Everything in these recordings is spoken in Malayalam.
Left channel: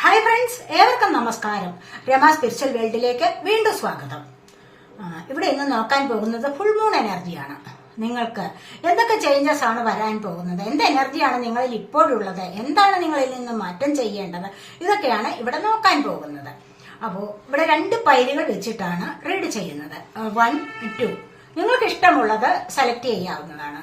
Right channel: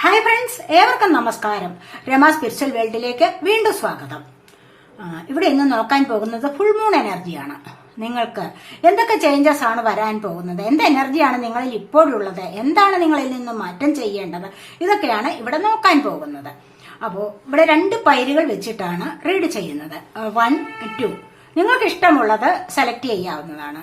ഹായ് ഫ്രണ്ട്സ്, ഏവർക്കും നമസ്കാരം. രമ സ്പിരിച്വൽ വേൾഡിലേക്ക് വീണ്ടും സ്വാഗതം. ഇവിടെ ഇന്ന് നോക്കാൻ പോകുന്നത് ഫുൾ മൂൺ എനർജിയാണ്. നിങ്ങൾക്ക് എന്തൊക്കെ ചേഞ്ചസ് ആണ് വരാൻ പോകുന്നത്, എന്ത് എനർജിയാണ് നിങ്ങളിൽ ഇപ്പോഴുള്ളത്, എന്താണ് നിങ്ങളിൽ നിന്ന് മാറ്റം ചെയ്യേണ്ടത്, ഇതൊക്കെയാണ് ഇവിടെ നോക്കാൻ പോകുന്നത്. അപ്പോൾ ഇവിടെ 2 പൈലുകൾ വെച്ചിട്ടാണ് റീഡ് ചെയ്യുന്നത്. 1, 2 നിങ്ങൾക്ക് ഇഷ്ടമുള്ളത് സെലക്ട് ചെയ്യാവുന്നതാണ്.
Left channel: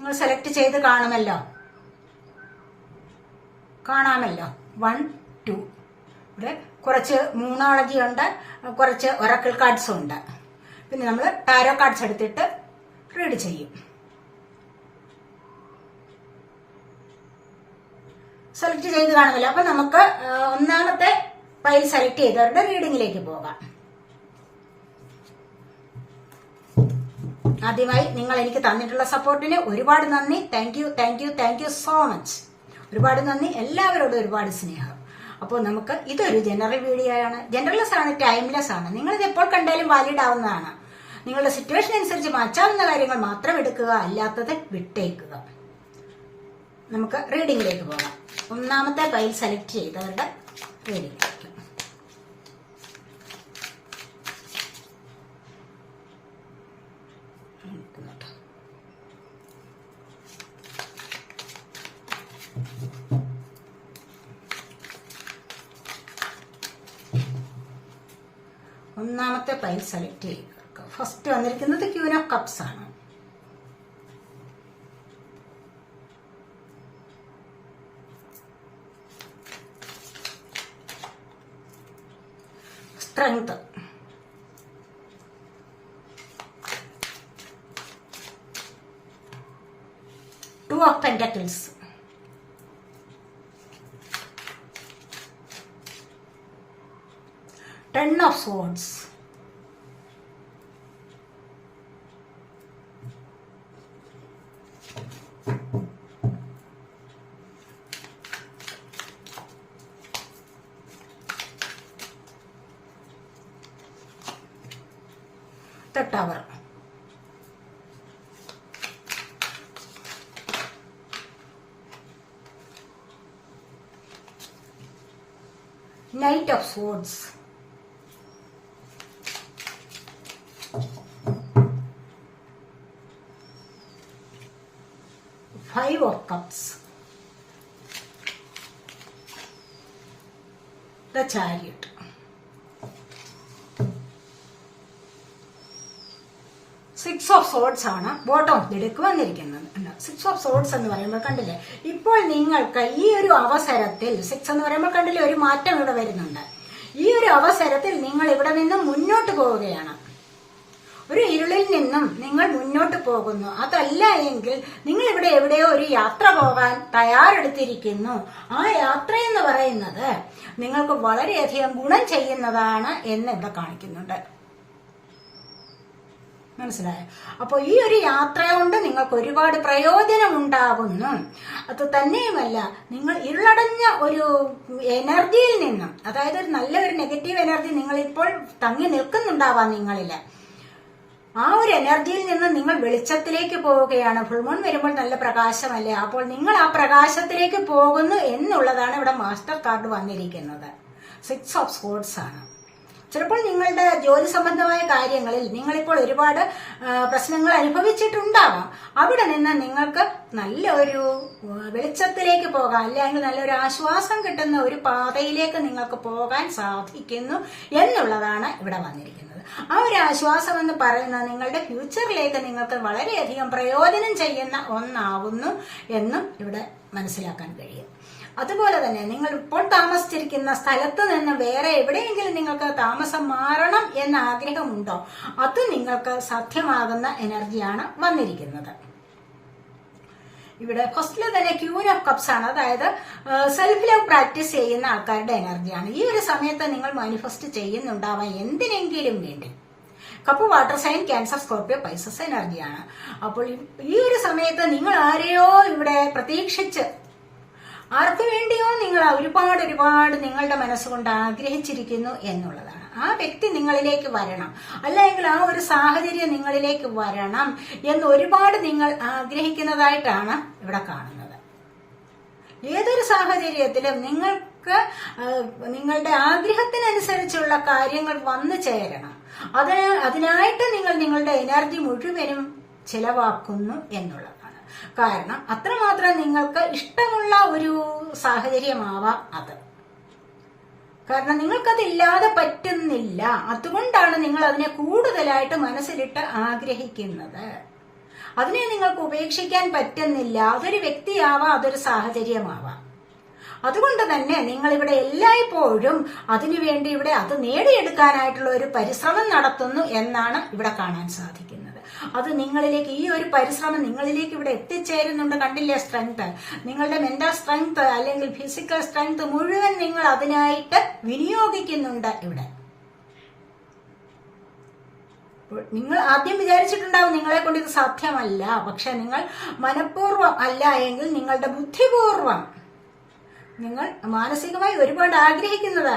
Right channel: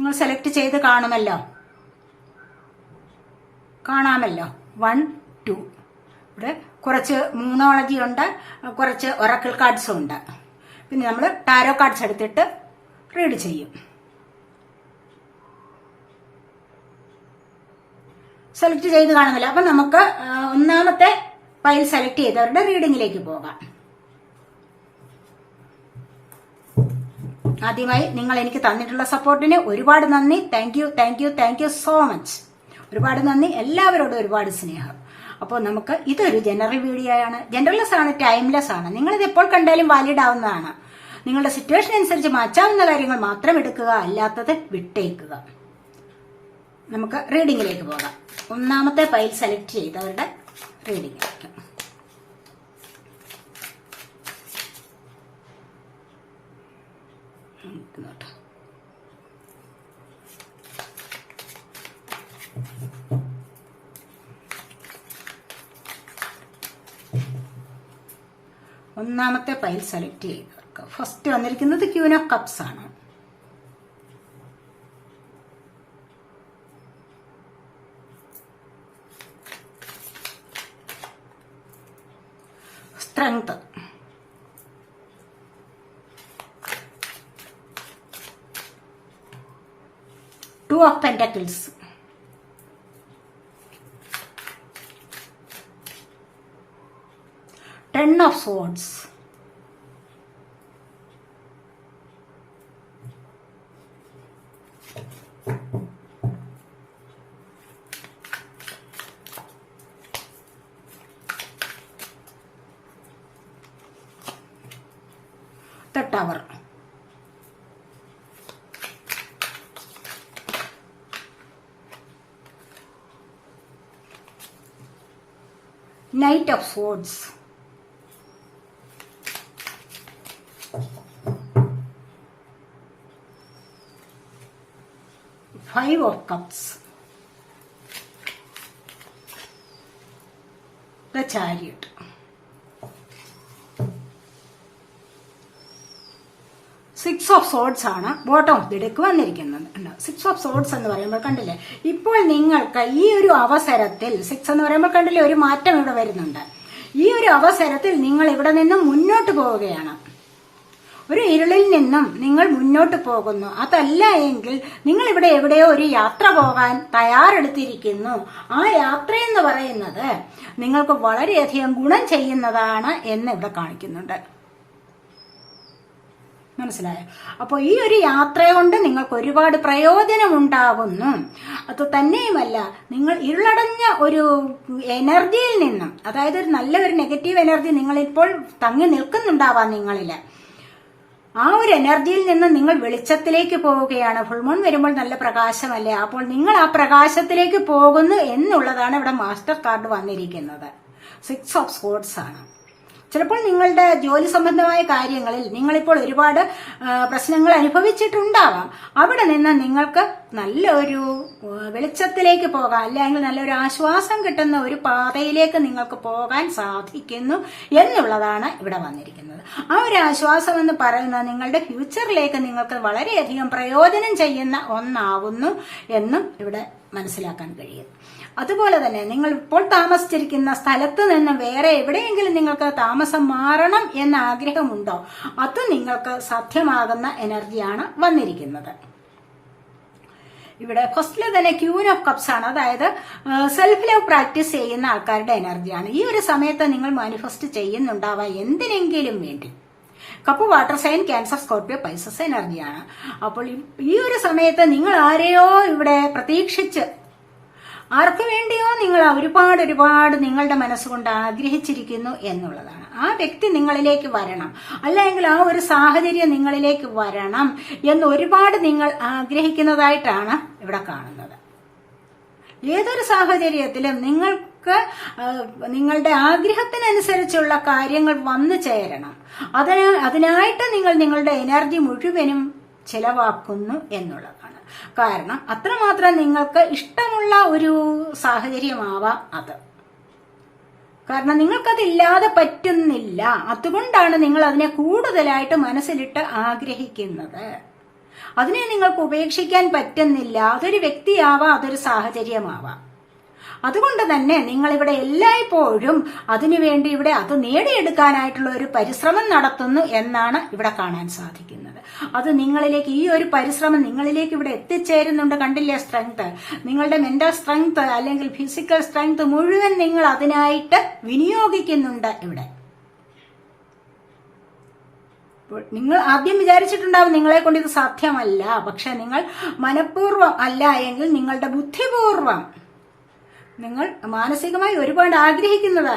നിങ്ങൾ സെലക്ട് ചെയ്ത് കാണാമല്ലോ. 1, 2 ഇവിടെ കുറച്ച് ന്യൂമറോളജി ഉണ്ട്, കുറച്ച് ഒറക്കിൾ കാർഡ്സും ഉണ്ട്. പിന്നെ നമ്മൾ ടാരോ കാർഡ്സ് എടുത്തിട്ട് റീഡ് ചെയ്യും. സെലക്ട് ചെയ്ത് കാണുമല്ലോ. അപ്പൊ നമുക്ക് ഒന്നാമത്തെ ഫയൽ സെലക്ട് ചെയ്തവരുടെ റീഡിങ്ങിലേക്ക് പോകാം. ആദ്യമായി നിങ്ങൾ എനിക്ക് തന്നിട്ടുള്ള സപ്പോർട്ടിന് ഒരുപാട് നന്ദി. Thank you so much. ഒരുപാട് നന്ദി. എല്ലാവരോടും ഒരുപാട് സ്നേഹം. അപ്പോൾ നമുക്ക് ഇതൊരു ജനറൽ വീഡിയോ ആണ്. ജനറൽലെസ് ആണ്, ടൈംലെസ് ആണ്. നിങ്ങളിത് എപ്പോൾ കണ്ടാലും വാലിഡ് ആവുന്നതാണ്. നിങ്ങളുടെ സിറ്റുവേഷൻ അനുസരിച്ച് മാറ്റാവുന്ന കാര്യങ്ങൾ മാത്രം എടുക്കുക, അല്ലാത്തത് വിട്ടേക്കുക. നമുക്ക് റീഡിങ്ങിലേക്ക് പോകാം. ഒന്നാമത്തെ ഫയൽ സെലക്ട് ചെയ്തവരുടെ റീഡിങ്ങിലേക്ക്. ഒന്നാമത്തെ ഫയൽ സെലക്ട് ചെയ്തവർക്ക് ഫസ്റ്റ് വന്നിരിക്കുന്നത് ക്യൂൻ ഓഫ് കപ്സ് ആണ്. Strength, Two of Pentacles, Ten of Swords, the Tower, Knight of Swords, Five of Cups, the Chariot, Six of Swords ആണ് ബോട്ടം ഓഫ് ദി ഡെക്ക് വന്നിരിക്കുന്നത്. 6 of Swords എന്ന് പറയുമ്പോൾ കണ്ടില്ലേ, ഇപ്പോൾ നിങ്ങൾക്ക് ഈ ഒരു അവസരത്തിൽ 6 എന്ന് പറയുമ്പോൾ കണ്ടില്ലേ ഒരു മാറ്റം ഇവിടെ വരുന്നുണ്ട്. ഈ ഒരു അവസരത്തിൽ നിങ്ങൾ ഇവിടെ നിന്നും മുന്നോട്ട് പോവുകയാണ്. ഒരു ഇരുളിൽ നിന്നും നിങ്ങൾ മുന്നോട്ട് പോകുന്നു. അതല്ല എങ്കിൽ നിങ്ങൾ ഇവിടെ എവിടെയോ ഒരു യാത്ര പോകാൻ തയ്യാറെടുത്തിരിക്കുന്നു. ആ യാത്ര എന്ന് പറയുന്നത് നിങ്ങൾക്ക് വളരെയധികം ഗുണം ചെയ്യുന്നതാണ് എന്ന് ഇവിടെ കാണിക്കുന്നുണ്ട്. മനസ്സിലായോ? അപ്പൊ ഈ ഒരു യാത്ര കൊണ്ട് നിങ്ങൾക്ക് ഒരുപാട് പ്രയോജനം ഉണ്ടാകുന്നു. അത് തന്നെയുമല്ല, നിങ്ങൾ ഇരുളടഞ്ഞ ഒരു എനർജിയിൽ നിന്നും, അതായത് ഒരു നല്ലൊരു നെഗറ്റീവ് എനർജി നിങ്ങളിപ്പോൾ തങ്ങി നിൽക്കുന്നുണ്ടാവാം നിങ്ങളില്. ആ ഒരു എനർജിയിൽ നിന്ന് നിങ്ങൾ വെളിച്ചത്തിലേക്ക് പോവുകയാണ്. ഫുൾ മൂൺ വരുമ്പോൾ നല്ല പ്രകാശമല്ലേ, അപ്പോൾ നിങ്ങൾ ആ പ്രകാശത്തിലേക്ക് പോകുന്നു എന്നുള്ളതാണ് ഇവിടെ മാസ്റ്റർ കാർഡ് വന്നിരിക്കുന്നത്. 6 of Swords ആണ്. ചിലപ്പോൾ നിങ്ങളുടെ ജോലി സംബന്ധമായ കാര്യങ്ങളിൽ നിങ്ങളിപ്പോൾ ഒരുപാട് പ്രശ്നങ്ങൾ അനുഭവിച്ചിട്ടുണ്ടാവാം. അവിടെ നിന്ന് നിങ്ങൾക്ക് നല്ലൊരു വെളിച്ചത്തിലേക്ക് പോകാം, അല്ലെങ്കിൽ നല്ലൊരു ആശ്വാസം കിട്ടുന്ന ഒരു പാതയിലേക്ക് നിങ്ങൾക്ക് പോകാൻ സാധിക്കുന്നു എന്നുള്ളതാണ് ഇവിടെ വന്നിരിക്കുന്നത്. ആ ഒരു ആശ്വാസം എന്ന് പറയുന്നത് നിങ്ങളുടെ ഫ്യൂച്ചറിലേക്ക് നിങ്ങൾക്ക് വളരെയധികം പ്രയോജനം ചെയ്യുന്ന ഒന്നാവുന്നു എന്നും ഇവിടെ മനസ്സിലാക്കാൻ കഴിയും. അതുപോലെ തന്നെ നിങ്ങൾ ഇപ്പോൾ താമസിച്ചിരിക്കുന്ന സ്ഥലത്ത് നിന്ന് വേറെ എവിടെയെങ്കിലും നിങ്ങൾക്ക് താമസം മാറണം എന്ന ആഗ്രഹമുണ്ടോ, അത് നിങ്ങൾക്ക് സാധ്യമാകുന്ന എനർജിയാണ് വന്നിരിക്കുന്നത്. ഇവിടെ ഫസ്റ്റില് തന്നെ ക്യൂൻ ഓഫ് കപ്സ് ആണ്. അതായത് സെൽഫ് ലവ് പ്രാക്ടീസ് ചെയ്യുന്ന ആൾക്കാരുടെ എനർജിയാണ്. ഈ ഒരു സമയത്ത് നിങ്ങൾ മാനിഫെസ്റ്റ് ചെയ്യുന്നുണ്ടാവാം എന്തിനെങ്കിലും വേണ്ടി. Cup water sign, Cancer, Scorpio, Pisces എനർജിയാണ്. അപ്പോൾ ഈ ഒരു സമയത്ത് നിങ്ങൾ ആരെയോ ഇവിടെ പ്രതീക്ഷിച്ച്, ആർക്കു വേണ്ടിയോ നിങ്ങൾ ഒരുപാട് നിങ്ങളുടെ മനസ്സുകൊണ്ട് ആഗ്രഹിച്ചിരിക്കുന്നു എന്നുള്ളതാണ്. ആ വ്യക്തി നിങ്ങളിലേക്ക് വരണം, അല്ലെങ്കിൽ ആ ഒരു സാഹചര്യം നിങ്ങളിലേക്ക് വരണം എന്ന് ഒരുപാട് നിങ്ങൾ ആഗ്രഹിക്കുന്നതായിട്ടാണ് ഇവിടെ കാണുന്നത്. ഏതൊരു സാഹചര്യത്തിലും നിങ്ങൾക്ക് നിങ്ങളുടെ ആഗ്രഹത്തിനനുസരിച്ചുള്ള കാര്യങ്ങൾ വന്നു ചേരണം. അതിനായിട്ട് നിങ്ങൾ നിങ്ങളുടെ എനർജി മുഴുവനും ചെലവാക്കുന്നു എന്നുള്ളതാണ്. കാരണം അത്രമാത്രം നിങ്ങൾക്ക് ഇഷ്ടമുള്ള ഒരു സാഹചര്യമാവാം അത്. കാരണം നിങ്ങൾക്കതില്ലാതെ പറ്റുന്നില്ല, അതുകൊണ്ടാണ് നിങ്ങൾ അതിനെ കൂടുതലായിട്ട് മനസ്സിലിട്ട് ആഗ്രഹിക്കുന്നത്. അതിനെ നിങ്ങൾക്ക് ഉപേക്ഷിക്കാൻ പറ്റുന്നില്ല. അതൊരു വ്യക്തിയാവാം, അതൊരു സാഹചര്യമാവാം. അതുകൊണ്ട് തന്നെ നിങ്ങൾ ഇവിടെ എല്ലായ്പ്പോഴും അതിനുവേണ്ടി ഇവിടെ അത് നേടിയെടുക്കാനായിട്ടുള്ള ഒരു പരിശ്രമം നടത്തുന്നു എന്നാണ് ഇവിടെ കാണാൻ സാധിക്കുന്നത്. അത് നിങ്ങളിലേക്ക്, ഈ ഒരു പരിശ്രമം നിങ്ങളിലേക്ക് ഇവിടെ എത്തിച്ചേരുന്നുണ്ട്. കണ്ടില്ലേ സ്ട്രെങ്ത്, നിങ്ങളുടെ മെന്റൽ സ്ട്രെങ്ത് അല്ലെങ്കിൽ ഫിസിക്കൽ സ്ട്രെങ്ത് മുഴുവൻ നിങ്ങൾ അതിനായിട്ട് വിനിയോഗിക്കുന്നുണ്ട് ഇവിടെ. നിങ്ങൾ ആദ്യം വിചാരിച്ചിട്ടുണ്ടാവും നിങ്ങളെ കൊണ്ട് ഇത് സാധ്യമല്ല. പക്ഷെ നിങ്ങൾ മനഃപൂർവ്വം അല്ല എങ്കിൽ നിങ്ങളുടെ ബുദ്ധിപൂർവം നിങ്ങൾ മാനസികമായി ഒരുപാട് ആഗ്രഹിക്കുന്നത്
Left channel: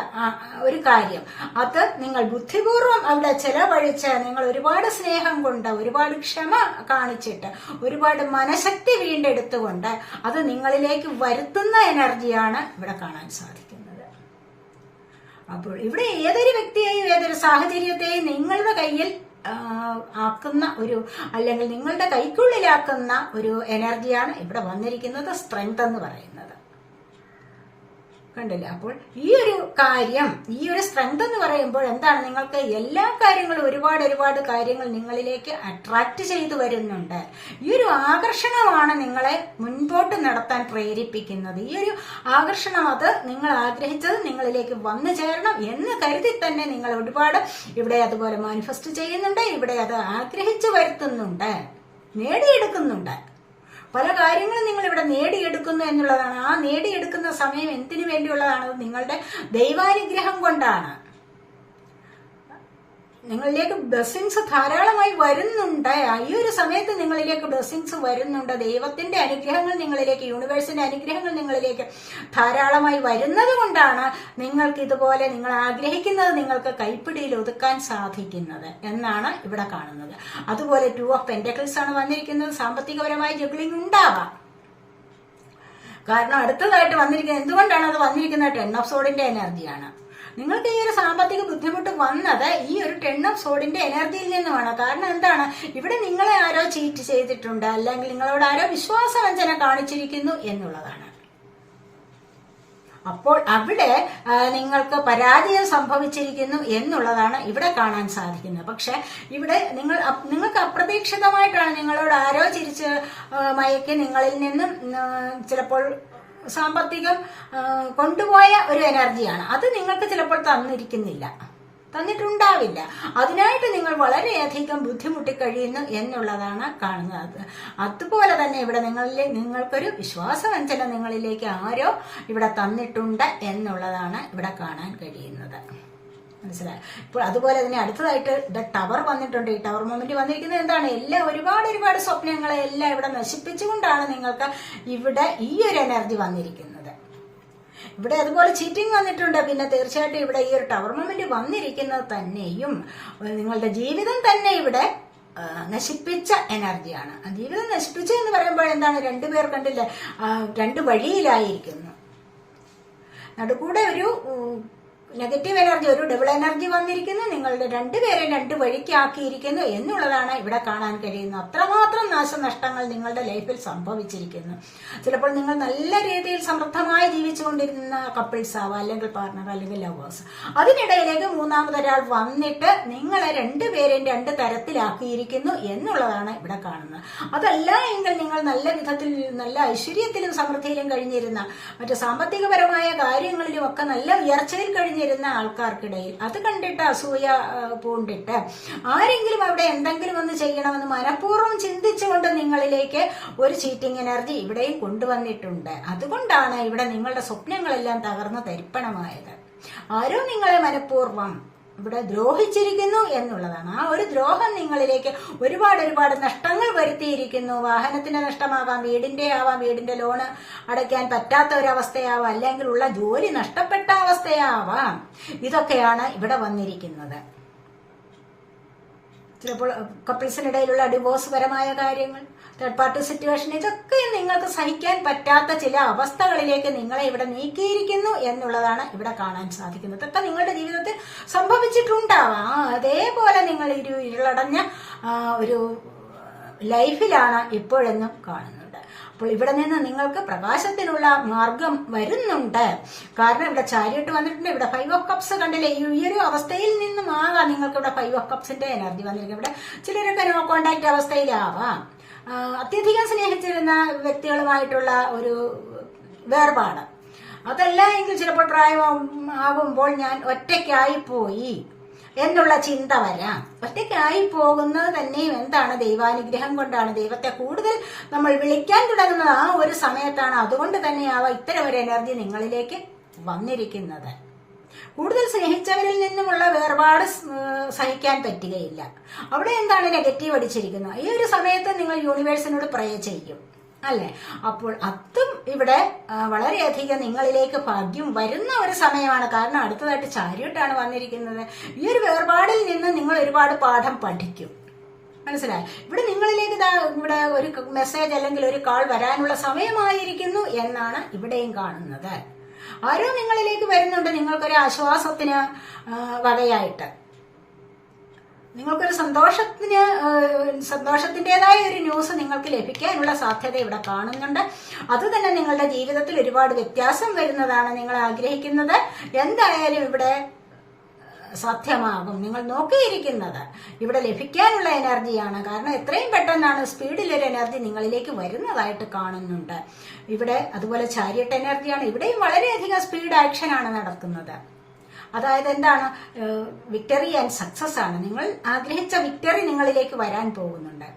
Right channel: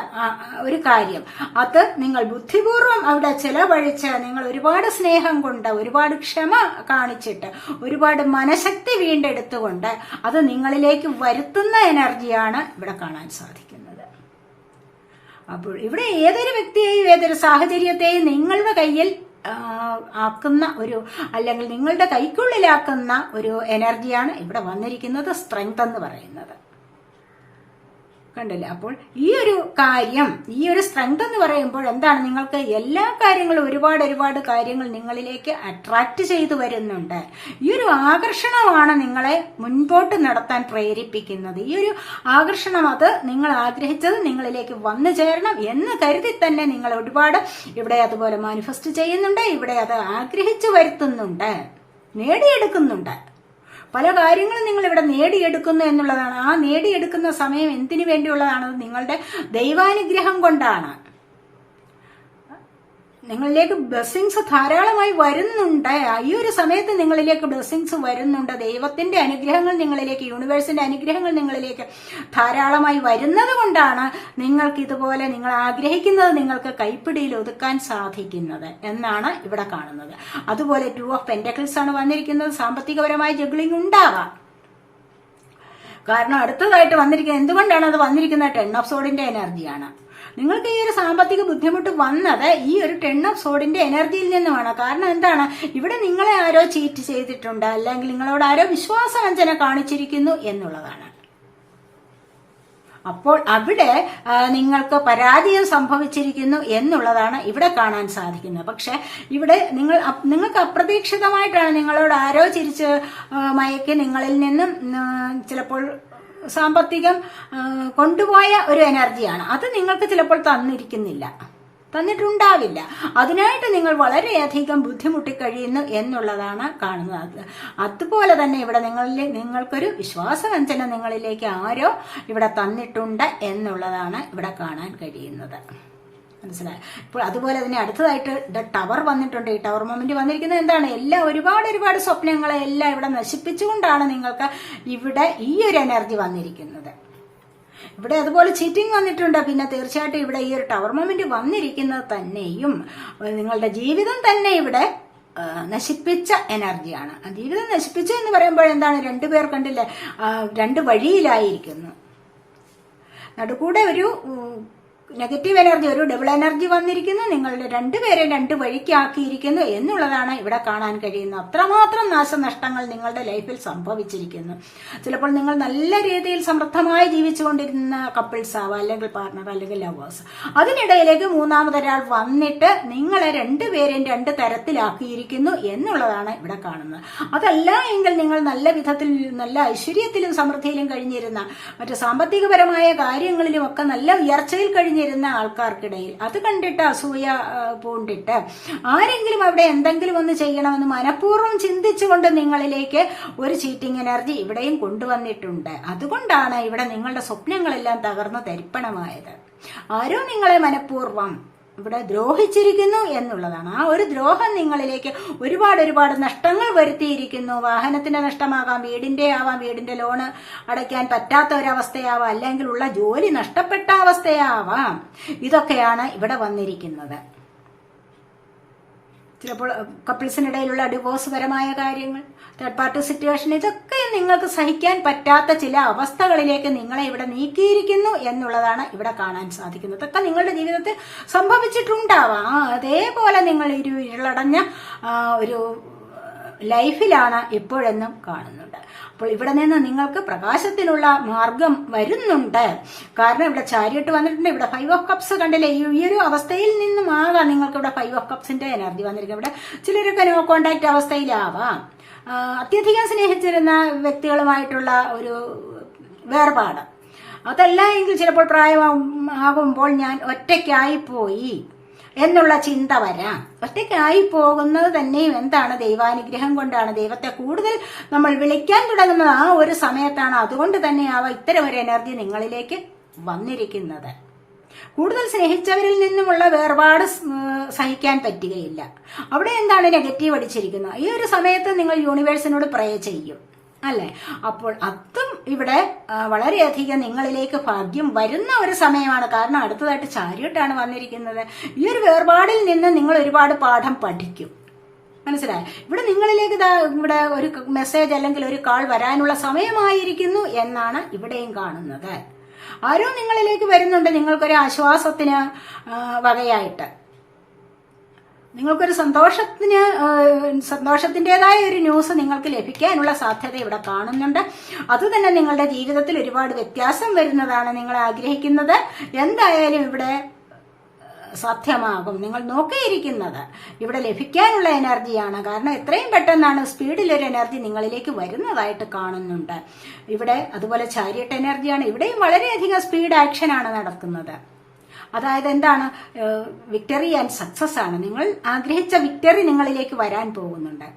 ഒരു കാര്യം, അത് നിങ്ങൾ ബുദ്ധിപൂർവം അവിടെ ചെലവഴിച്ച് നിങ്ങൾ ഒരുപാട് സ്നേഹം കൊണ്ട്, ഒരുപാട് ക്ഷമ കാണിച്ചിട്ട്, ഒരുപാട് മനഃശക്തി വീണ്ടെടുത്തുകൊണ്ട് അത് നിങ്ങളിലേക്ക് വരുത്തുന്ന എനർജിയാണ് ഇവിടെ കാണാൻ സാധിക്കുന്നത്. അപ്പോൾ ഇവിടെ ഏതൊരു വ്യക്തിയെയും ഏതൊരു സാഹചര്യത്തെയും നിങ്ങളുടെ കയ്യിൽ ആക്കുന്ന ഒരു, അല്ലെങ്കിൽ നിങ്ങളുടെ കൈക്കുള്ളിലാക്കുന്ന ഒരു എനർജിയാണ് ഇവിടെ വന്നിരിക്കുന്നത്, സ്ട്രെങ്ത് എന്ന് പറയുന്നത്. കണ്ടില്ല? അപ്പോൾ ഈ ഒരു കാര്യം, ഈ ഒരു സ്ട്രെങ്ത് എന്ന് പറയുമ്പോൾ എന്താണ്, നിങ്ങൾക്ക് എല്ലാ കാര്യങ്ങളും ഒരുപാട് കാര്യങ്ങൾ നിങ്ങളിലേക്ക് അട്രാക്ട് ചെയ്തു വരുന്നുണ്ട്. ഈ ഒരു ആകർഷണമാണ് നിങ്ങളെ മുൻപോട്ട് നടത്താൻ പ്രേരിപ്പിക്കുന്നത്. ഈ ഒരു ആകർഷണം, അത് നിങ്ങൾ ആഗ്രഹിച്ചത് നിങ്ങളിലേക്ക് വന്നു ചേരണം എന്ന് കരുതി തന്നെ നിങ്ങൾ ഒരുപാട് ഇവിടെ അതുപോലെ മാനിഫെസ്റ്റ് ചെയ്യുന്നുണ്ട്. ഇവിടെ അത് ആഗ്രഹിച്ചു വരുത്തുന്നുണ്ട്, നേടിയെടുക്കുന്നുണ്ട്. പല കാര്യങ്ങളും നിങ്ങൾ ഇവിടെ നേടിയെടുക്കുന്നു എന്നുള്ളതാണ്. ആ നേടിയെടുക്കുന്ന സമയം എന്തിനു വേണ്ടിയുള്ളതാണ്? നിങ്ങളുടെ ദൈവാനുഗ്രഹം കൊണ്ടാണ്. നിങ്ങളിലേക്ക് ബ്ലെസ്സിങ്സ് ധാരാളമായി വരുന്നുണ്ട്. ഈ ഒരു സമയത്ത് നിങ്ങളിലേക്ക് ബ്ലെസ്സിങ്സ് വരുന്നുണ്ട്. ദൈവത്തിന്റെ അനുഗ്രഹങ്ങൾ നിങ്ങളിലേക്ക്, യൂണിവേഴ്സിന്റെ അനുഗ്രഹങ്ങൾ നിങ്ങളിലേക്ക് ധാരാളമായി വരുന്നത് കൊണ്ടാണ് നിങ്ങൾക്ക് ഇതുപോലെ നിങ്ങൾ ആഗ്രഹിക്കുന്നത് നിങ്ങൾക്ക് കൈപ്പിടിയിൽ ഒതുക്കാൻ സാധിക്കുന്നത് എന്നാണ് ഇവിടെ കാണുന്നത്. അതുപോലെ 2 ഓഫ് പെന്റക്കിൾസ് ആണ് വന്നിരിക്കുന്നത്. സാമ്പത്തികപരമായ ജഗ്ലിംഗ് ഉണ്ടാകാം. കാരണം അടുത്തതായിട്ട് വന്നിരിക്കുന്നത്, എന്തുകൊണ്ടാണ് അത് വന്നിരിക്കുന്നത്? 10 ഓഫ് സോഡിന്റെ എനർജിയാണ്. നിങ്ങൾക്ക് ഈ ഒരു സാമ്പത്തിക ബുദ്ധിമുട്ട് വന്നത് ഈ ഒരു 10 ഓഫ് സോഡിന്റെ എനർജിയിൽ നിന്നുമാണ്. കാരണം എന്താണ്, ഇവിടെ നിങ്ങളെ ആരോ ചീറ്റ് ചെയ്തിട്ടുണ്ട്, അല്ലെങ്കിൽ നിങ്ങളോട് ആരോ വിശ്വാസവഞ്ചന കാണിച്ചിരിക്കുന്നു എന്നുള്ളതാണ്. അപ്പോൾ അവിടെ നിങ്ങൾക്ക് പരാജയം സംഭവിച്ചിരിക്കുന്നു എന്നുള്ളതാണ് ഇവിടെ കാണാൻ സാധിക്കുന്നത്. പക്ഷെ ഇവിടെ നിങ്ങൾക്ക് അപ്രതീക്ഷിതമായിട്ടാണ് നിങ്ങളോട് ആരോ ചിരിച്ച് മയക്കി നിങ്ങളിൽ നിന്നും ചിലപ്പോൾ സാമ്പത്തികം കൊണ്ടുപോയ ഒരു എനർജിയാണ്. അത് നിങ്ങൾക്ക് ചിലപ്പോൾ തന്നിട്ടുണ്ടാവില്ല. അതിനായിട്ട് നിങ്ങൾ വളരെയധികം ബുദ്ധിമുട്ടിക്കഴിയുന്നു എന്നുള്ളതാണ് കാണുന്നത്. അതുപോലെ തന്നെ ഇവിടെ നിങ്ങൾക്കൊരു വിശ്വാസവഞ്ചന നിങ്ങളിലേക്ക് ആരോ ഇവിടെ തന്നിട്ടുണ്ട് എന്നുള്ളതാണ് ഇവിടെ കാണാൻ കഴിയുന്നത്. മനസ്സിലായി? ഇപ്പോൾ അതുപോലെ തന്നെ അടുത്തതായിട്ട് ടവർ വന്നിട്ടുണ്ട്. ഈ ടവർ മൊമെന്റ് വന്നിരിക്കുന്നത് എന്താണ്? എല്ലാം ഒരുപാട് സ്വപ്നങ്ങളെ എല്ലാം ഇവിടെ നശിപ്പിച്ചുകൊണ്ടാണ് നിങ്ങൾക്ക് ഇവിടെ ഈ ഒരു എനർജി വന്നിരിക്കുന്നത്. ഇവിടെ അതുപോലെ ചീറ്റിംഗ് വന്നിട്ടുണ്ട്. പിന്നെ തീർച്ചയായിട്ടും ഇവിടെ ഈ ഒരു ടവർ മൊമെന്റ് വന്നിരിക്കുന്നത് തന്നെയും നിങ്ങളുടെ ജീവിതം തന്നെ ഇവിടെ നശിപ്പിച്ച എനർജിയാണ്. ജീവിതം നശിപ്പിച്ചു എന്ന് പറയുമ്പോൾ എന്താണ്, 2 പേർ കണ്ടില്ലേ, 2 വഴിയിലായിരിക്കുന്നു. നടുക്കൂടെ ഒരു നെഗറ്റീവ് എനർജി, ഒരു ഡബിൾ എനർജി വന്നിരിക്കുന്നു. നിങ്ങളുടെ 2 പേരെ 2 വഴിക്കാക്കിയിരിക്കുന്നു എന്നുള്ളതാണ് ഇവിടെ കാണാൻ കഴിയുന്നത്. അത്രമാത്രം നാശനഷ്ടങ്ങൾ നിങ്ങളുടെ ലൈഫിൽ സംഭവിച്ചിരിക്കുന്നു. ചിലപ്പോൾ നിങ്ങൾ നല്ല രീതിയിൽ സമൃദ്ധമായി ജീവിച്ചുകൊണ്ടിരുന്ന കപ്പിൾസ് ആവാം, അല്ലെങ്കിൽ പാർട്ണർ, അല്ലെങ്കിൽ ലവേഴ്സ്. അതിനിടയിലേക്ക് മൂന്നാമതൊരാൾ വന്നിട്ട് നിങ്ങളെ 2 പേരെയും 2 തരത്തിലാക്കിയിരിക്കുന്നു എന്നുള്ളതാണ് ഇവിടെ കാണുന്നത്. അതല്ല എങ്കിൽ നിങ്ങൾ നല്ല വിധത്തിൽ, നല്ല ഐശ്വര്യത്തിലും സമൃദ്ധിയിലും കഴിഞ്ഞിരുന്ന, മറ്റു സാമ്പത്തികപരമായ കാര്യങ്ങളിലും ഒക്കെ നല്ല ഉയർച്ചയിൽ കഴിഞ്ഞിരുന്ന ആൾക്കാർക്കിടയിൽ അത് കണ്ടിട്ട് അസൂയ പൂണ്ടിട്ട് ആരെങ്കിലും അവിടെ എന്തെങ്കിലും ഒന്ന് ചെയ്യണമെന്ന് മനഃപൂർവ്വം ചിന്തിച്ചുകൊണ്ട് നിങ്ങളിലേക്ക് ഒരു ചീറ്റിംഗ് എനർജി ഇവിടെയും കൊണ്ടുവന്നിട്ടുണ്ട്. അതുകൊണ്ടാണ് ഇവിടെ നിങ്ങളുടെ സ്വപ്നങ്ങളെല്ലാം തകർന്ന് തരിപ്പണമായത്. ആരോ നിങ്ങളെ മനഃപൂർവ്വം ഇവിടെ ദ്രോഹിച്ചിരിക്കുന്നു എന്നുള്ളതാണ്. ആ ഒരു ദ്രോഹം നിങ്ങളിലേക്ക് ഒരുപാട് നഷ്ടങ്ങൾ വരുത്തിയിരിക്കുന്നു. വാഹനത്തിന്റെ നഷ്ടമാകാം, വീടിന്റെ ആവാം, വീടിന്റെ ലോണ് അടയ്ക്കാൻ പറ്റാത്ത ഒരവസ്ഥയാവാം, അല്ലെങ്കിൽ ഉള്ള ജോലി നഷ്ടപ്പെട്ട അവസ്ഥയാവാം. ഇതൊക്കെയാണ് ഇവിടെ വന്നിരിക്കുന്നത്. ചിലപ്പോൾ കപ്പിൾസിനിടയിലുള്ള ഡിവോഴ്സ് പരമായ കാര്യങ്ങൾ, തേർഡ് പാർട്ടി സിറ്റുവേഷൻ, ഇതൊക്കെ നിങ്ങൾക്ക് സഹിക്കാൻ പറ്റാത്ത ചില അവസ്ഥകളിലേക്ക് നിങ്ങളെ ഇവിടെ നീക്കിയിരിക്കുന്നു എന്നുള്ളതാണ് ഇവിടെ കാണാൻ സാധിക്കുന്നത്. ഇതൊക്കെ നിങ്ങളുടെ ജീവിതത്തിൽ സംഭവിച്ചിട്ടുണ്ടാവാം. അതേപോലെ നിങ്ങൾ ഇരുളടഞ്ഞ ഒരു ലൈഫിലാണ് ഇപ്പോഴെന്നും കാണുന്നത്. അപ്പോൾ ഇവിടെ നിന്ന് നിങ്ങൾക്ക് പ്രകാശത്തിനുള്ള മാർഗം വരുന്നുണ്ട്. കാരണം ഇവിടെ ചാരിയട്ട് വന്നിട്ടുണ്ട്, ഇവിടെ 5 ഓഫ് കപ്സ് കണ്ടില്ലേ. ഈ ഒരു അവസ്ഥയിൽ നിന്നും ആകാം നിങ്ങൾക്ക് ഇവിടെ 5 ഓഫ് കപ്സിന്റെ എനർജി വന്നിരിക്കും. ഇവിടെ ചിലരൊക്കെ നോ കോണ്ടാക്ട് അവസ്ഥയിലാവാം. അത്യധികം സ്നേഹിച്ചിരുന്ന വ്യക്തികളുമായിട്ടുള്ള ഒരു വേർപാട്. അതല്ല എങ്കിൽ ചിലപ്പോൾ പ്രായമാകുമ്പോൾ ഞാൻ ഒറ്റയ്ക്കായി പോയി എന്നുള്ള ചിന്ത വരാം. ഒറ്റയ്ക്കായി പോകുന്നത് തന്നെയും എന്താണ്? ദൈവാനുഗ്രഹം കൊണ്ടാണ്. ദൈവത്തെ കൂടുതൽ നമ്മൾ വിളിക്കാൻ തുടങ്ങുന്നത് ആ ഒരു സമയത്താണ്. അതുകൊണ്ട് തന്നെയാവാം ഇത്തരം ഒരു എനർജി നിങ്ങളിലേക്ക് വന്നിരിക്കുന്നത്. കൂടുതൽ സ്നേഹിച്ചവരിൽ നിന്നുമുള്ള വേർപാട് സഹിക്കാൻ പറ്റുകയില്ല. അവിടെ എന്താണ് നെഗറ്റീവ് അടിച്ചിരിക്കുന്നത്? ഈ ഒരു സമയത്ത് നിങ്ങൾ യൂണിവേഴ്സിനോട് പ്രേ ചെയ്യും, അല്ലെ? അപ്പോൾ അതും ഇവിടെ വളരെയധികം നിങ്ങളിലേക്ക് ഭാഗ്യം വരുന്ന ഒരു സമയമാണ്. കാരണം അടുത്തതായിട്ട് ചാരിയട്ടാണ് വന്നിരിക്കുന്നത്. ഈ ഒരു വേർപാടിൽ നിന്ന് നിങ്ങൾ ഒരുപാട് പാഠം പഠിക്കും. മനസ്സിലായി? ഇവിടെ നിങ്ങളിലേക്ക് ഇവിടെ ഒരു മെസ്സേജ് അല്ലെങ്കിൽ ഒരു കാൾ വരാനുള്ള സമയമായിരിക്കുന്നു എന്നാണ് ഇവിടെയും കാണുന്നത്. ആരോ നിങ്ങളിലേക്ക് വരുന്നുണ്ട്, നിങ്ങൾക്കൊരു ആശ്വാസത്തിന് വകയായിട്ട്. നിങ്ങൾക്കൊരു സന്തോഷത്തിന്റേതായ ഒരു ന്യൂസ് നിങ്ങൾക്ക് ലഭിക്കാനുള്ള സാധ്യത ഇവിടെ കാണുന്നുണ്ട്. അത് തന്നെ നിങ്ങളുടെ ജീവിതത്തിൽ ഒരുപാട് വ്യത്യാസം വരുന്നതാണ് നിങ്ങൾ ആഗ്രഹിക്കുന്നത്. എന്തായാലും ഇവിടെ സാധ്യമാകും. നിങ്ങൾ നോക്കിയിരിക്കുന്നത് ഇവിടെ ലഭിക്കാനുള്ള എനർജിയാണ്. കാരണം എത്രയും പെട്ടെന്നാണ് സ്പീഡിലൊരു എനർജി നിങ്ങളിലേക്ക് വരുന്നതായിട്ട് കാണുന്നുണ്ട്. ഇവിടെ അതുപോലെ ചാരിയട്ട് എനർജിയാണ്. ഇവിടെയും വളരെയധികം സ്പീഡ് ആക്ഷനാണ് നടക്കുന്നത്. അതായത് എന്താണ്? വിക്ടറി ആൻഡ് സക്സസ് ആണ്. നിങ്ങൾ ആഗ്രഹിച്ച വിക്ടറി നിങ്ങളിലേക്ക് വരാൻ പോകുന്നുണ്ട്.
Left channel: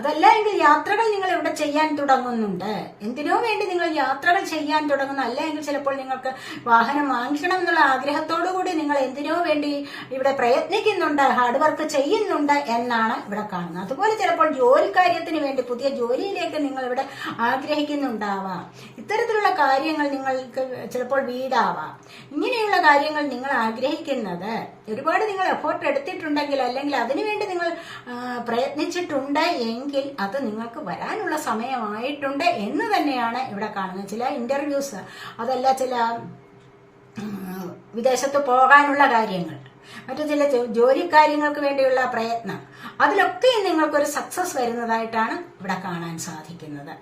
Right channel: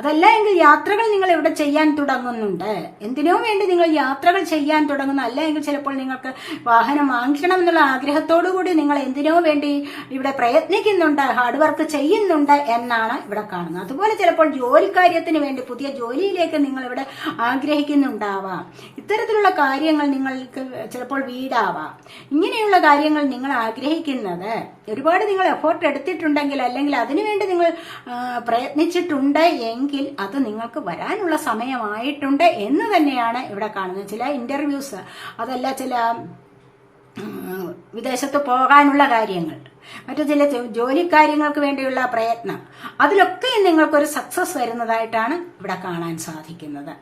അതല്ല എങ്കിൽ യാത്രകൾ നിങ്ങൾ ഇവിടെ ചെയ്യാൻ തുടങ്ങുന്നുണ്ട്. എന്തിനോ വേണ്ടി നിങ്ങൾ യാത്രകൾ ചെയ്യാൻ തുടങ്ങുന്നു. അല്ല എങ്കിൽ ചിലപ്പോൾ നിങ്ങൾക്ക് വാഹനം വാങ്ങിക്കണം എന്നുള്ള ആഗ്രഹത്തോടു കൂടി നിങ്ങൾ എന്തിനോ വേണ്ടി ഇവിടെ പ്രയത്നിക്കുന്നുണ്ട്, ഹാർഡ് വർക്ക് ചെയ്യുന്നുണ്ട് എന്നാണ് ഇവിടെ കാണുന്നത്. അതുപോലെ ചിലപ്പോൾ ജോലിക്കാര്യത്തിന് വേണ്ടി പുതിയ ജോലിയിലേക്ക് നിങ്ങൾ ഇവിടെ ആഗ്രഹിക്കുന്നുണ്ടാവാം. ഇത്തരത്തിലുള്ള കാര്യങ്ങൾ നിങ്ങൾക്ക് ചിലപ്പോൾ വീടാവാം. ഇങ്ങനെയുള്ള കാര്യങ്ങൾ നിങ്ങൾ ആഗ്രഹിക്കുന്നത് ഒരുപാട് നിങ്ങൾ എഫോർട്ട് എടുത്തിട്ടുണ്ടെങ്കിൽ അല്ലെങ്കിൽ അതിനുവേണ്ടി നിങ്ങൾ പ്രയത്നിച്ചിട്ടുണ്ട് എങ്കിൽ അത് നിങ്ങൾക്ക് വരാനുള്ള സമയമായിട്ടുണ്ട് എന്ന് തന്നെയാണ് ഇവിടെ കാണുന്നത്. ചില ഇന്റർവ്യൂസ്, അതല്ല ചില വിദേശത്ത് പോകാനുള്ള കാര്യങ്ങൾ, മറ്റു ചില ജോലി കാര്യങ്ങൾക്ക് വേണ്ടിയുള്ള പ്രയത്നം, അതിലൊക്കെ നിങ്ങൾക്കൊരു സക്സസ് വരുന്നതായിട്ടാണ് ഇവിടെ കാണാൻ സാധിക്കുന്നത്.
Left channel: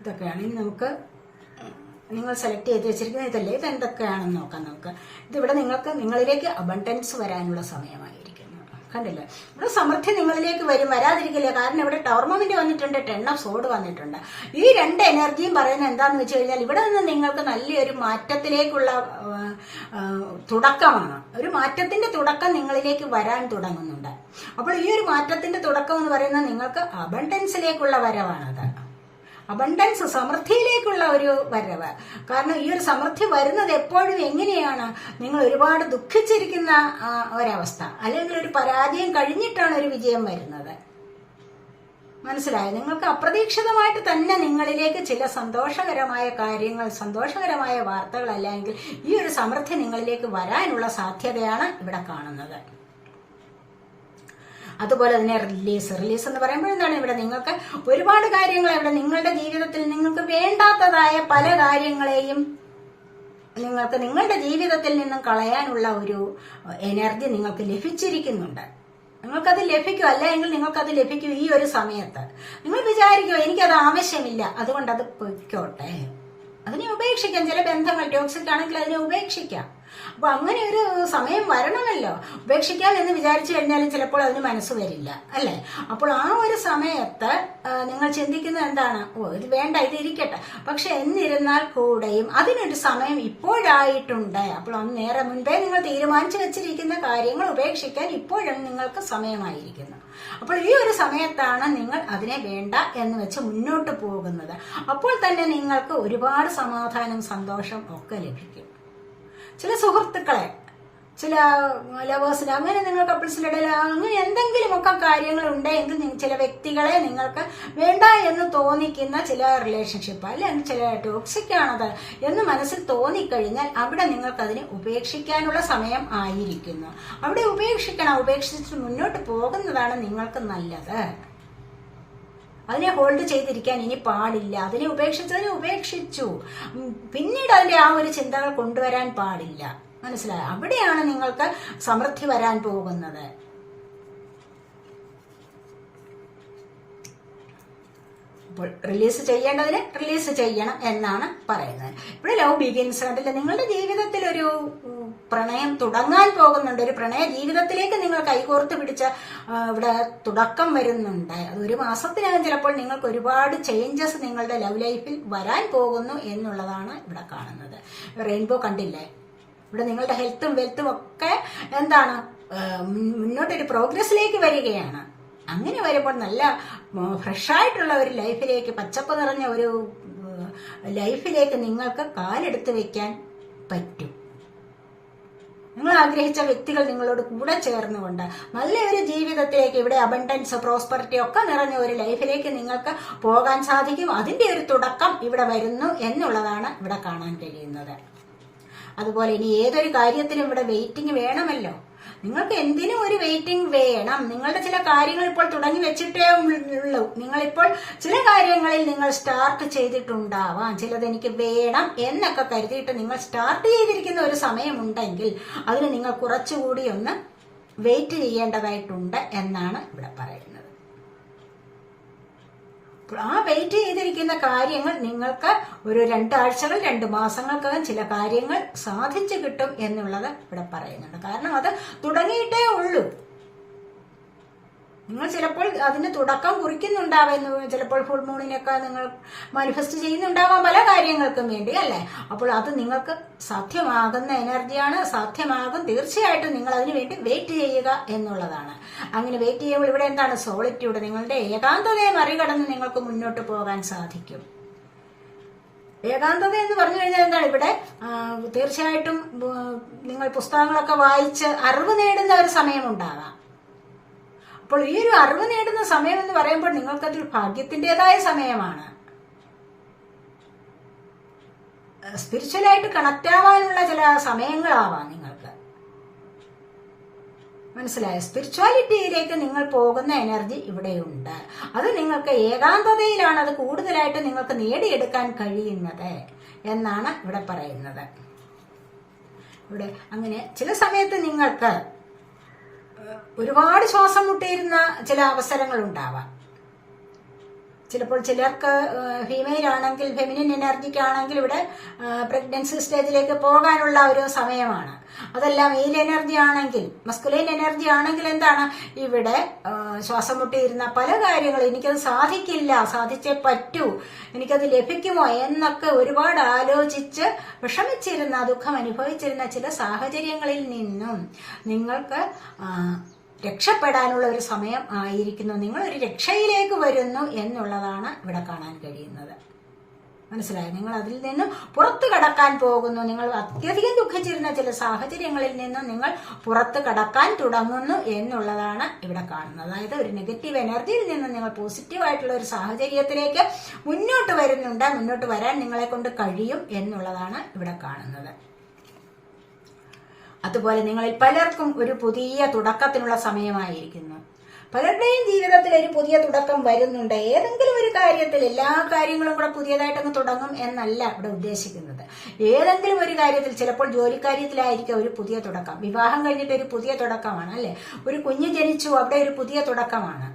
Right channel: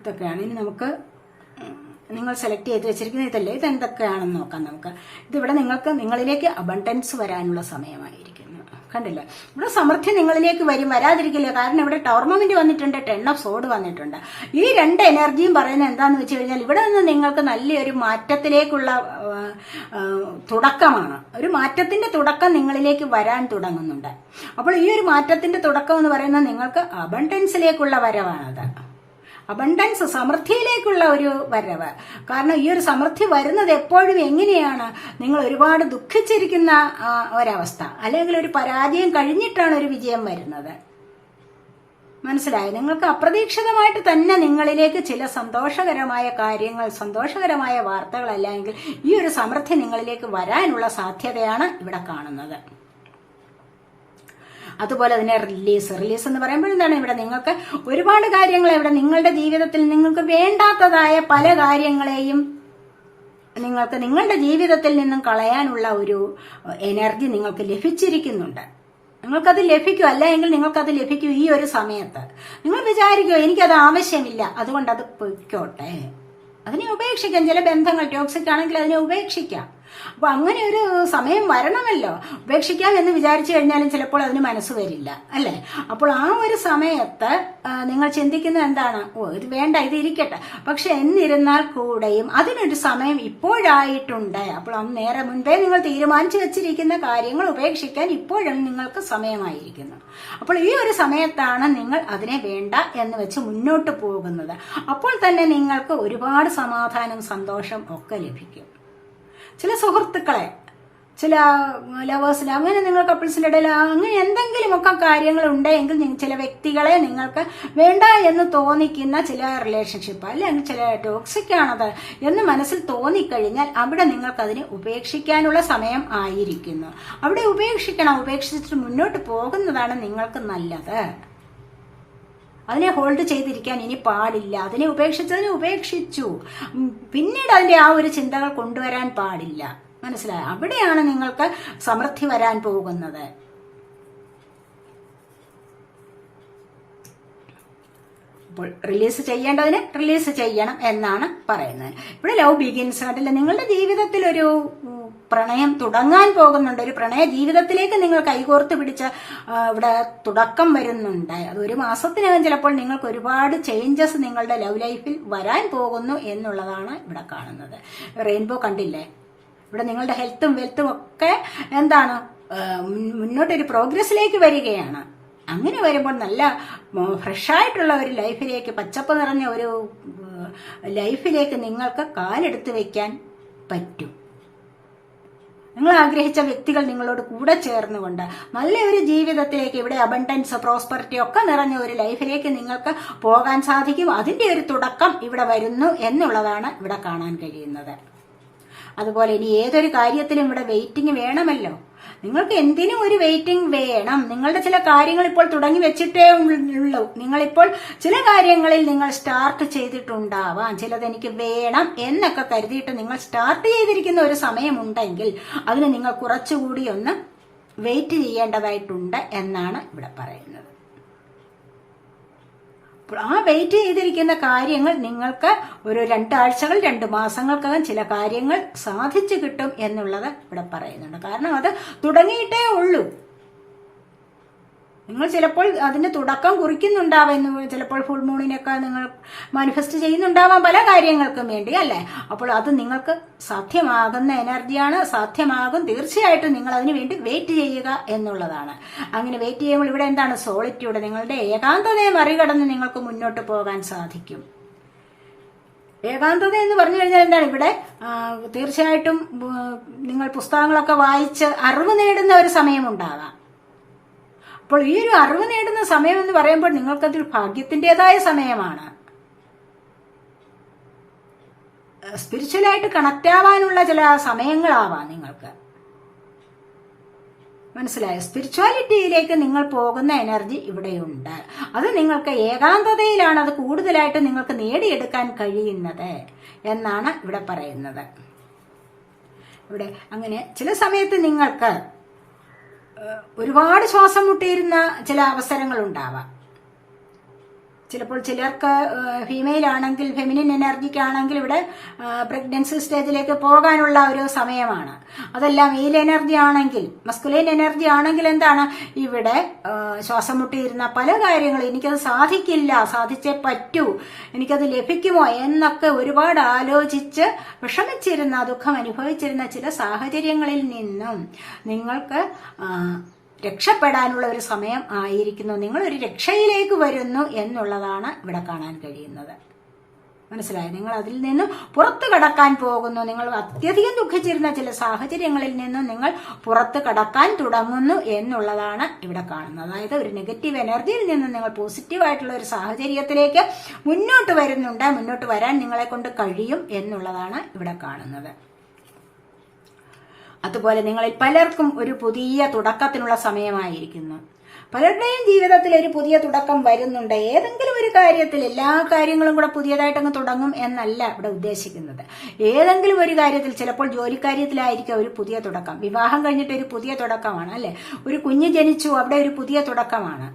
ഇതൊക്കെയാണ് ഇനി നമുക്ക് നിങ്ങൾ സെലക്ട് ചെയ്ത് വെച്ചിരിക്കുന്നത്. ഇതല്ലേ, ഇതെന്തൊക്കെയാണെന്ന് നോക്കാം നമുക്ക്. ഇതിവിടെ നിങ്ങളിലേക്ക് അബണ്ടൻസ് വരാനുള്ള സമയമായിരിക്കുന്നു. കണ്ടില്ല? ഇവിടെ സമൃദ്ധി നിങ്ങളിലേക്ക് വരാതിരിക്കില്ല. കാരണം ഇവിടെ ടോർണമെന്റ് വന്നിട്ടുണ്ട്, 10 ഓഫ് സോഡ് വന്നിട്ടുണ്ട്. ഈ രണ്ട് എനർജിയും പറയുന്നത് എന്താന്ന് വെച്ച് കഴിഞ്ഞാൽ ഇവിടെ നിന്ന് നിങ്ങൾക്ക് നല്ലൊരു മാറ്റത്തിലേക്കുള്ള തുടക്കമാണ്. ഒരു മാറ്റത്തിന്റെ തുടക്കം നിങ്ങളിലേക്ക് വരാൻ തുടങ്ങുന്നുണ്ട്. അപ്പോൾ ഈ ഒരു മാറ്റത്തിന്റെ തുടക്കം എന്ന് പറയുന്നത് നിങ്ങൾക്ക് അബണ്ടൻസിലേക്കുള്ള വരവാണത്. അബണ്ടൻസ്, സമൃദ്ധിയിലേക്കുള്ള ഒരു വരവ്. കാരണം ഈ ഒരു സമൃദ്ധി വരുന്നത് എപ്പോഴും എങ്ങനെയാണ്? നിങ്ങൾ ഒരുപാട് ദുഃഖിച്ചിരിക്കുന്ന ഒരവസ്ഥ, അല്ലെങ്കിൽ ഒരു പരാജയം കഴിഞ്ഞിട്ടാണ് ഒരു വിജയം വരുന്നത്. മനസ്സിലായോ? നിങ്ങൾക്ക് അപ്രതീക്ഷിതമായിട്ട് തന്നെ നിങ്ങളിലേക്ക് ചില സന്തോഷകരമായ കാര്യങ്ങൾ, സന്തോഷകരമായ വാർത്തകൾ, അല്ലെങ്കിൽ ഈ ഒരു സമൃദ്ധി നിങ്ങളിലേക്ക് വരാനുള്ള സാധ്യതയാണ് ഇവിടെ കാണുന്നത്. അതുപോലെ തന്നെ റിലീസ് എന്ന് പറയുമ്പോൾ എന്താണ്? ഇവിടെ നിങ്ങൾക്ക് ഒരുപാട് കാര്യങ്ങൾ, ഇവിടെ നിങ്ങളുടെ ജീവിതത്തിൽ നിങ്ങൾക്ക് വേണ്ടാത്തതായ പല കാര്യങ്ങളെയും നിങ്ങൾക്ക് നിങ്ങളുടെ ജീവിതത്തിൽ നിന്നും കളയാനുള്ള ഒരു എനർജി നിങ്ങൾക്ക് ലഭിച്ചിരിക്കുന്നുണ്ട്. നിങ്ങൾക്കത് ലഭിക്കും, അല്ല എങ്കിൽ നിങ്ങൾക്കത് ലഭിക്കും ഈ ഒരു സമയത്ത്. നിങ്ങൾ വിചാരിക്കുമോ എനിക്കത് ആവശ്യമില്ല, അതുകൊണ്ട് അത് പൊയ്ക്കോട്ടെ, അതിനെ ഉപേക്ഷിക്കാം. ചില ബന്ധങ്ങൾ ടോക്സിക് ആണെങ്കിൽ അതിനെ ഉപേക്ഷിക്കാം. അപ്പൊ അങ്ങനെ ഒരു സമയം വരണമല്ലോ. ഉപേക്ഷിക്കാം എന്ന് വിചാരിച്ചു കഴിഞ്ഞാലും ചിലപ്പോൾ അതിന് മനസ്സ് വരില്ല, അല്ലെ? അപ്പോൾ ആ ഒരു സമയത്ത് നിങ്ങൾ ചിന്തിക്കുന്നത് എന്താണ്? ഇത് വേണ്ട, ഇത് ഇരിക്കട്ടെ. പക്ഷെ എന്നിരുന്നാൽ കൂടെയും അതിനൊരു സമയം ഇപ്പോഴായിട്ടുണ്ട്. അപ്പോൾ അന്ന് നേരെ മുൻപേ നിങ്ങൾ തീരുമാനിച്ചു വെച്ചിരിക്കുന്ന കാര്യങ്ങൾ ഉപേക്ഷിക്കാൻ ഇപ്പോഴും നിങ്ങൾക്ക് സമയമായിരിക്കുന്നു. അപ്പോൾ ഈ ഒരു സമയത്താണ് നിങ്ങൾ അതിനെ വേണ്ട എന്ന് വെച്ച് മുന്നോട്ട് പോകുന്നത്. അപ്പോൾ തന്നെ നിങ്ങൾക്ക് ഒരുപാട് സമാധാനം, സന്തോഷം ഒക്കെ ലഭിക്കും. ചില സുഹൃത്തുക്കളെ, ചില ലവേഴ്സിന്, അങ്ങനെ നിങ്ങൾ കപ്പിൾസിന്റെ ഇടയിൽ അങ്ങനെ എന്തെങ്കിലുമൊക്കെ കാര്യങ്ങൾ ഉണ്ടെങ്കിൽ ചില വ്യക്തികളെ നിങ്ങൾക്ക് വേണ്ട എന്ന് തോന്നിക്കുന്ന ചില റിലേഷൻഷിപ്പ് അല്ലെങ്കിൽ ചില ടോക്സിക് ആണത് എന്ന് മനസ്സിൽ തോന്നിക്കഴിഞ്ഞാൽ അവിടെ നിങ്ങൾക്ക് അതിനെ ഉപേക്ഷിക്കാനുള്ള സമയം ആയിരിക്കുന്നു. അവിടെ ഉപേക്ഷിച്ചിട്ട് മുന്നോട്ട് പോകുന്നതാണ് നിങ്ങൾക്ക് നല്ലത്. അതിനെ ഹോൾഡ് ചെയ്തിരിക്കാൻ ഇനി പാടില്ല. അതിനെ ഉപേക്ഷിച്ചു. പിന്നീട് അതിന്റെ ആ ഒരു ചിന്തകൾ കൊണ്ടുവരാൻ പാടില്ല. മനസ്സിലായോ? അവിടെയാണ് നിങ്ങൾക്ക് സമൃദ്ധി വരാൻ പോകുന്നത്. അപ്പോൾ റിലീസ് ചെയ്യേണ്ടതിന് റിലീസ് ചെയ്യണം എന്നാണ് പറയുന്നത്. ഇവിടെ ലവ് ബിഗിൻസ്. അതില്ല, നിങ്ങളുടെ ജീവിതത്തിൽ ഒരു പ്രണയം തുടങ്ങാൻ പോകുന്നുണ്ട്. ഒരു പ്രണയ ജീവിതത്തിലേക്ക് നിങ്ങൾ കൈകോർത്ത് പിടിച്ച ഇവിടെ തുടക്കം വരുന്നുണ്ട്. അത് ഒരു മാസത്തിനകം ചിലപ്പോൾ നിങ്ങൾക്ക് ഒരുപാട് ചേഞ്ചസ് നിങ്ങളുടെ ലവ് ലൈഫിൽ വരാൻ പോകുന്നു എന്നുള്ളതാണ് ഇവിടെ കാണുന്നത്. റെയിൻബോ കണ്ടില്ലേ? ഇവിടെ നിങ്ങളുടെ ഹെൽത്തും വെൽത്തും ഒക്കെ എന്താണ് മുന്നോട്ടൊരു പ്രോഗ്രസിലേക്ക് വരികയാണ്. അങ്ങനെ വരുമ്പോൾ നല്ല ഫ്രഷായിട്ടുള്ള ഒരു ലൈഫിലേക്ക്, പച്ചപ്പ് നിറഞ്ഞ ഒരു ലൈഫിലേക്ക് നിങ്ങൾക്ക് കാലെടുത്ത് വെക്കാൻ പറ്റും. നിങ്ങൾ ആഗ്രഹിച്ച വ്യക്തികൾ നിങ്ങളോട് കൂടെ ചേർന്നുകൊണ്ട് നല്ലൊരു ജീവിതത്തിലേക്ക്, ഇവിടെ അബണ്ടൻസ്, പ്രോസ്പെറിറ്റി ഒക്കെ നിറഞ്ഞ ഒരു ലൈഫിലേക്ക് നിങ്ങൾക്ക് പോകാൻ സാധിക്കും. അതിന്റെ ഒരു തുടക്കം ഇവിടെ വരുന്നു എന്നുള്ളതാണ് ഇവിടെ കാണാൻ കഴിയുന്നത്. അതുപോലെ ഇനി ഏതൊരു കാര്യത്തിലും ഇവിടെ വെയിറ്റിംഗ് വേണമല്ലോ. നിങ്ങൾക്ക് എന്തിനും ഒരു വെയിറ്റിംഗ് വേണം. നിങ്ങളുടെ ചില കാര്യങ്ങൾ ഇപ്പോൾ തുടങ്ങി വെച്ചിട്ടേ ഉള്ളൂ. നിങ്ങളിപ്പോൾ ചില കാര്യങ്ങളിൽ നിങ്ങൾ സ്റ്റാർട്ട് ചെയ്തിട്ടുണ്ടാവാം. ചിലത് എനിക്ക് വേണം എന്നൊക്കെ കരുതിയിട്ട് നിങ്ങൾ സ്റ്റാർട്ട് ചെയ്തിരിക്കുന്ന ഒരു സമയമുണ്ടെങ്കിൽ അതിന് നിങ്ങൾ കുറച്ചുകൂടി ഒന്ന് വെയിറ്റ് ചെയ്യേണ്ടതായിട്ടുണ്ട് എന്നാണ് ഇവിടെ പറയുന്നത്. ആ വെയിറ്റ് ചെയ്തിരിക്കുന്ന കാര്യങ്ങൾ നിങ്ങൾക്ക് ഒരു 2 ആഴ്ചകൾ 2 മാസങ്ങൾക്കകം ചില കാര്യങ്ങൾ സാധിച്ചു കിട്ടും എന്നുള്ളത് ഇവിടെ പറയുന്നുണ്ട്. കാരണം അത് തുടങ്ങിയിട്ടേ ഉള്ളൂ. നിങ്ങൾ ചിലപ്പോൾ അതിന് തുടക്കം കുറിക്കുന്നുണ്ടാവും. ചിലപ്പോൾ ഫുൾ മൂണിനൊക്കെ നിങ്ങൾ മാനിഫെസ്റ്റ് ചെയ്യുന്നുണ്ടാവാം പല കാര്യങ്ങൾക്കും വേണ്ടി, അല്ലേ? അപ്പോൾ അത് നിങ്ങൾക്ക് സാധ്യമാകുന്ന എനർജിയാണ്. സാധ്യമാകും. തീർച്ചയായിട്ടും നിങ്ങൾ അതിനു വേണ്ടി വെയിറ്റ് ചെയ്യുക എന്നുള്ളതാണ്. അങ്ങനെ വെയിറ്റ് ചെയ്യുമ്പോൾ ഇവിടെ എന്താണ്? സോളിറ്റ്യൂഡ്. നിങ്ങളുടെ ഏകാന്തതയെ മറികടന്ന് നിങ്ങൾക്ക് മുന്നോട്ട് പോകാൻ സാധിക്കും. ഏകാന്തത എന്ന് പറഞ്ഞു കഴിഞ്ഞാൽ എന്താണ്? ഇവിടെ തീർച്ചയായിട്ടും നിങ്ങൾ പുസ്തകങ്ങളൊക്കെ വായിച്ച് അറിവ് നേടുന്ന ഒരു സമയമുണ്ടാകാം. അപ്പോൾ ഈ ഒരു അറിവ് നേടുന്ന സമയം എന്ന് പറയുമ്പോൾ നിങ്ങൾക്കതൊരു ഭാഗ്യത്തിൻ്റെതായ സമയമാണ്. സ്പിരിച്വലായിട്ട് കണക്ട് ആവാനുള്ള ചില സമയങ്ങളാവാം നിങ്ങൾക്ക്. മനസ്സിലായോ? സ്പിരിച്വാലിറ്റിയിലേക്ക് നിങ്ങൾ പോകുന്ന എനർജി ഇവിടെയുണ്ട്. അത് നിങ്ങൾക്ക് ഏകാന്തതയിലാണ് അത് കൂടുതലായിട്ട് നിങ്ങൾക്ക് നേടിയെടുക്കാൻ കഴിയുന്നത് എന്നാണ് ഇവിടെ പറയുന്നത്. ഇവിടെ അങ്ങനെ ചില സമയത്ത് നിങ്ങൾക്ക് ഒരുപാട് ശ്വാസം മുട്ടിയിരുന്ന ചില അവസരങ്ങൾ ഉണ്ടാവാം. ചിലപ്പോൾ ചിലർക്ക് ഫീമെയിൽ ആണെങ്കിൽ, ഫെമിനിൻ എനർജിക്കാണെങ്കിൽ ഇവിടെ പ്രഗ്നൻസി സ്റ്റേജിലേക്ക് പോകാനുള്ള ഒരു സമയമാണ്. അതല്ല മെയിൽ എനർജി ആണെങ്കിൽ, മസ്കുലൈൻ എനർജി ആണെങ്കിൽ എന്താണ്? ഇവിടെ ശ്വാസം മുട്ടിയിരുന്ന പല കാര്യങ്ങളും എനിക്കത് സാധിക്കില്ല, സാധിച്ചേ പറ്റൂ, എനിക്കത് ലഭിക്കുമോ എന്നൊക്കെ ഒരുപാട് ആലോചിച്ച് വിഷമിച്ചിരുന്ന, ദുഃഖം അനുഭവിച്ചിരുന്ന ചില സാഹചര്യങ്ങളിൽ നിന്നും നിങ്ങൾക്ക് രക്ഷപ്പെടാനുള്ള ഒരു സമയം ആയിരിക്കുന്നു. നിങ്ങൾ ഒരു രക്ഷയിലേക്ക് വരുന്നു എന്നുള്ളതാണ് ഇവിടെ കാണാൻ കഴിയുന്നത്. മനസ്സിലായി? നിങ്ങൾ അതിൽ നിന്ന് പുറത്തു കടക്കാൻ പോകുന്നു. നിങ്ങൾ അത്യധികം ദുഃഖിച്ചിരുന്ന ചില സാഹചര്യങ്ങളിൽ നിന്നും നിങ്ങൾ പുറത്തു കടക്കാൻ തുടങ്ങുന്നു എന്നുള്ളതാണ് ഇവിടെ കാണുന്നത്. അതായത് ഒരു നെഗറ്റീവ് എനർജിയിൽ നിന്ന് നിങ്ങൾ പോസിറ്റീവായിട്ടുള്ള ഒരു സാഹചര്യത്തിലേക്ക് മുന്നോട്ട് വരുന്നുണ്ട്. മുന്നോട്ട് വരാൻ നിങ്ങളെ കൊണ്ട് കഴിയും എന്നുള്ളതാണ് ഇവിടെ കാണുന്നത്. അതുപോലെ നിങ്ങളിൽ പലർക്കും ഒരു പുതിയ തുടക്കത്തിനുള്ള സമയമായിരിക്കുന്നു. പലരുടെയും ജീവിതത്തിൽ ഒരു പുതിയ തുടക്കം വരുന്നുണ്ട്. ഏതെങ്കിലും ഒരു കാര്യത്തിൽ, എല്ലാ കാര്യങ്ങളും കൂടെ പുതിയതായിട്ടങ്ങ് തുടങ്ങും എന്നല്ല ഇവിടെ ഉദ്ദേശിക്കുന്നത്. ഏതെങ്കിലും ഒരു കാര്യത്തിൽ, ചിലപ്പോൾ ജോലിക്കാര്യത്തിലായിരിക്കും ഒരു പുതിയ തുടക്കം. വിവാഹം കഴിഞ്ഞിട്ട് ഒരു പുതിയ തുടക്കമാണ്, അല്ലെ? ഒരു കുഞ്ഞ് ജനിച്ചു, അവിടെ ഒരു പുതിയ തുടക്കമാണ്.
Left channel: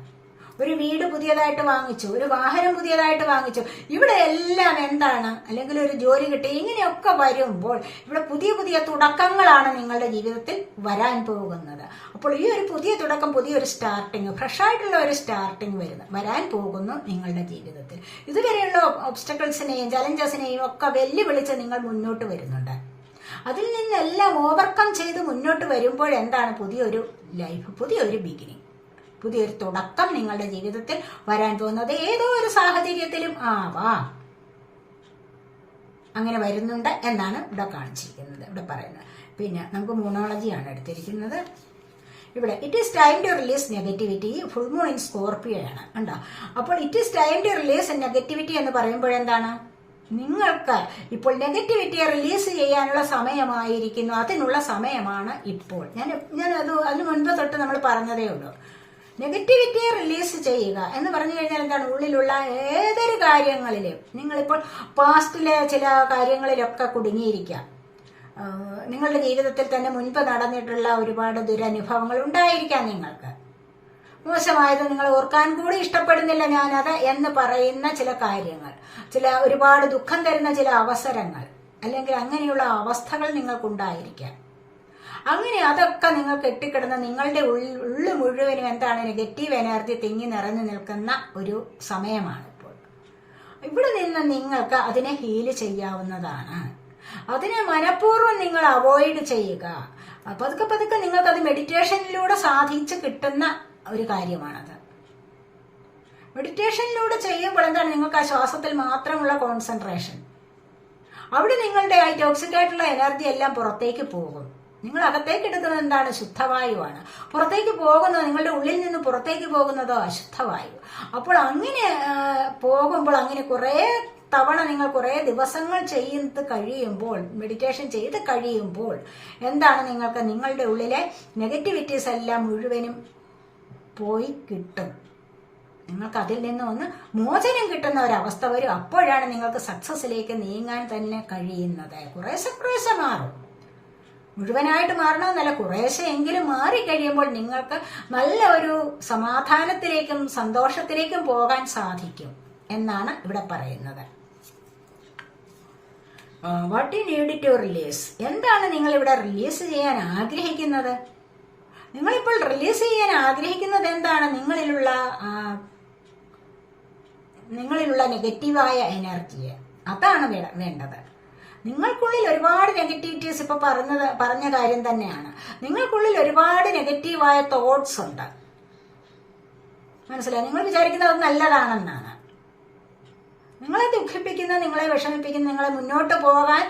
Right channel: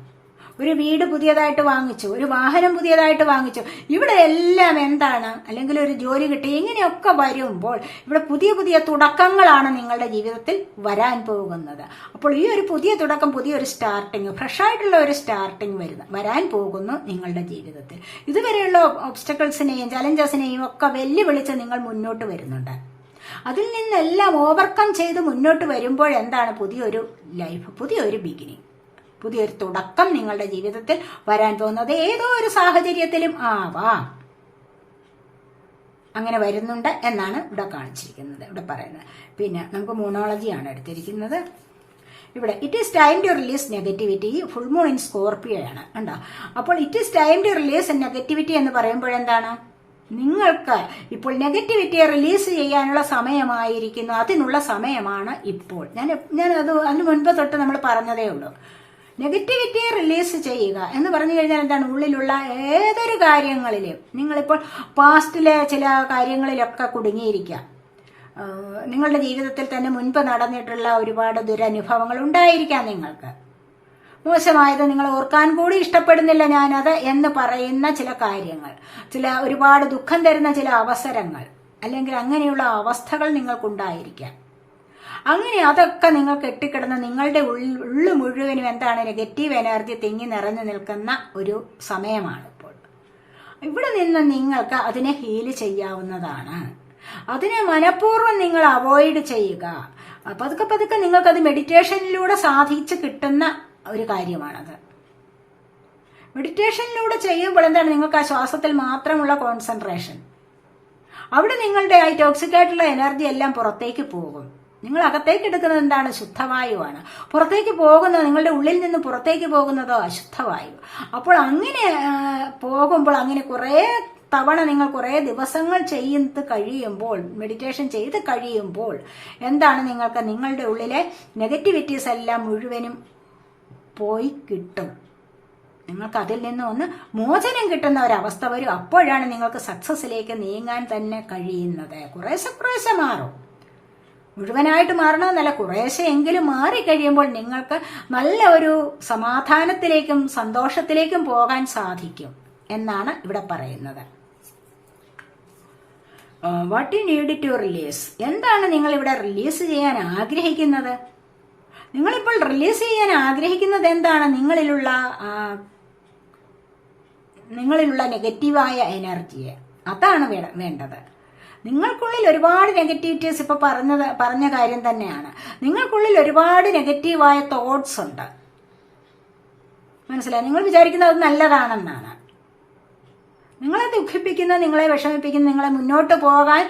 ഒരു വീട് പുതിയതായിട്ട് വാങ്ങിച്ചു, ഒരു വാഹനം പുതിയതായിട്ട് വാങ്ങിച്ചു. ഇവിടെ എല്ലാം എന്താണ്? അല്ലെങ്കിൽ ഒരു ജോലി കിട്ടി, ഇങ്ങനെയൊക്കെ വരുമ്പോൾ ഇവിടെ പുതിയ പുതിയ തുടക്കങ്ങളാണ് നിങ്ങളുടെ ജീവിതത്തിൽ വരാൻ പോകുന്നത്. അപ്പോൾ ഈ ഒരു പുതിയ തുടക്കം, പുതിയൊരു സ്റ്റാർട്ടിങ്, ഫ്രഷായിട്ടുള്ള ഒരു സ്റ്റാർട്ടിങ് വരാൻ പോകുന്നു നിങ്ങളുടെ ജീവിതത്തിൽ. ഇതുവരെയുള്ള ഒബ്സ്റ്റക്കിൾസിനെയും ചലഞ്ചസിനെയും ഒക്കെ വെല്ലുവിളിച്ച് നിങ്ങൾ മുന്നോട്ട് വരുന്നുണ്ട്. അതിൽ നിന്നെല്ലാം ഓവർകം ചെയ്ത് മുന്നോട്ട് വരുമ്പോൾ എന്താണ്? പുതിയൊരു ലൈഫ്, പുതിയൊരു ബിഗിനിങ്, പുതിയൊരു തുടക്കം നിങ്ങളുടെ ജീവിതത്തിൽ വരാൻ പോകുന്നത് ഏതോ ഒരു സാഹചര്യത്തിലും ആവാം. അങ്ങനെ വരുന്നുണ്ട് എന്നാണ് ഇവിടെ കാണിച്ചിരിക്കുന്നത്, ഇവിടെ പറയുന്നത്. പിന്നെ നമുക്ക് മൂണോളജിയാണ് എടുത്തിരിക്കുന്നത്. ഇവിടെ it is time to release negativity. Full moon in Scorpio ആണ് കണ്ടോ. അപ്പോൾ it is time to release negativity എന്ന് പറയുമ്പോഴെന്താണ്, നിങ്ങൾക്ക് ഇപ്പോൾ നെഗറ്റിവിറ്റിയെ റിലീസ് ചെയ്യാനുള്ള സമയമായിരിക്കുന്നു, അതിനുള്ള സമയമാണ് ഇപ്പോൾ. ഞാൻ അതിന് മുൻപ് തൊട്ട് നമ്മൾ പറഞ്ഞതേ ഉള്ളൂ. നെഗറ്റിവിറ്റിയെ റിലീസ് ചെയ്യുക എന്ന് പറഞ്ഞു കഴിഞ്ഞാൽ എന്താണ്, ഉള്ളിലുള്ള ഏതൊരു കാര്യങ്ങളിലും നിങ്ങളിപ്പോൾ പാസ്റ്റിലെ ചില കാര്യങ്ങളിലൊക്കെ കുടുങ്ങിയിരിക്കാം. നിങ്ങളുടെ ജീവിതത്തിൽ തന്നെ മുൻപ് നടന്നിട്ടുള്ള ഒരുപാട് ദുരനുഭവങ്ങൾ ഉണ്ടായിരിക്കാം. നിങ്ങൾക്ക് മോശമായത് നിങ്ങൾ ഓർക്കാൻ കൂടി ഇഷ്ടപ്പെടുന്നില്ല ഞാനത് എന്ന് പറയുന്ന ചില കാര്യങ്ങൾ, ചില ഒരുപാട് ദുഃഖം തരുന്ന ചില അവസരങ്ങൾ, അല്ലെങ്കിൽ അങ്ങനെയുള്ള അവസ്ഥകൾ നിങ്ങൾക്കുണ്ടായിരിക്കാം. അങ്ങനെ അതൊക്കെ നിങ്ങൾ കെട്ടിക്കിടന്ന് നിങ്ങളുടെ ഉള്ളു മുഴുവനും എന്താണ്, നെഗറ്റീവ് എനർജി തിങ്ങി നിറഞ്ഞു നിൽക്കുന്ന ഒരു സമയമാണ് ഇപ്പോൾ. ഇവിടെ നിന്ന് നിങ്ങൾക്ക് അതിനെ ഹീല് ചെയ്യാവുന്നതാണ്. അതിനെ മനഃപൂർവ്വം നിങ്ങൾ അവോയ്ഡ് ചെയ്യുക. പതുക്കെ പതുക്കെ നിങ്ങൾക്കത് മെഡിറ്റേഷനിലൂടെ സാധിച്ച് കിട്ടുന്ന ഒരു കാര്യമാണത്. മെഡിറ്റേഷനിലൂടെ ചെയ്യുമ്പോൾ എന്താണ്, നിങ്ങൾക്ക് ആ ശ്വാസത്തിൽ മാത്രമുള്ള കോൺസെൻട്രേഷൻ. അവിടെ നിങ്ങളുടെ ആ ടോക്സിക് ആയിട്ടുള്ള എനർജി എല്ലാം പുറത്തേക്ക് പോകും. നിങ്ങൾ അകത്തേക്ക് എടുക്കുന്നത് എന്താണ്, ശുദ്ധവായുവാണ്. പുറത്തേക്ക് പോകുന്നത്, നിങ്ങളുടെ ഉള്ളിൽ നിന്ന് പുറത്തേക്ക് പോകുന്നതോ അശുദ്ധവായു. അപ്പോൾ അങ്ങനെ പോകുമ്പോൾ, അങ്ങനെ കുറെ തവണ നിങ്ങൾ കുറെ ദിവസങ്ങൾ ചെയ്ത് കഴിയുമ്പോൾ, മെഡിറ്റേഷൻ ചെയ്ത് കഴിയുമ്പോൾ എന്താണ്, നിങ്ങൾക്ക് നിങ്ങളുടെ ഉള്ളിലെ നെഗറ്റിവിറ്റീസ് എല്ലാം മുഴുവനും പോയി കിട്ടും. നിങ്ങൾക്ക് അതിൽ നിന്ന് ഒന്ന് മോചനം കിട്ടുന്ന ഒരവസ്ഥ വരും. അപ്പോഴാണ് നിങ്ങൾക്ക് സക്സസിലേക്ക് നീങ്ങാൻ തന്നെ കഴിയുന്നത്. കുറേശ്ശെ മാറും, മുഴുവനായിട്ട് മാറണമെന്നല്ല, കുറേശ്ശെ എങ്കിലും മാറിക്കഴിയുമ്പോൾ നിങ്ങൾക്ക് നല്ല ഒരു സമാധാനത്തിലേക്കും സന്തോഷത്തിലേക്കും പോകാൻ സാധിക്കും എന്നാണ് ഇവിടെ പറയുന്നത്. What you need to release, എന്താണ് നിങ്ങൾ ഇവിടെ റിലീസ് ചെയ്യാൻ ആഗ്രഹിക്കുന്നത്? നിങ്ങളിപ്പോൾ റിലീസ് ചെയ്യാൻ ആഗ്രഹിക്കുന്നത് എന്താണ്, നിങ്ങളിലുള്ള നെഗറ്റീവായ എനർജിയെ. അതാണ് വേണ്ടത്. നിങ്ങൾക്കുള്ളിൽ ഒരുപാട് നെഗറ്റിവിറ്റീസ്, ഇപ്പൊ പറഞ്ഞ കാര്യം തന്നെയാണ്. നിങ്ങൾക്കുള്ളിൽ ഒരുപാട് നെഗറ്റീവായ തോട്ട്സ് ഉണ്ട്, മനസ്സിലായി. നിങ്ങൾ വിചാരിക്കുന്നത് അത് നല്ലതാണെന്നാണ്. നിങ്ങളെ ദുഃഖിപ്പിക്കുന്ന, നിങ്ങളെ വിഷമിപ്പിക്കുന്ന, നിങ്ങളെ മുന്നോട്ട് പോകാൻ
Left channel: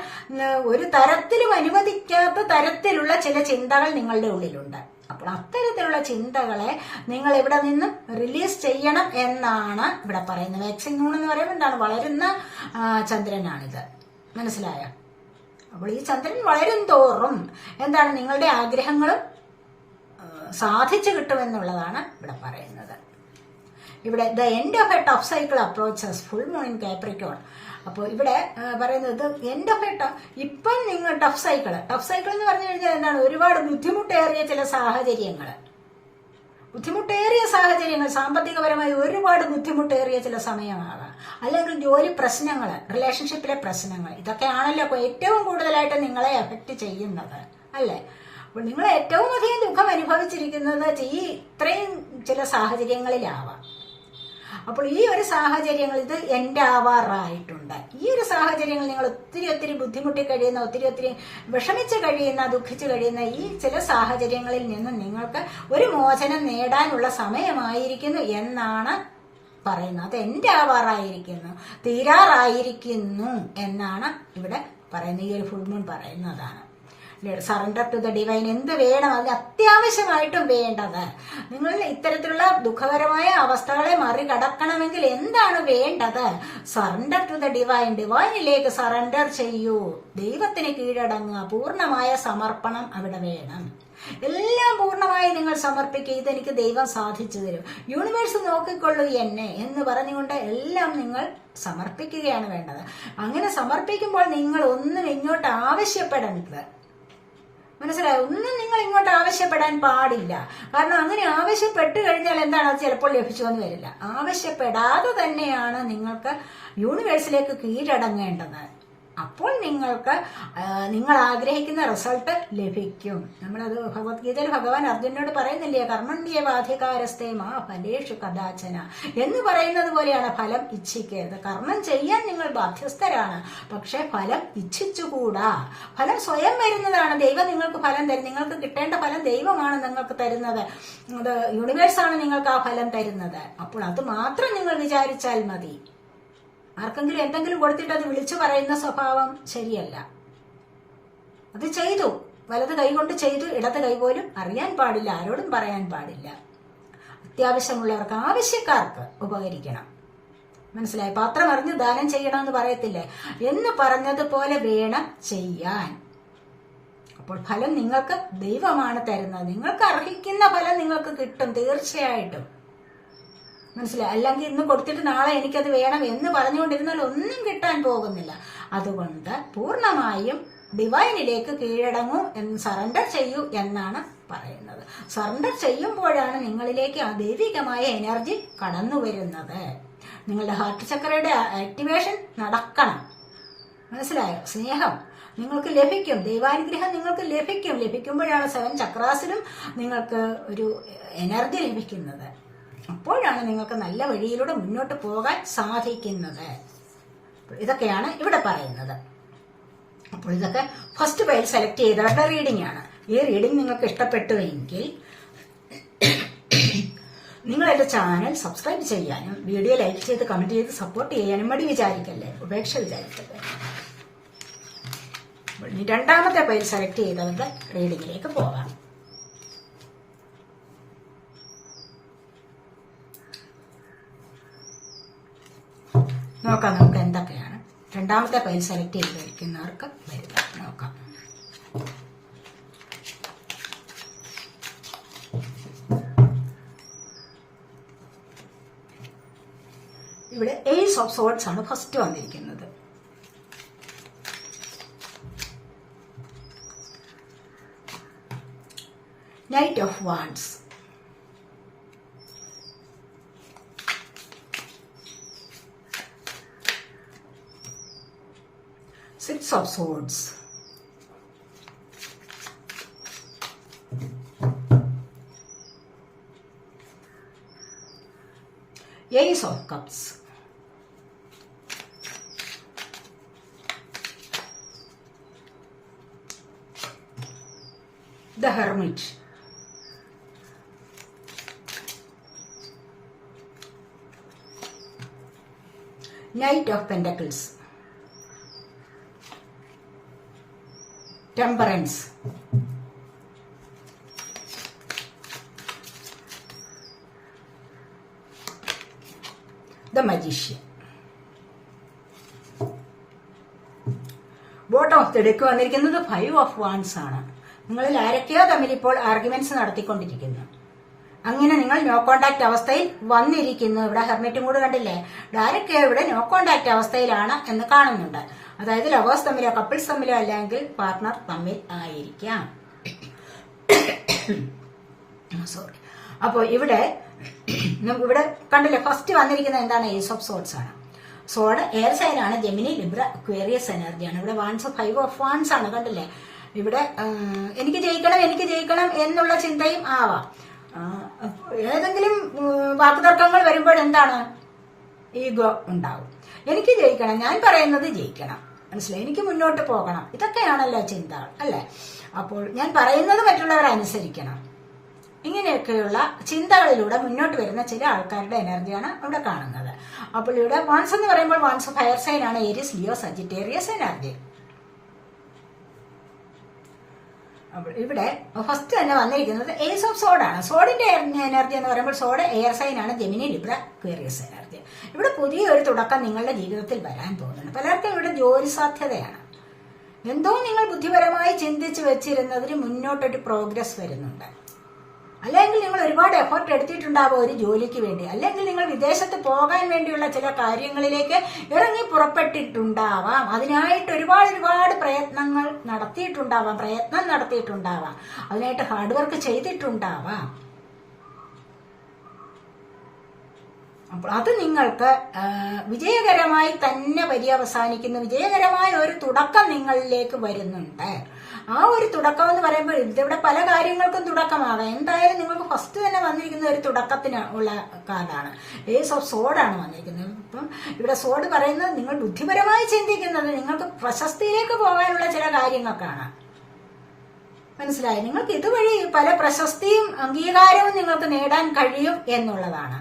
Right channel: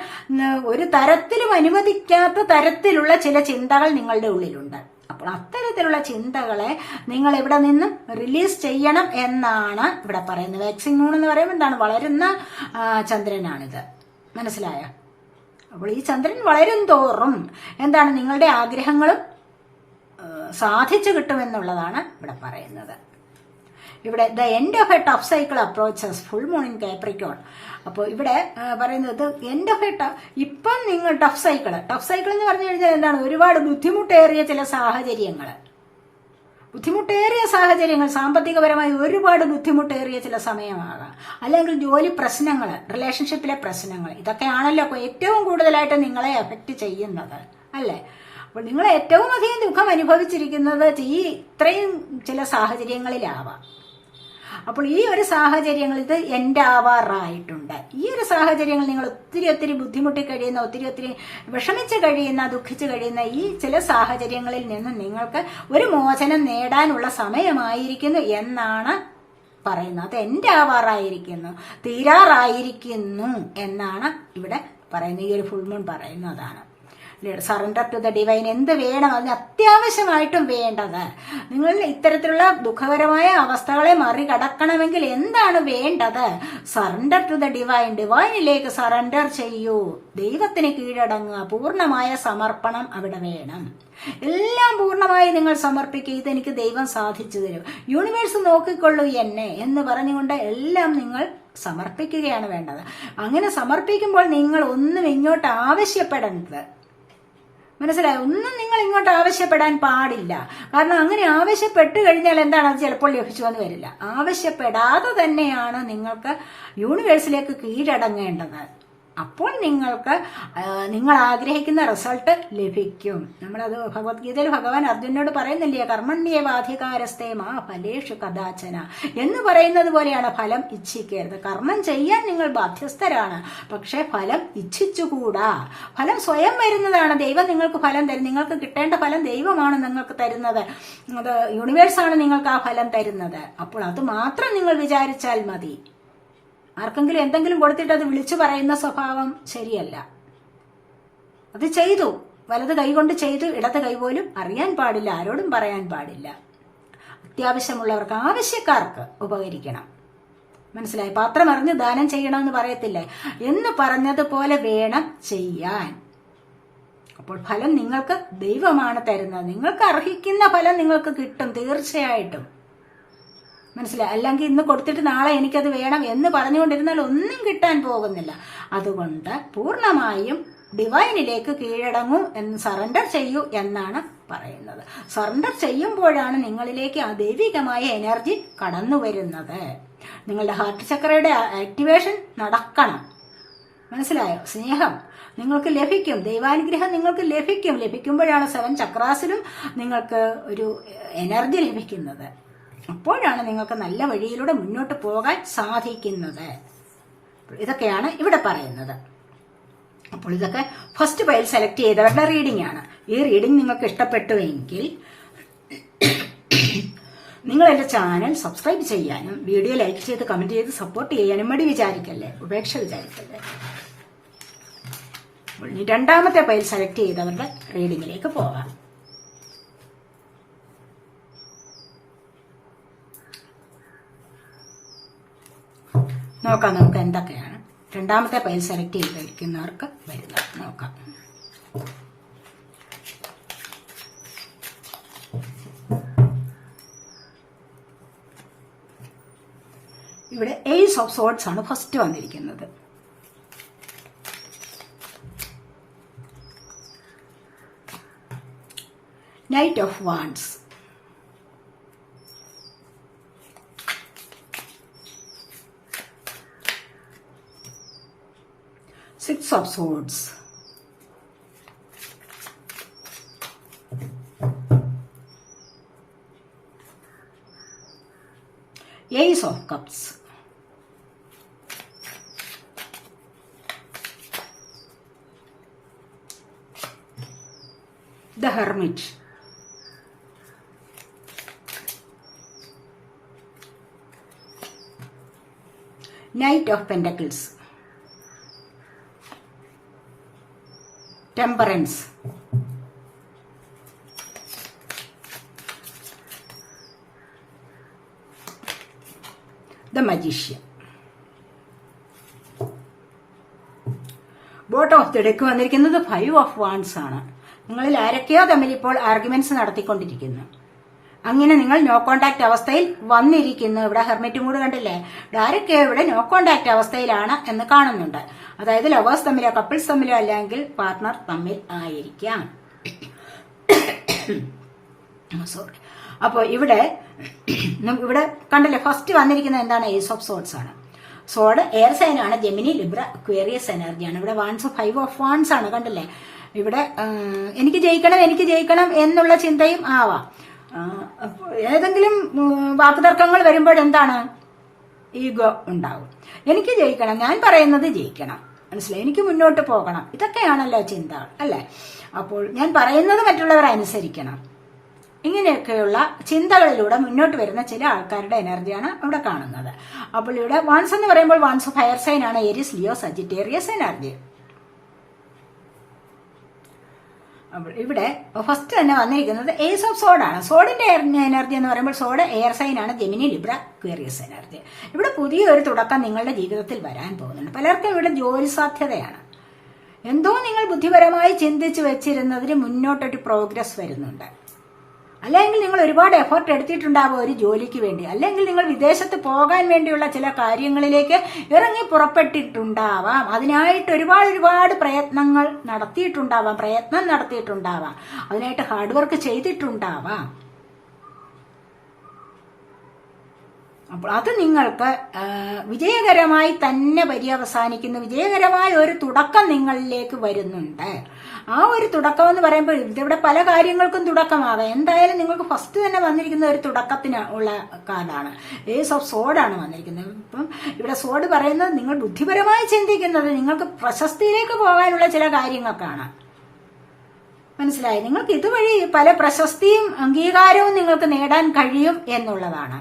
ഒരു തരത്തിലും അനുവദിക്കാത്ത തരത്തിലുള്ള ചില ചിന്തകൾ നിങ്ങളുടെ ഉള്ളിലുണ്ട്. അപ്പോൾ അത്തരത്തിലുള്ള ചിന്തകളെ നിങ്ങൾ ഇവിടെ നിന്നും റിലീസ് ചെയ്യണം എന്നാണ് ഇവിടെ പറയുന്നത്. വാക്സിൻ മൂൺ എന്ന് പറയുമ്പോൾ എന്താണ്, വളരുന്ന ചന്ദ്രനാണിത്, മനസ്സിലായോ? അപ്പോൾ ഈ ചന്ദ്രൻ വളരും തോറും എന്താണ്, നിങ്ങളുടെ ആഗ്രഹങ്ങളും സാധിച്ചു കിട്ടുമെന്നുള്ളതാണ് ഇവിടെ പറയുന്നത്. ഇവിടെ the end of A tough cycle approaches full moon in Capricorn. അപ്പോൾ ഇവിടെ പറയുന്നത് എൻഡ് ഓഫ് എ ഇപ്പം നിങ്ങൾ ടഫ് സൈക്കിൾ എന്ന് പറഞ്ഞു കഴിഞ്ഞാൽ എന്താണ്, ഒരുപാട് ബുദ്ധിമുട്ടേറിയ ചില സാഹചര്യങ്ങൾ, സാമ്പത്തികപരമായി ഒരുപാട് ബുദ്ധിമുട്ടേറിയ ചില സമയമാകാം, അല്ലെങ്കിൽ ജോലി പ്രശ്നങ്ങൾ, റിലേഷൻഷിപ്പിലെ പ്രശ്നങ്ങൾ, ഇതൊക്കെയാണല്ലോ ഏറ്റവും കൂടുതലായിട്ട് നിങ്ങളെ എഫക്റ്റ് ചെയ്യുന്നത്, അല്ലേ? അപ്പോൾ നിങ്ങൾ ഏറ്റവും അധികം ദുഃഖം അനുഭവിച്ചിരിക്കുന്നത് ഇത്രയും ചില സാഹചര്യങ്ങളിലാവാം. അപ്പോൾ ഈ ഒരു സാഹചര്യങ്ങൾ ഇത് എൻഡ് ആവാറായിട്ടുണ്ട്. ഈ ഒരു സാഹചര്യങ്ങൾ നിങ്ങൾ ഒത്തിരി ബുദ്ധിമുട്ടി കഴിയുന്ന, ഒത്തിരി വിഷമിച്ച് കഴിയുന്ന, ദുഃഖിച്ച് കഴിയുന്ന ഈ ചില സാഹചര്യങ്ങളിൽ നിന്ന് നിങ്ങൾക്ക് ഒരു മോചനം നേടാനുള്ള സമയമായിരിക്കുന്നു എന്നാണ് പറയുന്നത്. അത് എൻഡ് ആവാറായിരിക്കുന്നു, തീരാറായിരിക്കുന്നു എന്നാണ് ഇവിടെ പറയുന്നത്. ഈ ഒരു ഫുൾ മൂൺ പറയുന്നതാണ്. Surrender to the divine. എന്ത് വേണം, അതിന് അത്യാവശ്യമായിട്ടും വേണ്ടത്, നിങ്ങൾ ഇത്തരത്തിലുള്ള ദുഃഖകരമായ അവസ്ഥകളെ മറികടക്കണമെങ്കിൽ എന്താണ് വേണ്ടത്? Surrender to the divine. ഡിവൈനിലേക്ക് സറണ്ടർ ചെയ്യൂ, ദൈവത്തിന് കീഴടങ്ങുക, പൂർണ്ണമായ സമർപ്പണം അവിടെ വേണം. എല്ലാം പൂർണ്ണമായി നിങ്ങൾ സമർപ്പിക്കുക. ഇതെനിക്ക് ദൈവം സാധിച്ചു തരും, യൂണിവേഴ്സ് നോക്കിക്കൊള്ളൂ എന്നെ എന്ന് പറഞ്ഞുകൊണ്ട് എല്ലാം നിങ്ങൾ സമർപ്പിക്കുകയാണ് വേണ്ടത്. അങ്ങനെ സമർപ്പിക്കുമ്പോൾ നിങ്ങൾ ഒന്നും ഇങ്ങോട്ട് ആവശ്യപ്പെടരുത്, മനസ്സിലായി? ഒന്നും നിങ്ങൾ ഇങ്ങോട്ട് ആവശ്യപ്പെടാൻ പാടില്ല. കാരണം അങ്ങനെ ആവശ്യപ്പെട്ട് കഴിഞ്ഞാൽ എന്താണ്, അത് ചിലപ്പോൾ ലഭിച്ചു എന്ന് വരില്ല. ആവശ്യപ്പെടാതെ തന്നെയാണ് നിങ്ങൾക്ക് യൂണിവേഴ്സിലേക്ക് കീഴടങ്ങേണ്ടത്. അപ്പോൾ നിങ്ങൾക്ക് നിങ്ങൾ ആഗ്രഹിക്കുന്ന റിസൾട്ട് ലഭിക്കും. നമ്മളത് ഭഗവത്ഗീതയിൽ ഭഗവാൻ അർജുനോട് പറയുന്നില്ലേ, കർമ്മണ്യേവാധികാരസ്തേ മാ ഫലേഷു കദാചന എന്ന് പറയുന്നത് പോലെയാണ്. ഫലം ഇച്ഛിക്കരുത്. കർമ്മം ചെയ്യാൻ നിങ്ങൾ ബാധ്യസ്ഥരാണ്, പക്ഷെ ഫലം ഇച്ഛിച്ചുകൂടാ. ഫലം സ്വയം വരുന്നതാണ്. ദൈവം നിങ്ങൾക്ക് ഫലം തരും. നിങ്ങൾക്ക് കിട്ടേണ്ട ഫലം ദൈവമാണ് നിങ്ങൾക്ക് തരുന്നത്. അത് യൂണിവേഴ്സാണ് നിങ്ങൾക്ക് ആ ഫലം തരുന്നത്. അപ്പോൾ അത് മാത്രം നിങ്ങൾ വിചാരിച്ചാൽ മതി. ആർക്കെങ്കിലും എന്തെങ്കിലും കൊടുത്തിട്ട് അത് വിളിച്ചു പറയുന്ന സ്വഭാവം ശരിയല്ല. അത് ചെയ്തു, വലത് കൈ കൊണ്ട് ചെയ്തു, ഇടത് കൈ പോലും അറിയാൻ പാടില്ല, ആരോടും പറയാൻ പാടില്ല. അത്യാവശ്യമുള്ളവർക്ക്, ആവശ്യക്കാർക്ക് ഉപകരിക്കണം. മനസ്സിലായി? പാത്രം അറിഞ്ഞ് ദാനം ചെയ്യണമെന്ന് പറയത്തില്ലേ, എന്ന് പറഞ്ഞതുപോലെ വേണം ചെയ്യാൻ. അപ്പോൾ ഫലം നിങ്ങൾക്ക് ദൈവമാണ് തരുന്നത്. നിങ്ങൾക്ക് അർഹിക്കുന്ന ഫലം നിങ്ങൾക്ക് കിട്ടും തീർച്ചയായിട്ടും. മനസ്സിലായി? അല്ലെങ്കിൽ ഇന്ന് കൊടുത്തിട്ട് നാളെ എനിക്കത് വേണം എന്ന് പറഞ്ഞുകൊണ്ടിരുന്നാൽ ഒന്നും കിട്ടാൻ പോകുന്നില്ല. അതുകൊണ്ട് പൂർണ്ണമായും ഡിവൈനിലേക്ക് കീഴടങ്ങൂ, സറണ്ടർ ചെയ്യൂ എന്നാണ് പറയുന്നത്. സറണ്ടർ ചെയ്യുമ്പോഴാണ് നിങ്ങളിലേക്ക് ആ ദൈവികമായ എനർജി കടന്നു വരുന്നത്. നിങ്ങളുടെ ഹാർട്ട് ചക്രയുടെ ആക്ടിവേഷൻ നടക്കണം. മനസ്സിലായോ? സ്നേഹം നിങ്ങൾക്ക് ലഭിക്കും, ദൈവാനുഗ്രഹം നിങ്ങൾക്ക് ലഭിക്കും. ലഭിക്കുമ്പോഴാണ് 7 ചക്രാസിലും നിങ്ങൾക്ക് ഒരു എനർജി ലഭിക്കുന്നത്. അപ്പോഴാണ് നിങ്ങൾക്ക് നല്ല വഴിയിലൂടെ മുന്നോട്ട് പോകാൻ സാധിക്കുന്നത്. ഇതൊക്കെയാണ് ഇവിടെ പറയുന്നത്. അപ്പോൾ ഇതൊക്കെ ഫസ്റ്റ് പൈൽ സെലക്ട് ചെയ്തവരുടെ റീഡിംഗ് ആണ്. ഈ റീഡിംഗ് നിങ്ങൾക്ക് ഇഷ്ടപ്പെട്ടുവെങ്കിൽ നിങ്ങൾ എന്റെ ചാനൽ സബ്സ്ക്രൈബ് ചെയ്യാനും വീഡിയോ ലൈക്ക് ചെയ്ത് കമന്റ് ചെയ്ത് സപ്പോർട്ട് ചെയ്യാനും മടി വിചാരിക്കല്ലേ, ഉപേക്ഷ വിചാരിക്കല്ലേ. രണ്ടാമത്തെ പൈൽ സെലക്ട് ചെയ്തവരുടെ റീഡിംഗിലേക്ക് പോകാം. നോക്കാം നമുക്ക് എന്തൊക്കെയാണ് രണ്ടാമത്തെ പൈൽ സെലക്ട് ചെയ്തിരിക്കുന്നവർക്ക് വരുന്നത്. നോക്കാം. ഇവിടെ ഏസ് ഓഫ് സോർഡ്സ് ആണ് ഫസ്റ്റ് വന്നിരിക്കുന്നത്. Knight of wands, Six of Swords, Ace of Cups, The Hermit, Knight of Pentacles, Temperance, The Magician. Bottom of the deck വന്നിരിക്കുന്നത് 5 ഓഫ് വാൻഡ്സ് ആണ്. നിങ്ങളിൽ ആരൊക്കെയോ തമ്മിൽ ഇപ്പോൾ ആർഗ്യുമെന്റ്സ് നടത്തിക്കൊണ്ടിരിക്കുന്നു. അങ്ങനെ നിങ്ങൾ നോ കോണ്ടാക്ട് അവസ്ഥയിൽ വന്നിരിക്കുന്നു. ഇവിടെ ഹെർമിറ്റ് മൂഡ് കണ്ടില്ലേ? ആരൊക്കെയോ ഇവിടെ നോ കോണ്ടാക്ട് അവസ്ഥയിലാണ് എന്ന് കാണുന്നുണ്ട്. അതായത് ലവേഴ്സ് തമ്മിലോ കപ്പിൾസ് തമ്മിലോ അല്ലെങ്കിൽ പാർട്ട്ണർ തമ്മിൽ ആയിരിക്കാം. സോറി. അപ്പോൾ ഇവിടെ കണ്ടില്ലേ, ഫസ്റ്റ് വന്നിരിക്കുന്നത് എന്താണ്? ഏസ് ഓഫ് സോർഡ്സ് ആണ്. സോഡ് എയർ സൈൻ ആണ്, ജെമിനി, ലിബ്ര, അക്വേറിയസ് എനർജിയാണ്. ഇവിടെ വാൻസ് 5 ഓഫ് വാൻസ് ആണ്. കണ്ടില്ലേ? ഇവിടെ എനിക്ക് ജയിക്കണം എന്നുള്ള ചിന്തയും ആവാം. ഏതെങ്കിലും വാക്കുതർക്കങ്ങൾ വരുമ്പോൾ എന്താണ്? ഈഗോ ഉണ്ടാവും. എനിക്ക് ജയിക്കണം, ഞാൻ പറയുന്നത് ജയിക്കണം, മനസ്സിലായി, എനിക്ക് മുന്നോട്ട് പോകണം, ഇതൊക്കെയാണല്ലോ ചിന്ത, അല്ലെ? അപ്പോൾ ഞാൻ പറയുന്നത് മറ്റുള്ളവർ അനുസരിക്കണം, ഇങ്ങനെയൊക്കെയുള്ള ചിന്തകളിലൂടെ മുന്നോട്ട് വരുന്ന ചില ആൾക്കാരുടെ എനർജിയാണ് ഇവിടെ കാണുന്നത്. അപ്പോൾ ഇവിടെ വാൻസ് എന്ന് പറയുമ്പോൾ വാൻസ് ഫയർ സൈൻ ആണ്, ഏരിയസ്, ലിയോ, സജിറ്റേറിയസ് എനർജി. അപ്പോൾ ഇവിടെ ഫസ്റ്റ് തന്നെ വന്നിരിക്കുന്നത് ഏസ് ഓഫ് സോഡ് ആണ്. സോഡിന്റെ എനർജി എന്ന് പറയുമ്പോൾ സോഡ് എയർ സൈൻ ആണ്, ജെമിനി, ലിബ്ര, അക്വേറിയസ് എനർജി. ഇവിടെ പുതിയൊരു തുടക്കം നിങ്ങളുടെ ജീവിതത്തിൽ വരാൻ പോകുന്നുണ്ട്. പലർക്കും ഇവിടെ ജോലി സാധ്യതയാണ്. എന്തോ നിങ്ങൾ ബുദ്ധിപരമായി ചിന്തിച്ചു വെച്ചിരുന്നതിന് മുന്നോട്ടൊരു പ്രോഗ്രസ് വരുന്നുണ്ട്. അല്ലെങ്കിൽ നിങ്ങൾ ഒരുപാട് എഫർട്ട് എടുത്തിട്ടുണ്ടാവും ഒരു ജോലിക്ക് വേണ്ടി, അല്ലെങ്കിൽ നിങ്ങൾ വിദേശത്ത് പോകാൻ വേണ്ടിയുള്ള ചില കാര്യങ്ങളിലേക്ക് ഇറങ്ങി പുറപ്പെട്ടിട്ടുണ്ടാവാം. അതിനായിട്ട് ഒരുപാട് പ്രയത്നം നടത്തിയിട്ടുണ്ടാവാം. അതിനായിട്ട് ഹാർഡ് വർക്ക് ചെയ്തിട്ടുണ്ടാവാം. അപ്പോൾ അത് നിങ്ങൾക്ക് വിജയകരമായി തന്നെ പര്യവസാനിക്കുന്ന വിജയകരമായ ഒരു തുടക്കം നിങ്ങളിലേക്ക് വരുന്നുണ്ട്. ആ ഒരു തുടക്കം എന്ന് പറയുമ്പോൾ ഇതിവിടെ പല കാര്യങ്ങൾക്കും തുടക്കമാവാം. എന്തായാലും നിങ്ങൾക്ക് ഫസ്റ്റ് തന്നെ വന്നിരിക്കുന്ന ഒരു തുടക്കത്തിന് ഉള്ള കാർഡാണ്. ഏസ് ഓഫ് സോഡാണ് വന്നിരിക്കുന്നത്. ഇപ്പം ഇവിടെ സോഡ് പറയുന്നത് നിങ്ങൾ ബുദ്ധിപരമായി ചിന്തിക്കുന്നത് നിങ്ങൾക്ക് പ്രശസ്തിയിലേക്ക് പോകാനുള്ള ചില കാര്യങ്ങൾക്കാണ്. മനസ്സിലായി? നിങ്ങൾക്ക് ഇതുവഴി പല പ്രശസ്തിയും അംഗീകാരവും നിങ്ങൾക്ക് നേടാൻ കഴിയും എന്നുള്ളതാണ്.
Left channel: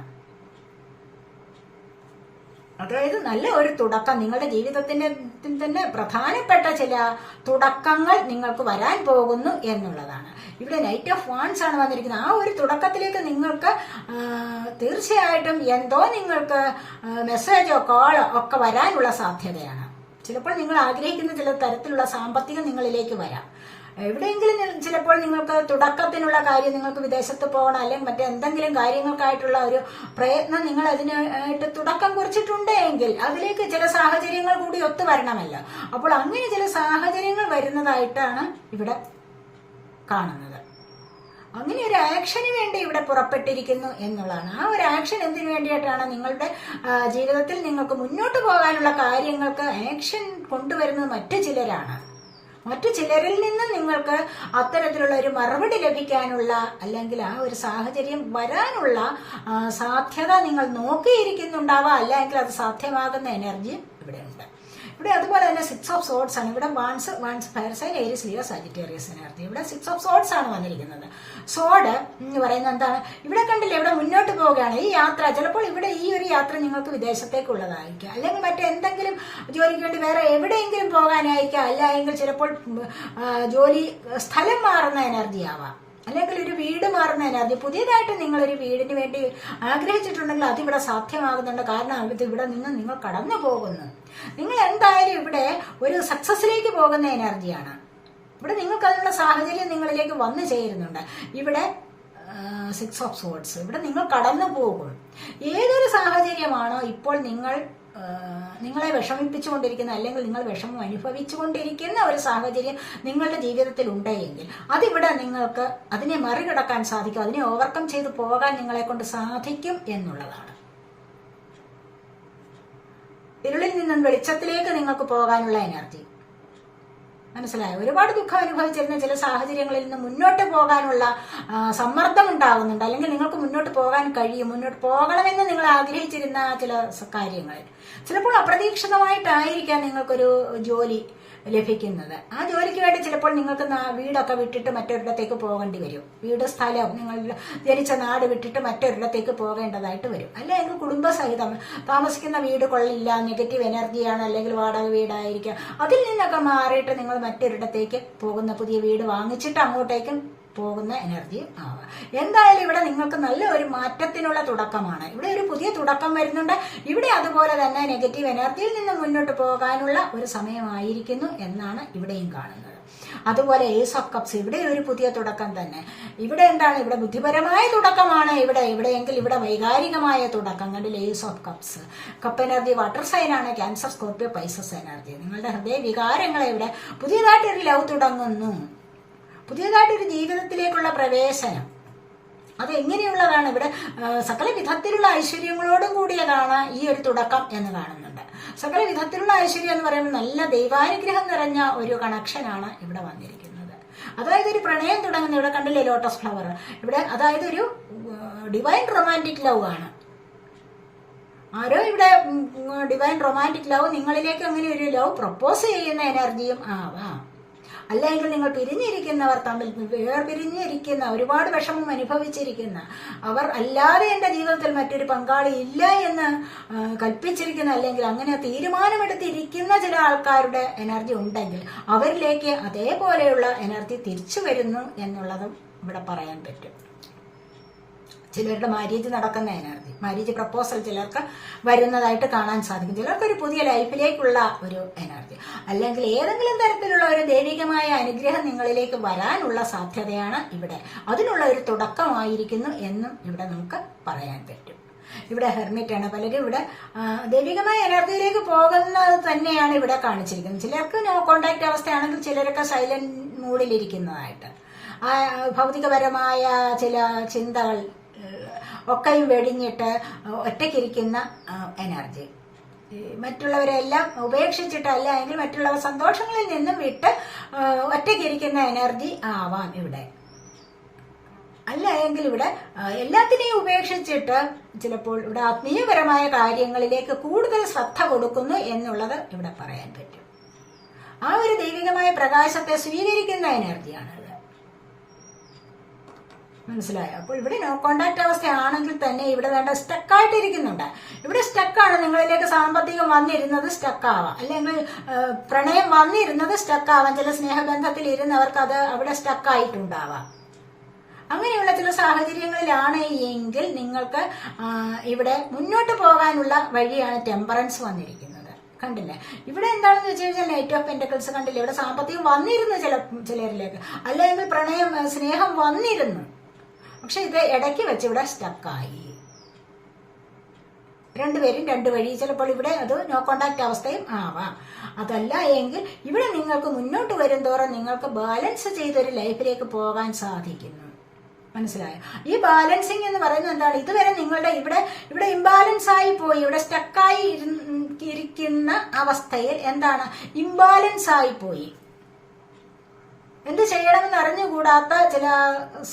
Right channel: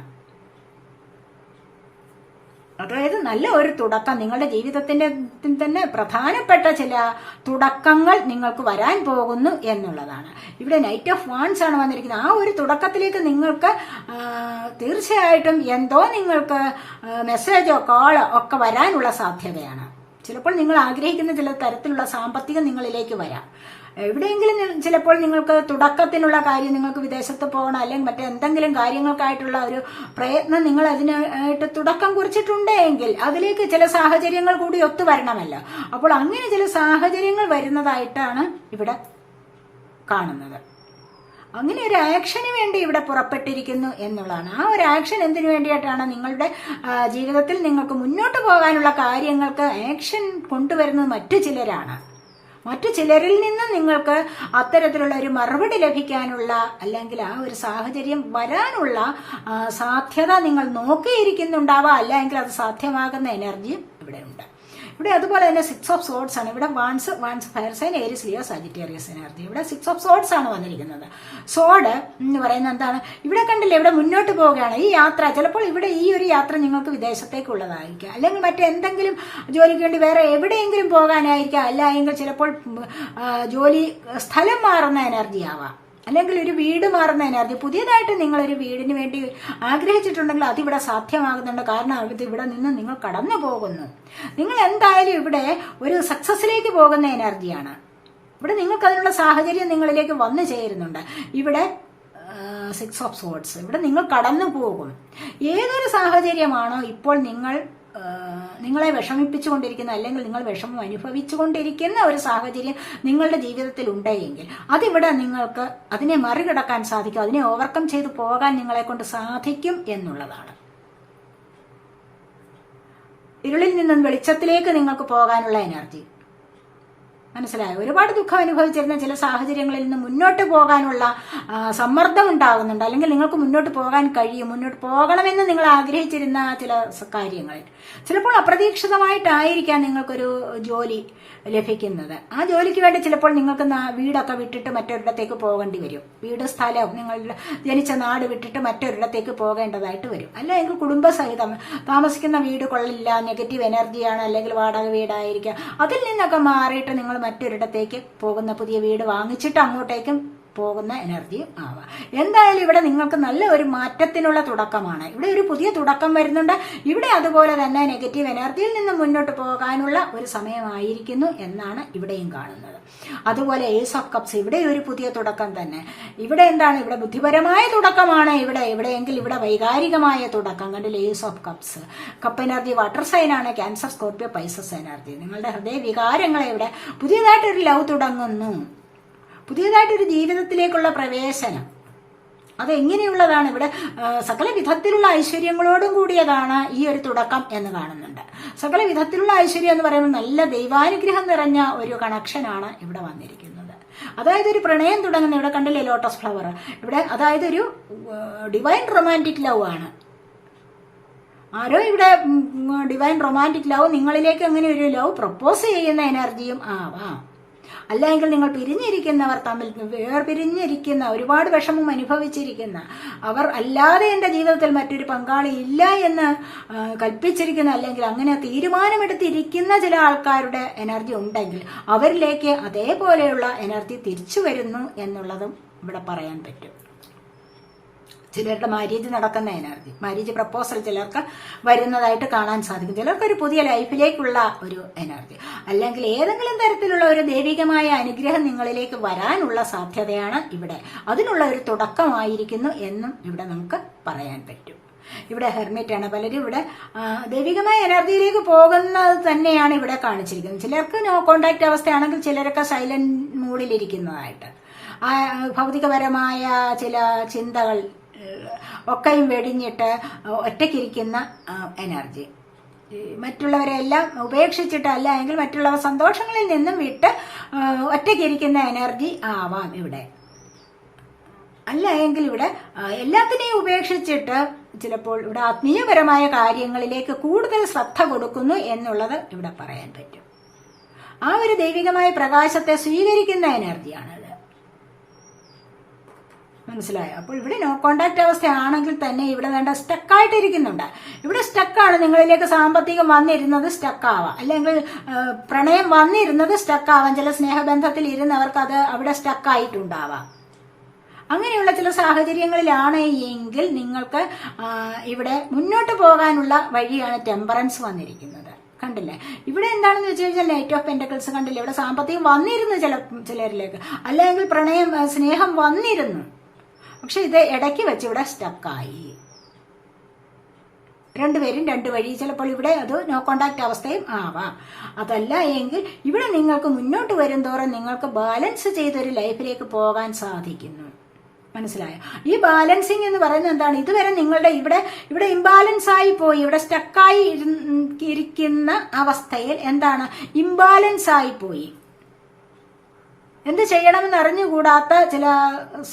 അതായത് നല്ല ഒരു തുടക്കം, നിങ്ങളുടെ ജീവിതത്തിന്റെ തന്നെ പ്രധാനപ്പെട്ട ചില തുടക്കങ്ങൾ നിങ്ങൾക്ക് വരാൻ പോകുന്നു എന്നുള്ളതാണ്. ഇവിടെ നൈറ്റ് ഓഫ് വാൻസ് ആണ് വന്നിരിക്കുന്നത്. ആ ഒരു തുടക്കത്തിലേക്ക് നിങ്ങൾക്ക് തീർച്ചയായിട്ടും എന്തോ നിങ്ങൾക്ക് മെസ്സേജോ കോളോ ഒക്കെ വരാനുള്ള സാധ്യതയാണ്. ചിലപ്പോൾ നിങ്ങൾ ആഗ്രഹിക്കുന്ന ചില തരത്തിലുള്ള സാമ്പത്തികം നിങ്ങളിലേക്ക് വരാം. എവിടെയെങ്കിലും ചിലപ്പോൾ നിങ്ങൾക്ക് തുടക്കത്തിനുള്ള കാര്യം, നിങ്ങൾക്ക് വിദേശത്ത് പോകണം അല്ലെങ്കിൽ മറ്റെന്തെങ്കിലും കാര്യങ്ങൾക്കായിട്ടുള്ള ഒരു പ്രയത്നം നിങ്ങൾ അതിനായിട്ട് തുടക്കം കുറിച്ചിട്ടുണ്ടെങ്കിൽ അതിലേക്ക് ചില സാഹചര്യങ്ങൾ കൂടി ഒത്തുവരണമല്ലോ. അപ്പോൾ അങ്ങനെ ചില സാഹചര്യങ്ങൾ വരുന്നതായിട്ടാണ് ഇവിടെ കാണുന്നത്. അങ്ങനെ ഒരു ആക്ഷന് വേണ്ടി ഇവിടെ പുറപ്പെട്ടിരിക്കുന്നു എന്നുള്ളതാണ്. ആ ഒരു ആക്ഷൻ എന്തിനു വേണ്ടിയിട്ടാണ്? നിങ്ങളുടെ ജീവിതത്തിൽ നിങ്ങൾക്ക് മുന്നോട്ട് പോകാനുള്ള കാര്യങ്ങൾക്ക് ആക്ഷൻ കൊണ്ടുവരുന്നത് മറ്റു ചിലരാണ്. മറ്റു ചിലരിൽ നിന്ന് നിങ്ങൾക്ക് അത്തരത്തിലുള്ള ഒരു മറുപടി ലഭിക്കാനുള്ള അല്ലെങ്കിൽ ആ ഒരു സാഹചര്യം വരാനുള്ള സാധ്യത നിങ്ങൾ നോക്കിയിരിക്കുന്നുണ്ടാവാം. അല്ലെങ്കിൽ അത് സാധ്യമാകുന്ന എനർജിയും ഇവിടെ ഉണ്ട്. ഇവിടെ അതുപോലെ തന്നെ 6 ഓഫ് സോർഡ്സ് ആണ്. ഇവിടെ wands fire sign, Aries, Leo, Sagittarius energy. ഇവിടെ 6 ഓഫ് സോർഡ്സ് ആണ് വന്നിരിക്കുന്നത്. സോഡ് എന്ന് പറയുന്നത് എന്താണ്? ഇവിടെ കണ്ടില്ലേ, ഇവിടെ മുന്നോട്ട് പോവുകയാണ്. ഈ യാത്ര ചിലപ്പോൾ ഇവിടെ ഈ ഒരു യാത്ര നിങ്ങൾക്ക് വിദേശത്തേക്കുള്ളതായിരിക്കാം, അല്ലെങ്കിൽ മറ്റെന്തെങ്കിലും ജോലിക്ക് വേണ്ടി വേറെ എവിടെയെങ്കിലും പോകാനായിരിക്കാം, അല്ലെങ്കിൽ ചിലപ്പോൾ ജോലി സ്ഥലം മാറുന്ന എനർജി ആവാം, അല്ലെങ്കിൽ ഒരു വീട് മാറുന്ന എനർജി. പുതിയതായിട്ട് നിങ്ങളൊരു വീടിന് വേണ്ടി ആഗ്രഹിച്ചിട്ടുണ്ടെങ്കിൽ അതിവിടെ സാധ്യമാകുന്നുണ്ട്. കാരണം ഇവിടെ നിന്ന് നിങ്ങൾ കടന്നു പോകുന്നു. നിങ്ങൾ എന്തായാലും ഇവിടെ ഒരു സക്സസിലേക്ക് പോകുന്ന എനർജിയാണ്. ഇവിടെ നിങ്ങൾക്ക് അതിനുള്ള സാഹചര്യം നിങ്ങളിലേക്ക് വന്നു ചേരുന്നുണ്ട്. ഇവിടെ 6 ഓഫ് സോർഡ്സ്, ഇവിടെ നിങ്ങൾ കടന്നു പോകും. ഏതൊരു സാഹചര്യമാണോ ഇപ്പോൾ നിങ്ങളെ വിഷമിപ്പിച്ചുകൊണ്ടിരിക്കുന്ന അല്ലെങ്കിൽ നിങ്ങൾ വിഷമം അനുഭവിച്ചുകൊണ്ടിരിക്കുന്ന ഒരു സാഹചര്യം നിങ്ങളുടെ ജീവിതത്തിൽ ഉണ്ടെങ്കിൽ അതിവിടെ നിങ്ങൾക്ക് അതിനെ മറികടക്കാൻ സാധിക്കും, അതിനെ ഓവർകം ചെയ്ത് പോകാൻ നിങ്ങളെ കൊണ്ട് സാധിക്കും എന്നുള്ളതാണ്. ഇരുളിൽ നിന്നും വെളിച്ചത്തിലേക്ക് നിങ്ങൾക്ക് പോകാനുള്ള എനർജി മനസ്സിലായോ? ഒരുപാട് ദുഃഖം അനുഭവിച്ചിരുന്ന ചില സാഹചര്യങ്ങളിൽ നിന്ന് മുന്നോട്ട് പോകാനുള്ള സമ്മർദ്ദം ഉണ്ടാകുന്നുണ്ട്, അല്ലെങ്കിൽ നിങ്ങൾക്ക് മുന്നോട്ട് പോകാൻ കഴിയും. മുന്നോട്ട് പോകണമെന്ന് നിങ്ങൾ ആഗ്രഹിച്ചിരുന്ന ചില കാര്യങ്ങളിൽ ചിലപ്പോൾ അപ്രതീക്ഷിതമായിട്ടായിരിക്കാം നിങ്ങൾക്കൊരു ജോലി ലഭിക്കുന്നത്. ആ ജോലിക്ക് വേണ്ടി ചിലപ്പോൾ നിങ്ങൾക്ക് വീടൊക്കെ വിട്ടിട്ട് മറ്റൊരിടത്തേക്ക് പോകേണ്ടി വരും. വീട്, സ്ഥലം, നിങ്ങൾ ജനിച്ച നാട് വിട്ടിട്ട് മറ്റൊരിടത്തേക്ക് പോകേണ്ടതായിട്ട് വരും. അല്ലെങ്കിൽ കുടുംബസഹിതം താമസിക്കുന്ന വീട് കൊള്ളില്ല, നെഗറ്റീവ് എനർജിയാണ്, അല്ലെങ്കിൽ വാടക വീടായിരിക്കാം. അതിൽ നിന്നൊക്കെ മാറിയിട്ട് നിങ്ങൾ മറ്റൊരിടത്തേക്ക് പോകുന്ന, പുതിയ വീട് വാങ്ങിച്ചിട്ട് അങ്ങോട്ടേക്കും പോകുന്ന എനർജിയും ആവാം. എന്തായാലും ഇവിടെ നിങ്ങൾക്ക് നല്ല ഒരു മാറ്റത്തിനുള്ള തുടക്കമാണ്. ഇവിടെ ഒരു പുതിയ തുടക്കം വരുന്നുണ്ട്. ഇവിടെ അതുപോലെ തന്നെ നെഗറ്റീവ് എനർജിയിൽ നിന്ന് മുന്നോട്ട് പോകാനുള്ള ഒരു സമയമായിരിക്കുന്നു എന്നാണ് ഇവിടെയും കാണുന്നത്. അതുപോലെ ഏസ് ഓഫ് കപ്സ്, ഇവിടെ ഒരു പുതിയ തുടക്കം തന്നെ. ഇവിടെ എന്താണ്? ഇവിടെ ബുദ്ധിപരമായ തുടക്കമാണ്. എവിടെയെങ്കിൽ ഇവിടെ വൈകാരികമായ തുടക്കം. കണ്ടില്ല, ace of cups. Cup energy water sign ആണ്. Cancer, Scorpio, Pisces energy. നിങ്ങളുടെ ഹൃദയ വികാരങ്ങളെ ഇവിടെ പുതിയതായിട്ടൊരു ലവ് തുടങ്ങുന്നു, പുതിയതായിട്ടൊരു ജീവിതത്തിലേക്കുള്ള പ്രവേശനം. അതെങ്ങനെയുള്ളതാണ്? ഇവിടെ സകല വിധത്തിലുള്ള ഐശ്വര്യങ്ങളോടും കൂടിയതാണ് ഈ ഒരു തുടക്കം എന്ന് കാണുന്നുണ്ട്. സകല വിധത്തിലുള്ള ഐശ്വര്യം എന്ന് പറയുമ്പോൾ നല്ല ദൈവാനുഗ്രഹം നിറഞ്ഞ ഒരു കണക്ഷനാണ് ഇവിടെ വന്നിരിക്കുന്നത്. അതായത് ഒരു പ്രണയം തുടങ്ങുന്ന, ഇവിടെ കണ്ടില്ലേ ലോട്ടസ് ഫ്ലവർ, ഇവിടെ അതായത് ഒരു ഡിവൈൻ റൊമാൻറ്റിക് ലവ് ആണ്. ആരോ ഇവിടെ ഡിവൈൻ റൊമാൻറ്റിക് ലവ് നിങ്ങളിലേക്ക് അങ്ങനെ ഒരു ലവ് പ്രപ്പോസ് ചെയ്യുന്ന എനർജിയും ആവാം. അല്ലെങ്കിൽ നിങ്ങൾ പിരിഞ്ഞിരിക്കുന്നവർ തമ്മിൽ വേർപിരിഞ്ഞിരിക്കുന്ന, ഒരുപാട് വിഷമം അനുഭവിച്ചിരിക്കുന്ന, അവർ അല്ലാതെ എന്റെ ജീവിതത്തിൽ മറ്റൊരു പങ്കാളി ഇല്ല എന്ന് കൽപ്പിച്ചിരിക്കുന്ന, അല്ലെങ്കിൽ അങ്ങനെ തീരുമാനമെടുത്തിരിക്കുന്ന ചില ആൾക്കാരുടെ എനർജി ഉണ്ടെങ്കിൽ അവരിലേക്ക് അതേപോലെയുള്ള എനർജി തിരിച്ചു വരുന്നു എന്നുള്ളതും ഇവിടെ പറയാൻ പറ്റും. ചിലരുടെ മാര്യേജ് നടക്കുന്ന എനർജി, മാര്യേജ് പ്രപ്പോസൽ ചിലർക്ക് വരുന്നതായിട്ട് കാണാൻ സാധിക്കും. ചിലർക്ക് ഒരു പുതിയ ലൈഫിലേക്കുള്ള ഒരു എനർജി, അല്ലെങ്കിൽ ഏതെങ്കിലും തരത്തിലുള്ള ഒരു ദൈവികമായ അനുഗ്രഹം നിങ്ങളിലേക്ക് വരാനുള്ള സാധ്യതയാണ് ഇവിടെ. അതിനുള്ള ഒരു തുടക്കമായിരിക്കുന്നു എന്നും ഇവിടെ നമുക്ക് പറയാൻ പറ്റും. ഇവിടെ ഹെർമിറ്റ് ആണ്. പലരും ഇവിടെ ദൈവികമായ എനർജിയിലേക്ക് പോകുന്നത് തന്നെയാണ് ഇവിടെ കാണിച്ചിരിക്കുന്നത്. ചിലർക്ക് നോ കോണ്ടാക്ട് അവസ്ഥയാണെങ്കിൽ ചിലരൊക്കെ സൈലന്റ് മൂഡിലിരിക്കുന്നതായിട്ട്, ഭൗതികപരമായ ചില ചിന്തകൾ ഒക്കെയും വെടിഞ്ഞിട്ട് ഒറ്റയ്ക്കിരിക്കുന്ന എനർജി, മറ്റുള്ളവരെല്ലാം ഉപേക്ഷിച്ചിട്ട്, അല്ല എങ്കിൽ മറ്റുള്ളവർ സന്തോഷങ്ങളിൽ നിന്നും വിട്ട് ഒറ്റയ്ക്കിരിക്കുന്ന എനർജി ആവാം ഇവിടെ. അല്ല എങ്കിൽ ഇവിടെ എല്ലാത്തിനെയും ഉപേക്ഷിച്ചിട്ട് ചിലപ്പോൾ ഇവിടെ ആത്മീയപരമായ കാര്യങ്ങളിലേക്ക് കൂടുതൽ ശ്രദ്ധ കൊടുക്കുന്നു എന്നുള്ളത് ഇവിടെ പറയാൻ പറ്റും. ആ ഒരു ദൈവികമായ പ്രകാശത്തെ സ്വീകരിക്കുന്ന എനർജിയാണത്. മനസ്സിലായോ? അപ്പോൾ ഇവിടെ നോ കോണ്ടാക്ട് അവസ്ഥയാണെങ്കിൽ തന്നെ ഇവിടെ വേണ്ട സ്റ്റക്കായിട്ടിരിക്കുന്നുണ്ട്. ഇവിടെ സ്റ്റക്കാണ്. നിങ്ങളിലേക്ക് സാമ്പത്തികം വന്നിരുന്നത് സ്റ്റക്കാവാം, അല്ലെങ്കിൽ പ്രണയം വന്നിരുന്നത് സ്റ്റക്കാവാം. ചില സ്നേഹബന്ധത്തിൽ ഇരുന്നവർക്ക് അത് അവിടെ സ്റ്റക്കായിട്ടുണ്ടാവാം. അങ്ങനെയുള്ള ചില സാഹചര്യങ്ങളിലാണ് എങ്കിൽ നിങ്ങൾക്ക് ഇവിടെ മുന്നോട്ട് പോകാനുള്ള വഴിയാണ് ടെമ്പറൻസ് വന്നിരിക്കുന്നത്. കണ്ടില്ലേ? ഇവിടെ എന്താണെന്ന് വെച്ച് കഴിഞ്ഞാൽ നൈറ്റ് ഓഫ് പെന്റക്കിൾസ് കണ്ടില്ലേ? ഇവിടെ സാമ്പത്തികം വന്നിരുന്നു ചിലരിലേക്ക്, അല്ലെങ്കിൽ പ്രണയം സ്നേഹം വന്നിരുന്നു. പക്ഷെ ഇത് ഇടയ്ക്ക് വെച്ച് ഇവിടെ സ്റ്റക്കായി. രണ്ടുപേരും രണ്ടു വഴി. ചിലപ്പോൾ ഇവിടെ അത് നോ കോണ്ടാക്ട് അവസ്ഥയും ആവാം. അതല്ല എങ്കിൽ ഇവിടെ നിങ്ങൾക്ക് മുന്നോട്ട് വരും തോറും നിങ്ങൾക്ക് ബാലൻസ് ചെയ്തൊരു ലൈഫിലേക്ക് പോകാൻ സാധിക്കുന്നു. മനസ്സിലായോ? ഈ ബാലൻസിങ് എന്ന് പറയുന്നത് എന്താണ്? ഇതുവരെ നിങ്ങളുടെ ഇവിടെ ഇംബാലൻസ് ആയി പോയി, ഇവിടെ സ്റ്റക്കായി ഇരിക്കുന്ന അവസ്ഥയിൽ എന്താണ്? ഇംബാലൻസ് ആയി പോയി. എന്ത് ചെയ്യണമെന്ന് അറിഞ്ഞുകൂടാത്ത ചില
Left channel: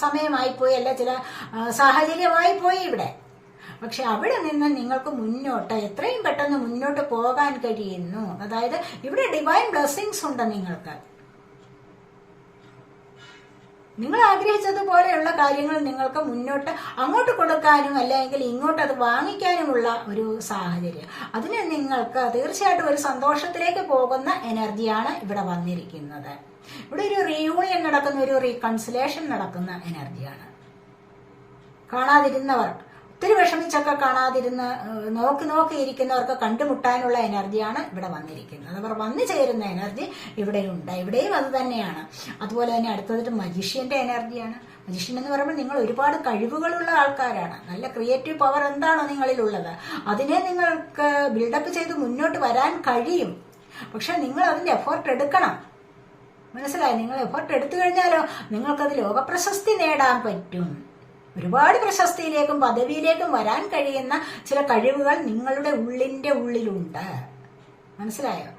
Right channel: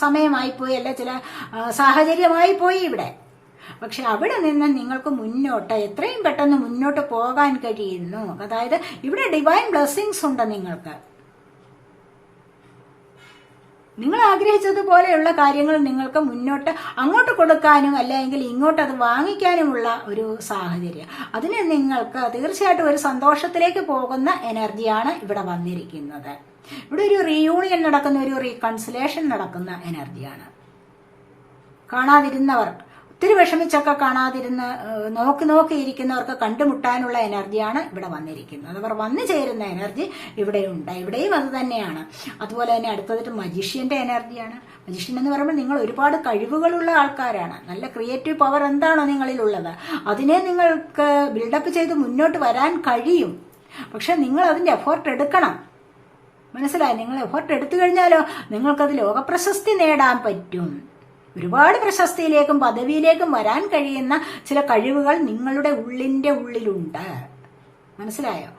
സമയമായി പോയി, അല്ല ചില സാഹചര്യമായി പോയി ഇവിടെ. പക്ഷെ അവിടെ നിന്ന് നിങ്ങൾക്ക് മുന്നോട്ട് എത്രയും പെട്ടെന്ന് മുന്നോട്ട് പോകാൻ കഴിയുന്നു. അതായത് ഇവിടെ ഡിവൈൻ ബ്ലെസ്സിങ്സ് ഉണ്ട് നിങ്ങൾക്ക്. നിങ്ങൾ ആഗ്രഹിച്ചതുപോലെയുള്ള കാര്യങ്ങൾ നിങ്ങൾക്ക് മുന്നോട്ട് അങ്ങോട്ട് കൊടുക്കാനും അല്ലെങ്കിൽ ഇങ്ങോട്ട് അത് വാങ്ങിക്കാനുമുള്ള ഒരു സാഹചര്യം. അതിന് നിങ്ങൾക്ക് തീർച്ചയായിട്ടും ഒരു സന്തോഷത്തിലേക്ക് പോകുന്ന എനർജിയാണ് ഇവിടെ വന്നിരിക്കുന്നത്. ഇവിടെ ഒരു റീയൂണിയൻ നടക്കുന്ന, ഒരു റീകൺസിലേഷൻ നടക്കുന്ന എനർജിയാണ്. കാണാതിരുന്നവർ, ഒത്തിരി വിഷമിച്ചൊക്കെ കാണാതിരുന്ന് നോക്കിയിരിക്കുന്നവർക്ക് കണ്ടുമുട്ടാനുള്ള എനർജിയാണ് ഇവിടെ വന്നിരിക്കുന്നത്. അവർ വന്നു ചേരുന്ന എനർജി ഇവിടെയുണ്ട്. ഇവിടെയും അത് തന്നെയാണ്. അതുപോലെ തന്നെ അടുത്തതായിട്ട് മജീഷ്യന്റെ എനർജിയാണ്. മജീഷ്യൻ എന്ന് പറയുമ്പോൾ നിങ്ങൾ ഒരുപാട് കഴിവുകളുള്ള ആൾക്കാരാണ്. നല്ല ക്രിയേറ്റീവ് പവർ എന്താണോ നിങ്ങളിലുള്ളത് അതിനെ നിങ്ങൾക്ക് ബിൽഡപ്പ് ചെയ്ത് മുന്നോട്ട് വരാൻ കഴിയും. പക്ഷെ നിങ്ങൾ അതിന്റെ എഫേർട്ട് എടുക്കണം. മനസ്സിലായി? നിങ്ങൾ എഫേർട്ട് എടുത്തു കഴിഞ്ഞാലോ നിങ്ങൾക്കത് ലോകപ്രശസ്തി നേടാൻ പറ്റും. ഒരുപാട് പ്രശസ്തിയിലേക്കും പദവിയിലേക്കും വരാൻ കഴിയുന്ന ചില കഴിവുകൾ നിങ്ങളുടെ ഉള്ളിലുണ്ട്. മനസ്സിലായോ?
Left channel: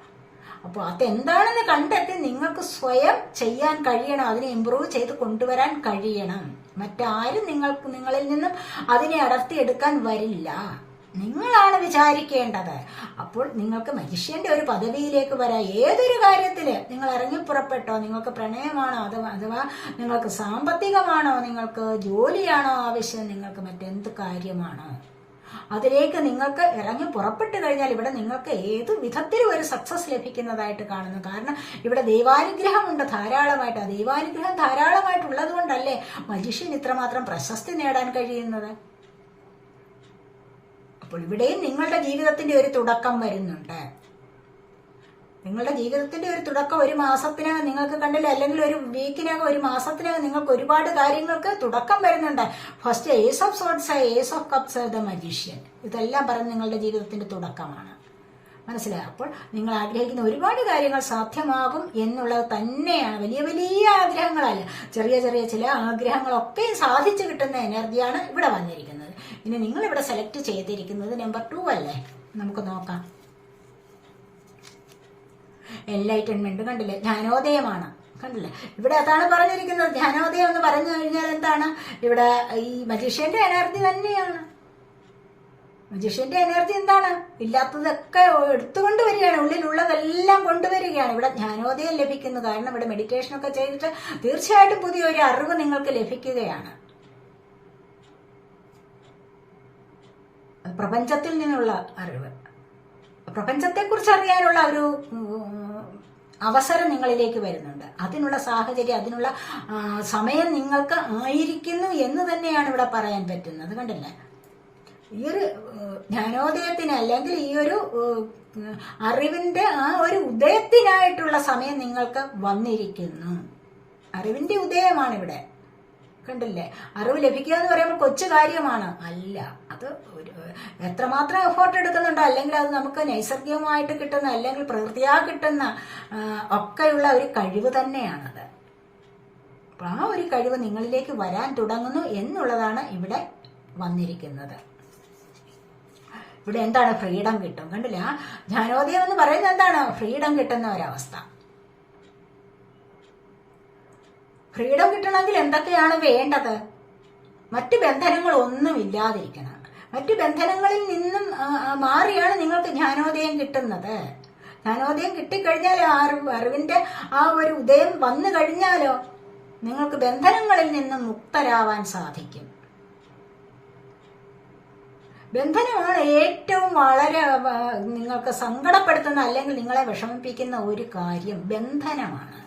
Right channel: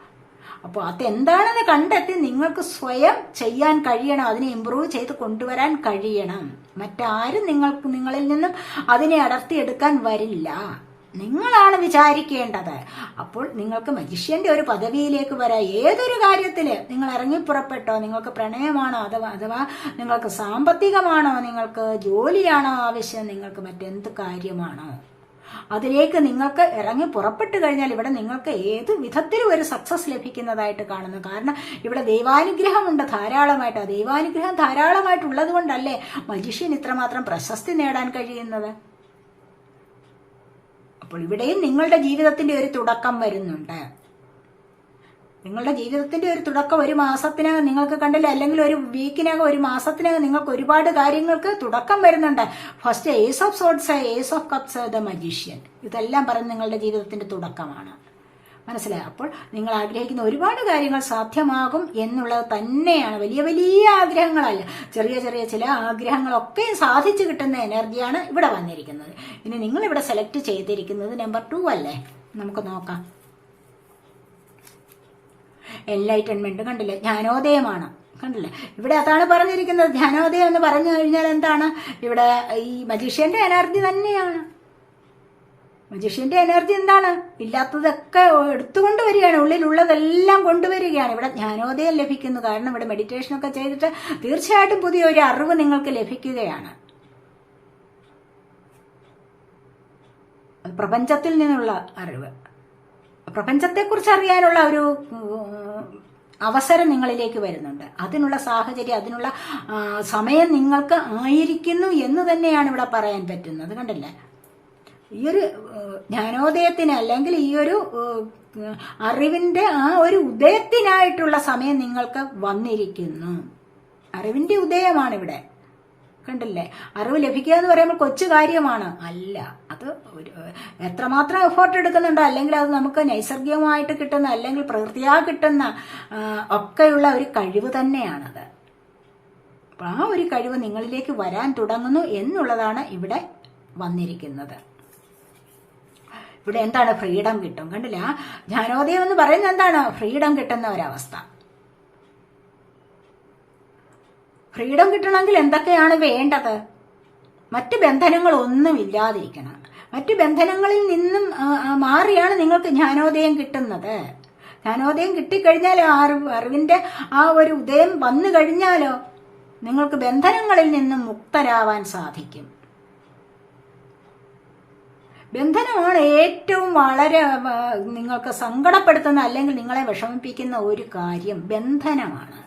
അപ്പോൾ അതെന്താണെന്ന് കണ്ടെത്തി നിങ്ങൾക്ക് സ്വയം ചെയ്യാൻ കഴിയണം. അതിനെ ഇംപ്രൂവ് ചെയ്ത് കൊണ്ടുവരാൻ കഴിയണം. മറ്റാരും നിങ്ങളിൽ നിന്നും അതിനെ അടർത്തിയെടുക്കാൻ വരില്ല. നിങ്ങളാണ് വിചാരിക്കേണ്ടത്. അപ്പോൾ നിങ്ങൾക്ക് മജിഷ്യന്റെ ഒരു പദവിയിലേക്ക് വരാം. ഏതൊരു കാര്യത്തില് നിങ്ങൾ ഇറങ്ങിപ്പുറപ്പെട്ടോ, നിങ്ങൾക്ക് പ്രണയമാണോ അഥവാ നിങ്ങൾക്ക് സാമ്പത്തികമാണോ, നിങ്ങൾക്ക് ജോലിയാണോ ആവശ്യം, നിങ്ങൾക്ക് മറ്റെന്ത് കാര്യമാണോ അതിലേക്ക് നിങ്ങൾക്ക് ഇറങ്ങി പുറപ്പെട്ടു കഴിഞ്ഞാൽ ഇവിടെ നിങ്ങൾക്ക് ഏത് വിധത്തിലും ഒരു സക്സസ് ലഭിക്കുന്നതായിട്ട് കാണുന്നു. കാരണം ഇവിടെ ദൈവാനുഗ്രഹമുണ്ട് ധാരാളമായിട്ട്. ആ ദൈവാനുഗ്രഹം ധാരാളമായിട്ടുള്ളത് കൊണ്ടല്ലേ മജിഷ്യൻ ഇത്രമാത്രം പ്രശസ്തി നേടാൻ കഴിയുന്നത്. അപ്പോൾ ഇവിടെയും നിങ്ങളുടെ ജീവിതത്തിന്റെ ഒരു തുടക്കം വരുന്നുണ്ട്. നിങ്ങളുടെ ജീവിതത്തിന്റെ ഒരു തുടക്കം ഒരു മാസത്തിനകം നിങ്ങൾക്ക് കണ്ടില്ല, അല്ലെങ്കിൽ ഒരു വീക്കിനകം, ഒരു മാസത്തിനകം നിങ്ങൾക്ക് ഒരുപാട് കാര്യങ്ങൾക്ക് തുടക്കം വരുന്നുണ്ട്. First ace of swords, ace of cups, the magician, ഇതെല്ലാം പറയുന്നത് നിങ്ങളുടെ ജീവിതത്തിന്റെ തുടക്കമാണ്. മനസ്സിലായി? അപ്പോൾ നിങ്ങൾ ആഗ്രഹിക്കുന്ന ഒരുപാട് കാര്യങ്ങൾ സാധ്യമാകും എന്നുള്ളത് തന്നെയാണ്. വലിയ വലിയ ആഗ്രഹങ്ങളല്ല, ചെറിയ ചെറിയ ചില ആഗ്രഹങ്ങളൊക്കെ സാധിച്ചു കിട്ടുന്ന എനർജിയാണ് ഇവിടെ വന്നിരിക്കുന്നത്. ഇനി നിങ്ങൾ ഇവിടെ സെലക്ട് ചെയ്തിരിക്കുന്നത് നമ്പർ 2 അല്ലേ? നമുക്ക് നോക്കാം. എൻലൈറ്റൻമെന്റ് കണ്ടില്ലേ? ജ്ഞാനോദയമാണ്. കണ്ടില്ലേ? ഇവിടെ അതാണ് പറഞ്ഞിരിക്കുന്നത്. ജ്ഞാനോദയം എന്ന് പറഞ്ഞു കഴിഞ്ഞാൽ എന്താണ്? ഇവിടെ ഈ മജീഷ്യന്റെ എനർജി തന്നെയാണ്. മജീഷ്യന്റെ എനർജി എന്താണ്? ഇല്ലാത്തതൊക്കെ എടുത്തുകൊണ്ടുവരികയാണ്, ഉള്ളിലുള്ളതെല്ലാം കൊണ്ടുവരികയാണ്. ഇവിടെ ജ്ഞാനോദയം ലഭിക്കുന്നു. കാരണം ഇവിടെ മെഡിറ്റേഷൻ ഒക്കെ ചെയ്തിട്ട് തീർച്ചയായിട്ടും പുതിയൊരു അറിവ് നിങ്ങൾക്ക് ലഭിക്കുകയാണ്. പ്രപഞ്ചത്തിൽ നിന്നുള്ള അറിവ്, പ്രപഞ്ചത്തെക്കുറിച്ച് അറിയാനുള്ള ഒരു അവസരം നിങ്ങളിലേക്ക് വരുന്നുണ്ട്. അതിനുള്ള സാഹചര്യം, അതിനുള്ള സമയം നിങ്ങൾക്ക് ആയിരിക്കുന്നു എന്ന് തന്നെയാണ് ഇവിടെ പറയാൻ പറ്റുന്നത്. കണ്ടില്ലേ? ഈ ഒരു ജ്ഞാനോദയത്തിന് അല്ലെങ്കിൽ ഈ ഒരു അറിവിന്റെ ആ ഒരു ഉദയത്തിനായിട്ടുള്ള സമയം നിങ്ങൾക്ക് വന്നിരിക്കുന്നു. അറിവിന്റെ ഉദയമാണ് ഇവിടെ. കണ്ടില്ലേ? അറിവ് ലഭിക്കുക എന്ന് പറയുമ്പോൾ കൊച്ചു കാര്യമാണ് അല്ല. അത് എത്രമാത്രം എഫേർട്ട് എടുക്കുന്നുണ്ട്, അല്ലെങ്കിൽ അത് നമുക്ക് നൈസർഗികമായിട്ട് കിട്ടുന്ന, അല്ലെങ്കിൽ പ്രകൃതിയാ കിട്ടുന്ന ഒക്കെയുള്ള ഒരു കഴിവ് തന്നെയാണത്. അപ്പൊ ആ ഒരു കഴിവ് നിങ്ങളിലേക്ക് വരാൻ തുടങ്ങുന്നു എന്നുള്ളതാണ് ഇവിടെ വന്നിരിക്കുന്നത്. ഇവിടെ എന്താണ്? ഫ്രീഡം കിട്ടും. കണ്ടില്ല? ആ ജ്ഞാനോദയം എന്ന് പറയുന്നത് എന്താണ്? ഫ്രീഡം കിട്ടുന്ന ഒരവസ്ഥ. ഫ്രീഡം കിട്ടണമെങ്കിൽ എന്തൊക്കെയാണ് വേണ്ടത്? മറ്റു ബന്ധനങ്ങൾ ഒന്നും ഇല്ലാതിരിക്കണം. മറ്റു ബന്ധനങ്ങളിൽ നിന്നും മാറിയാണ് നിങ്ങൾക്ക് ജ്ഞാനോദയം കിട്ടുന്നത്. ജ്ഞാനോദയം കിട്ടിക്കഴിഞ്ഞാൽ അറിവിന്റെ ആ ഒരു ഉദയം വന്നു കഴിഞ്ഞാലോ നിങ്ങൾക്ക് ബന്ധനങ്ങളിൽ നിന്നും മുക്തരാവാൻ സാധിക്കും. ബന്ധനമാണ് ഏറ്റവും വളരെ നിങ്ങൾക്ക് സങ്കടപ്പെടുത്തുന്ന അല്ലെങ്കിൽ നിങ്ങളെ വിഷമിപ്പിക്കുന്ന ഒരു കാര്യം. ബന്ധനമാണ്.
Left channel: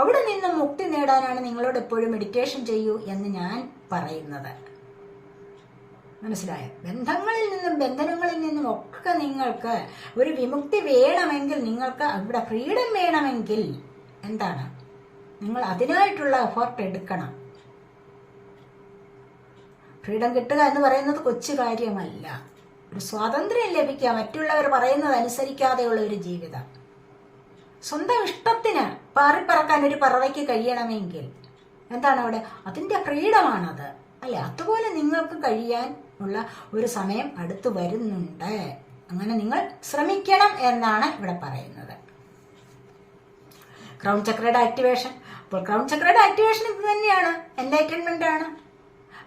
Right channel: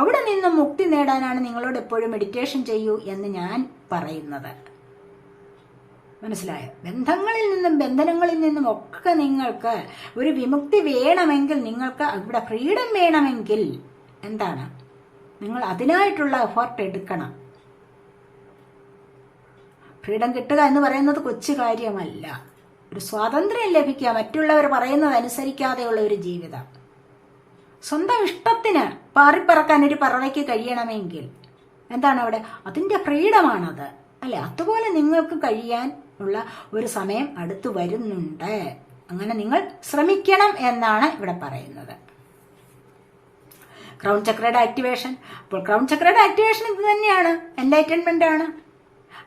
അവിടെ നിന്നും മുക്തി നേടാനാണ് നിങ്ങളോട് എപ്പോഴും മെഡിറ്റേഷൻ ചെയ്യൂ എന്ന് ഞാൻ പറയുന്നത്. മനസ്സിലായോ? ബന്ധനങ്ങളിൽ നിന്നും ഒക്കെ നിങ്ങൾക്ക് ഒരു വിമുക്തി വേണമെങ്കിൽ, നിങ്ങൾക്ക് അവിടെ ഫ്രീഡം വേണമെങ്കിൽ എന്താണ്, നിങ്ങൾ അതിനായിട്ടുള്ള എഫേർട്ട് എടുക്കണം. ഫ്രീഡം കിട്ടുക എന്ന് പറയുന്നത് കൊച്ചു കാര്യമല്ല. ഒരു സ്വാതന്ത്ര്യം ലഭിക്കുക, മറ്റുള്ളവർ പറയുന്നത് അനുസരിക്കാതെയുള്ള ഒരു ജീവിതം. സ്വന്തം ഇഷ്ടത്തിന് പാറിപ്പറക്കാൻ ഒരു പറവയ്ക്ക് കഴിയണമെങ്കിൽ എന്താണ് അവിടെ, അതിന്റെ ഫ്രീഡമാണത്, അല്ലെ? അതുപോലെ നിങ്ങൾക്ക് കഴിയാൻ ഉള്ള ഒരു സമയം അടുത്തു വരുന്നുണ്ട്. അങ്ങനെ നിങ്ങൾ ശ്രമിക്കണം എന്നാണ് ഇവിടെ പറയുന്നത്. ക്രൗൺ ചക്രയുടെ ആക്ടിവേഷൻ. അപ്പോൾ ക്രൗൺ ചക്രയുടെ ആക്ടിവേഷൻ ഇത് തന്നെയാണ്, എൻലൈറ്റൻമെന്റ് ആണ്.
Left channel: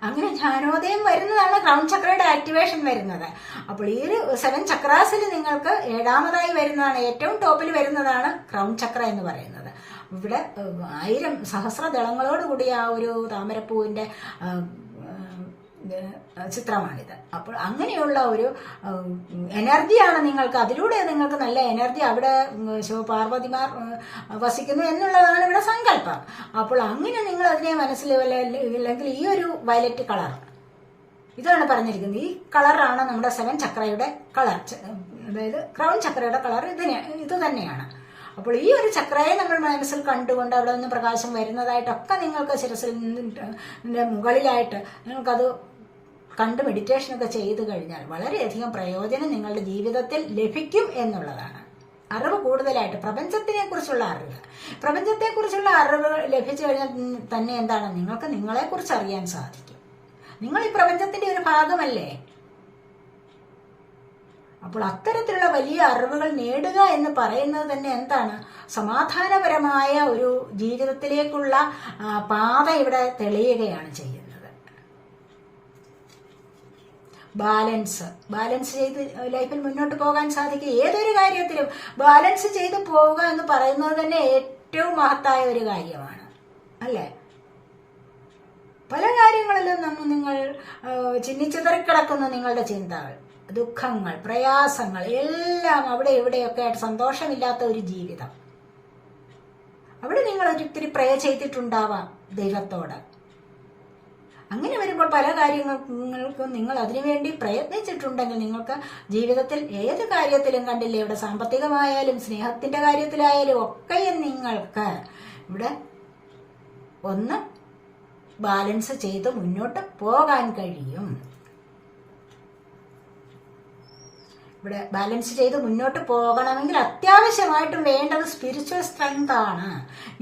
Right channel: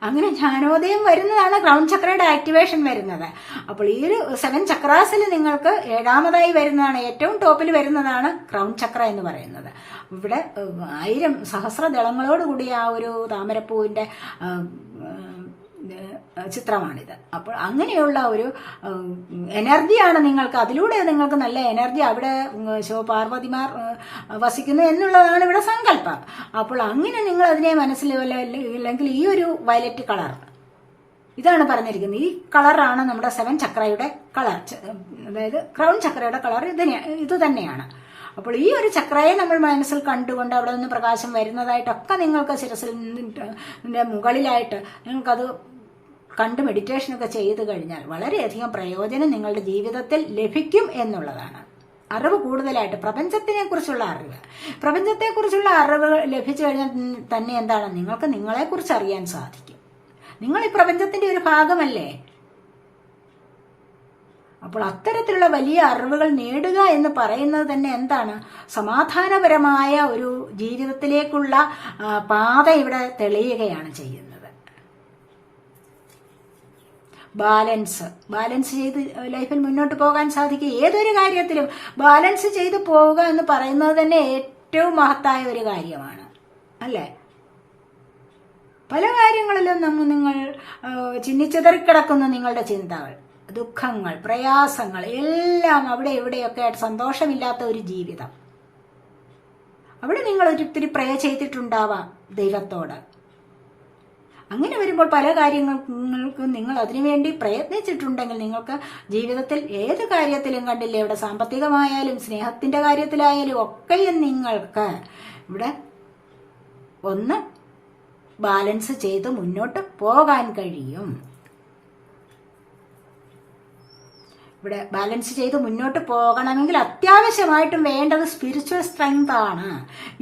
അങ്ങനെ ജ്ഞാനോദയം വരുന്നതാണ് ക്രൗൺ ചക്രയുടെ ആക്ടിവേഷൻ വരുന്നത്. അപ്പോൾ ഈ ഒരു 7 ചക്രാസിൽ നിങ്ങൾക്ക് 7ാമതായി വരുന്നതാണ്, ഏറ്റവും ടോപ്പിൽ വരുന്നതാണ് ക്രൗൺ ചക്ര എന്ന് പറയുന്നത്. ഇവിടെ 1000 സഹസ്രദളങ്ങളോടുകൂടിയ ആ ഒരു താമരപ്പൂവിന്റെ ചിത്രമാണിത്. അപ്പോൾ അങ്ങനെയുള്ള ഒരു എനർജിയാണ് നിങ്ങൾക്ക്, അതിലൂടെ നിങ്ങൾക്ക് നല്ല എനർജി, അവിടെ ശിവപാർവതിമാർ വസിക്കുന്നു എന്നുള്ളതാണ് ഇവിടെ സങ്കല്പം. അപ്പോൾ അങ്ങനെ നിങ്ങൾ അതിനെ മനസ്സിലെങ്കിൽ ഈ ഒരു വയലറ്റ് കളർ, ഇതാണ് പറഞ്ഞിരിക്കുന്നത്. ഈ കളറാണ് നമ്മുടെ 7 ചക്രയുടെ കളർ, അതായത് ക്രൗൺ ചക്രയുടെ കളർ ഇത് തന്നെയാണ്. അപ്പോൾ ഈ ഒരു ചക്രയെ നമ്മൾ മനസ്സിൽ കണ്ടുകൊണ്ട് അവിടെ നിന്ന് പ്രകാശം വരുന്നതായിട്ടൊക്കെ നിങ്ങൾക്ക് ശിരസിന്റെ മുകളിലായിട്ട് നിങ്ങൾക്കത് കണ്ട് മെഡിറ്റേഷനൊക്കെ ചെയ്ത് കഴിഞ്ഞാൽ വളരെയധികം പ്രയോജനം നിങ്ങളുടെ ജീവിതത്തിൽ ലഭിക്കും എന്നുള്ളതാണ്. അറിവ് കൂടുതലായിട്ട്, പ്രപഞ്ചത്തിനെക്കുറിച്ചുള്ള അറിവ് ലഭിച്ചു കഴിഞ്ഞാൽ തന്നെ എന്താണ്, നിങ്ങൾക്ക് നിങ്ങളെക്കുറിച്ച് അറിയാൻ സാധിക്കും. നിങ്ങൾ ഈ പ്രപഞ്ചത്തിന്റെ ഒരു ഭാഗമല്ലേ. അപ്പോൾ അത്തരത്തിലുള്ള വലിയ അറിവുകൾ നേടുക എന്ന് പറയുന്നത് തന്നെ എന്താണ്, സമാധാനപരമായ ഒരു ജീവിതത്തിലേക്കുള്ള പാത ഇവിടെ തെളിയുകയാണ് ചെയ്യുന്നത്. ബാലൻസ് ചെയ്ത് ലൈഫിൽ മുന്നോട്ട് പോകാൻ സാധിക്കും. ഏതൊരു കാര്യത്തിലും ബാലൻസ് ചെയ്ത് പോവുക എന്ന് പറയുന്നത് തന്നെ ഏറ്റവും മഹത്തായ ഒരു കാര്യമാണ്, അല്ലേ? പല കാര്യങ്ങളിലും നിങ്ങൾ ചിന്നിച്ചിതറിക്കിടക്കുന്ന നിങ്ങളുടെ ചിന്തകൾ, ദുഃഖങ്ങൾ, പ്രയാസങ്ങൾ എല്ലാം അവിടെ ഇവിടെയൊക്കെ ആയിട്ട് സന്തോഷമില്ലാത്ത ഒരു ജീവിതം. അവിടെ നിങ്ങൾ ഒരിത്തിരി പ്രേ ചെയ്തിട്ടുണ്ടാവാം ദൈവത്തോട്. അങ്ങനെ വരുമ്പോൾ പല കാര്യങ്ങൾക്കും നിങ്ങൾ അതിനുവേണ്ടി പ്രയത്നിച്ചിട്ടുണ്ടെങ്കിൽ നിങ്ങൾക്ക് ജീവിതത്തിൽ ഏത് കാര്യത്തിലും കണ്ടില്ലേ, ഇവിടെ സാമ്പത്തികമായാലും സ്നേഹത്തിന്റെ കാര്യത്തിലായാലും ഒക്കെയും നിങ്ങൾക്ക് ഇവിടെ ഒന്ന് ബാലൻസ് ചെയ്ത് മുന്നോട്ട് പോകാൻ കഴിയും. ഇവിടെ ബാലൻസ് ചെയ്ത് മുന്നോട്ട് പോകണമെങ്കിൽ അത്യാവശ്യമായിട്ടും വേണ്ടത് സ്പിരിച്വൽ സ്ട്രെങ്ത് ആണ്.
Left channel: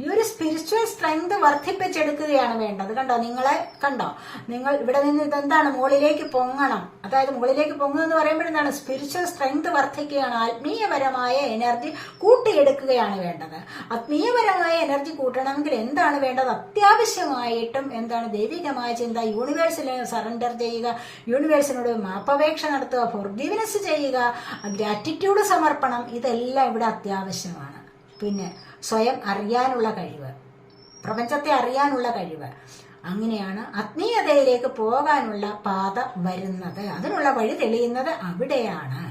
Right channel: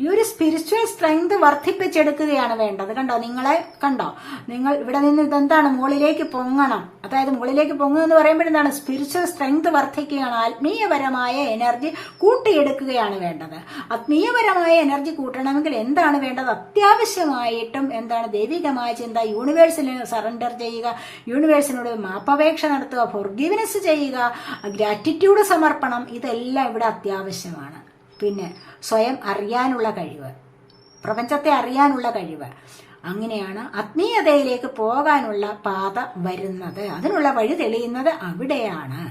ഈ ഒരു സ്പിരിച്വൽ സ്ട്രെങ്ത് വർദ്ധിപ്പിച്ചെടുക്കുകയാണ് വേണ്ടത്. കണ്ടോ നിങ്ങൾ ഇവിടെ നിന്ന് ഇതെന്താണ്, മുകളിലേക്ക് പൊങ്ങണം. അതായത് മുകളിലേക്ക് പൊങ്ങുക എന്ന് പറയുമ്പോൾ എന്താണ്, സ്പിരിച്വൽ സ്ട്രെങ്ത് വർദ്ധിക്കുകയാണ്. ആത്മീയപരമായ എനർജി കൂട്ടിയെടുക്കുകയാണ് വേണ്ടത്. ആത്മീയപരമായ എനർജി കൂട്ടണമെങ്കിൽ എന്താണ് വേണ്ടത്, അത്യാവശ്യമായിട്ടും എന്താണ്, ദൈവികമായ ചിന്ത, യൂണിവേഴ്സിന് സറണ്ടർ ചെയ്യുക, യൂണിവേഴ്സിനോട് മാപ്പപേക്ഷ നടത്തുക, ഫോർഗിവ്നെസ് ചെയ്യുക, ഗ്രാറ്റിറ്റ്യൂഡ് സമർപ്പണം, ഇതെല്ലാം ഇവിടെ അത്യാവശ്യമാണ്. പിന്നെ സ്വയം അറിയാനുള്ള കഴിവ്, പ്രപഞ്ചത്തെ അറിയാനുള്ള കഴിവ്, അങ്ങനെയാണ് ആത്മീയതയിലേക്ക് പോകാനുള്ള പാത വരുന്നത്. അതിനുള്ള വഴി തെളിയുന്നത് അവിടെയാണ്.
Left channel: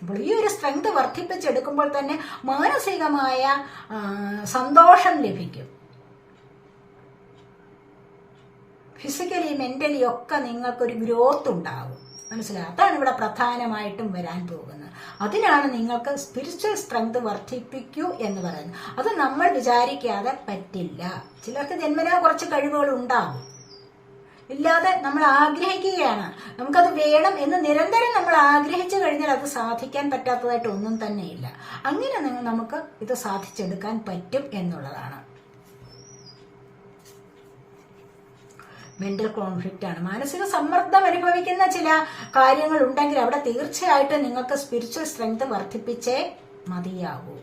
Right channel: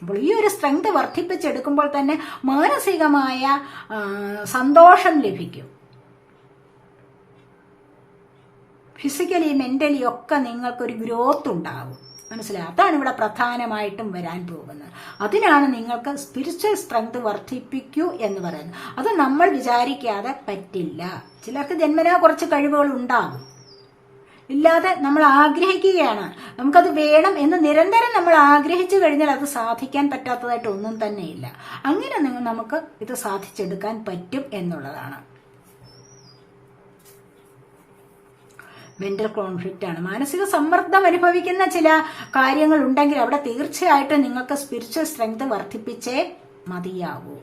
അപ്പോൾ ഈ ഒരു സ്ട്രെങ്ത് വർദ്ധിപ്പിച്ചെടുക്കുമ്പോൾ തന്നെ മാനസികമായ സന്തോഷം ലഭിക്കും. ഫിസിക്കലി മെന്റലി ഒക്കെ നിങ്ങൾക്കൊരു ഗ്രോത്ത് ഉണ്ടാകും. മനസ്സിലായി? അതാണ് ഇവിടെ പ്രധാനമായിട്ടും വരാൻ പോകുന്നത്. അതിനാണ് നിങ്ങൾക്ക് സ്പിരിച്വൽ സ്ട്രെങ്ത് വർദ്ധിപ്പിക്കൂ എന്ന് പറയുന്നത്. അത് നമ്മൾ വിചാരിക്കാതെ പറ്റില്ല. ചിലർക്ക് ജന്മനാ കുറച്ച് കഴിവുകൾ ഉണ്ടാകും, ഇല്ലാതെ നമ്മൾ ആഗ്രഹിക്കുകയാണ്, നമുക്കത് വേണം എന്ന് നിരന്തരം നമ്മൾ ആഗ്രഹിച്ചു കഴിഞ്ഞാൽ അത് സാധിക്കാൻ പറ്റാത്തതായിട്ട് ഒന്നും തന്നെയില്ല. അങ്ങനെ നമുക്ക് ഇത് സാധിച്ചെടുക്കാൻ പറ്റും എന്നുള്ളതാണ്. മെന്റൽ കോൺഫ്ലിക്റ്റ് ആണ്, മാനസിക സമ്മർദ്ദം അനുഭവിക്കുന്ന ചില കാര്യങ്ങൾ ഉണ്ടെങ്കിൽ അവിടെ തീർച്ചയായിട്ടും നിങ്ങൾക്ക് സ്പിരിച്വൽ സ്ട്രെങ്ത് വർദ്ധിപ്പിച്ചേ മതിയാകൂ.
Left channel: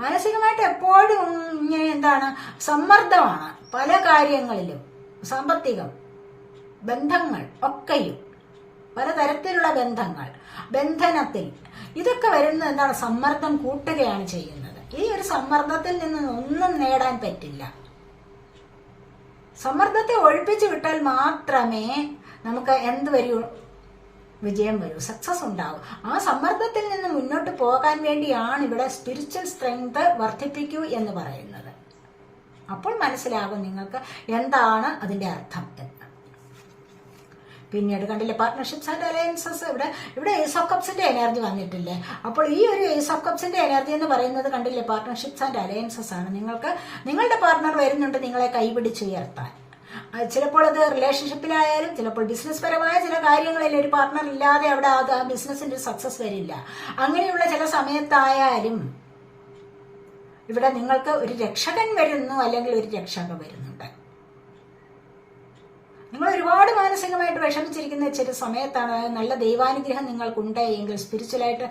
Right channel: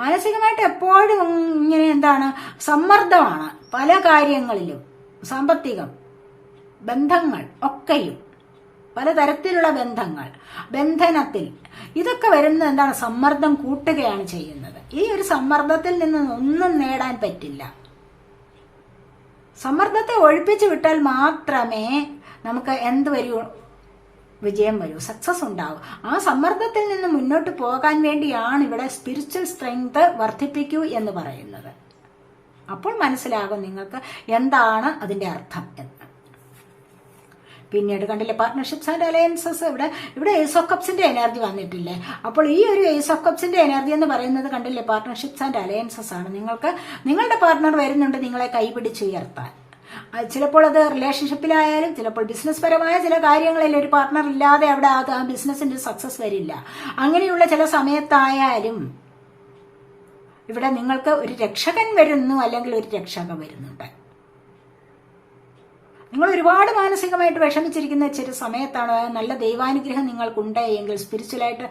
മാനസികമായിട്ട് എപ്പോഴും ഇങ്ങനെ എന്താണ്, സമ്മർദ്ദമാണ് പല കാര്യങ്ങളിലും, സാമ്പത്തികം, ബന്ധങ്ങൾ ഒക്കെയും, പലതരത്തിലുള്ള ബന്ധങ്ങൾ, ബന്ധനത്തിൽ ഇതൊക്കെ വരുന്നത് എന്താണ്, സമ്മർദ്ദം കൂട്ടുകയാണ് ചെയ്യുന്നത്. ഈ ഒരു സമ്മർദ്ദത്തിൽ നിന്ന് ഒന്നും നേടാൻ പറ്റില്ല. സമ്മർദ്ദത്തെ ഒഴിപ്പിച്ചു വിട്ടാൽ മാത്രമേ നമുക്ക് എന്ത് വരൂ, വിജയം വരൂ, സക്സസ് ഉണ്ടാവും. ആ സമ്മർദ്ദത്തിൽ നിന്ന് മുന്നോട്ട് പോകാൻ വേണ്ടിയാണ് ഇവിടെ സ്പിരിച്വൽ സ്ട്രെങ്ത് വർദ്ധിപ്പിക്കൂ എന്ന് പറയുന്നത്. അപ്പോൾ മനസ്സിലാകും നിങ്ങൾക്ക് എന്താണ് അതിന്റെ അർത്ഥം എന്ന്. പിന്നീട് കണ്ടില്ലേ പാർട്ട്ണർഷിപ്സ് ആൻഡ് അലയൻസസ്. ഇവിടെ ഏസ് ഓഫ് കപ്സിന്റെ എനർജി വന്നിട്ടില്ലേ. അപ്പോൾ ഈ ഒരു ഏസ് ഓഫ് കപ്സിന്റെ എനർജി എന്ന് പറയുന്നത് കണ്ടില്ലേ പാർട്ട്ണർഷിപ്സ് ആൻഡ് അലയൻസസ് ആണ്. നിങ്ങളുടെ പാർട്ട്ണർ വരുന്നുണ്ട് നിങ്ങളെ കൈപിടിച്ചുയർത്താൻ. ചിലപ്പോൾ അത് റിലേഷൻഷിപ്പിലായാലും ചിലപ്പോൾ ബിസിനസ് പരമായ ചില കാര്യങ്ങളിൽ ഒരു പാർട്ട്ണർ ഇല്ലാതെ അവിടെ ആ ബിസിനസിന്റെ സക്സസ് വരില്ല. അങ്ങനെയുള്ള ചില സമയത്തായാലും ഇവിടെ നിങ്ങൾക്ക് ഒരു രക്ഷകൻ വരുന്നു, അല്ലെങ്കിൽ ഒരു രക്ഷക വരുന്നുണ്ട്. നിങ്ങൾ ഒരുപാട് മാനസികമായിട്ട് വിഷമിച്ചിരിക്കുന്ന ചില സമയത്താണ് നല്ല ദൈവാനുഗ്രഹം നിങ്ങൾക്കുണ്ട് എങ്കിൽ, സ്പിരിച്വലായിട്ട്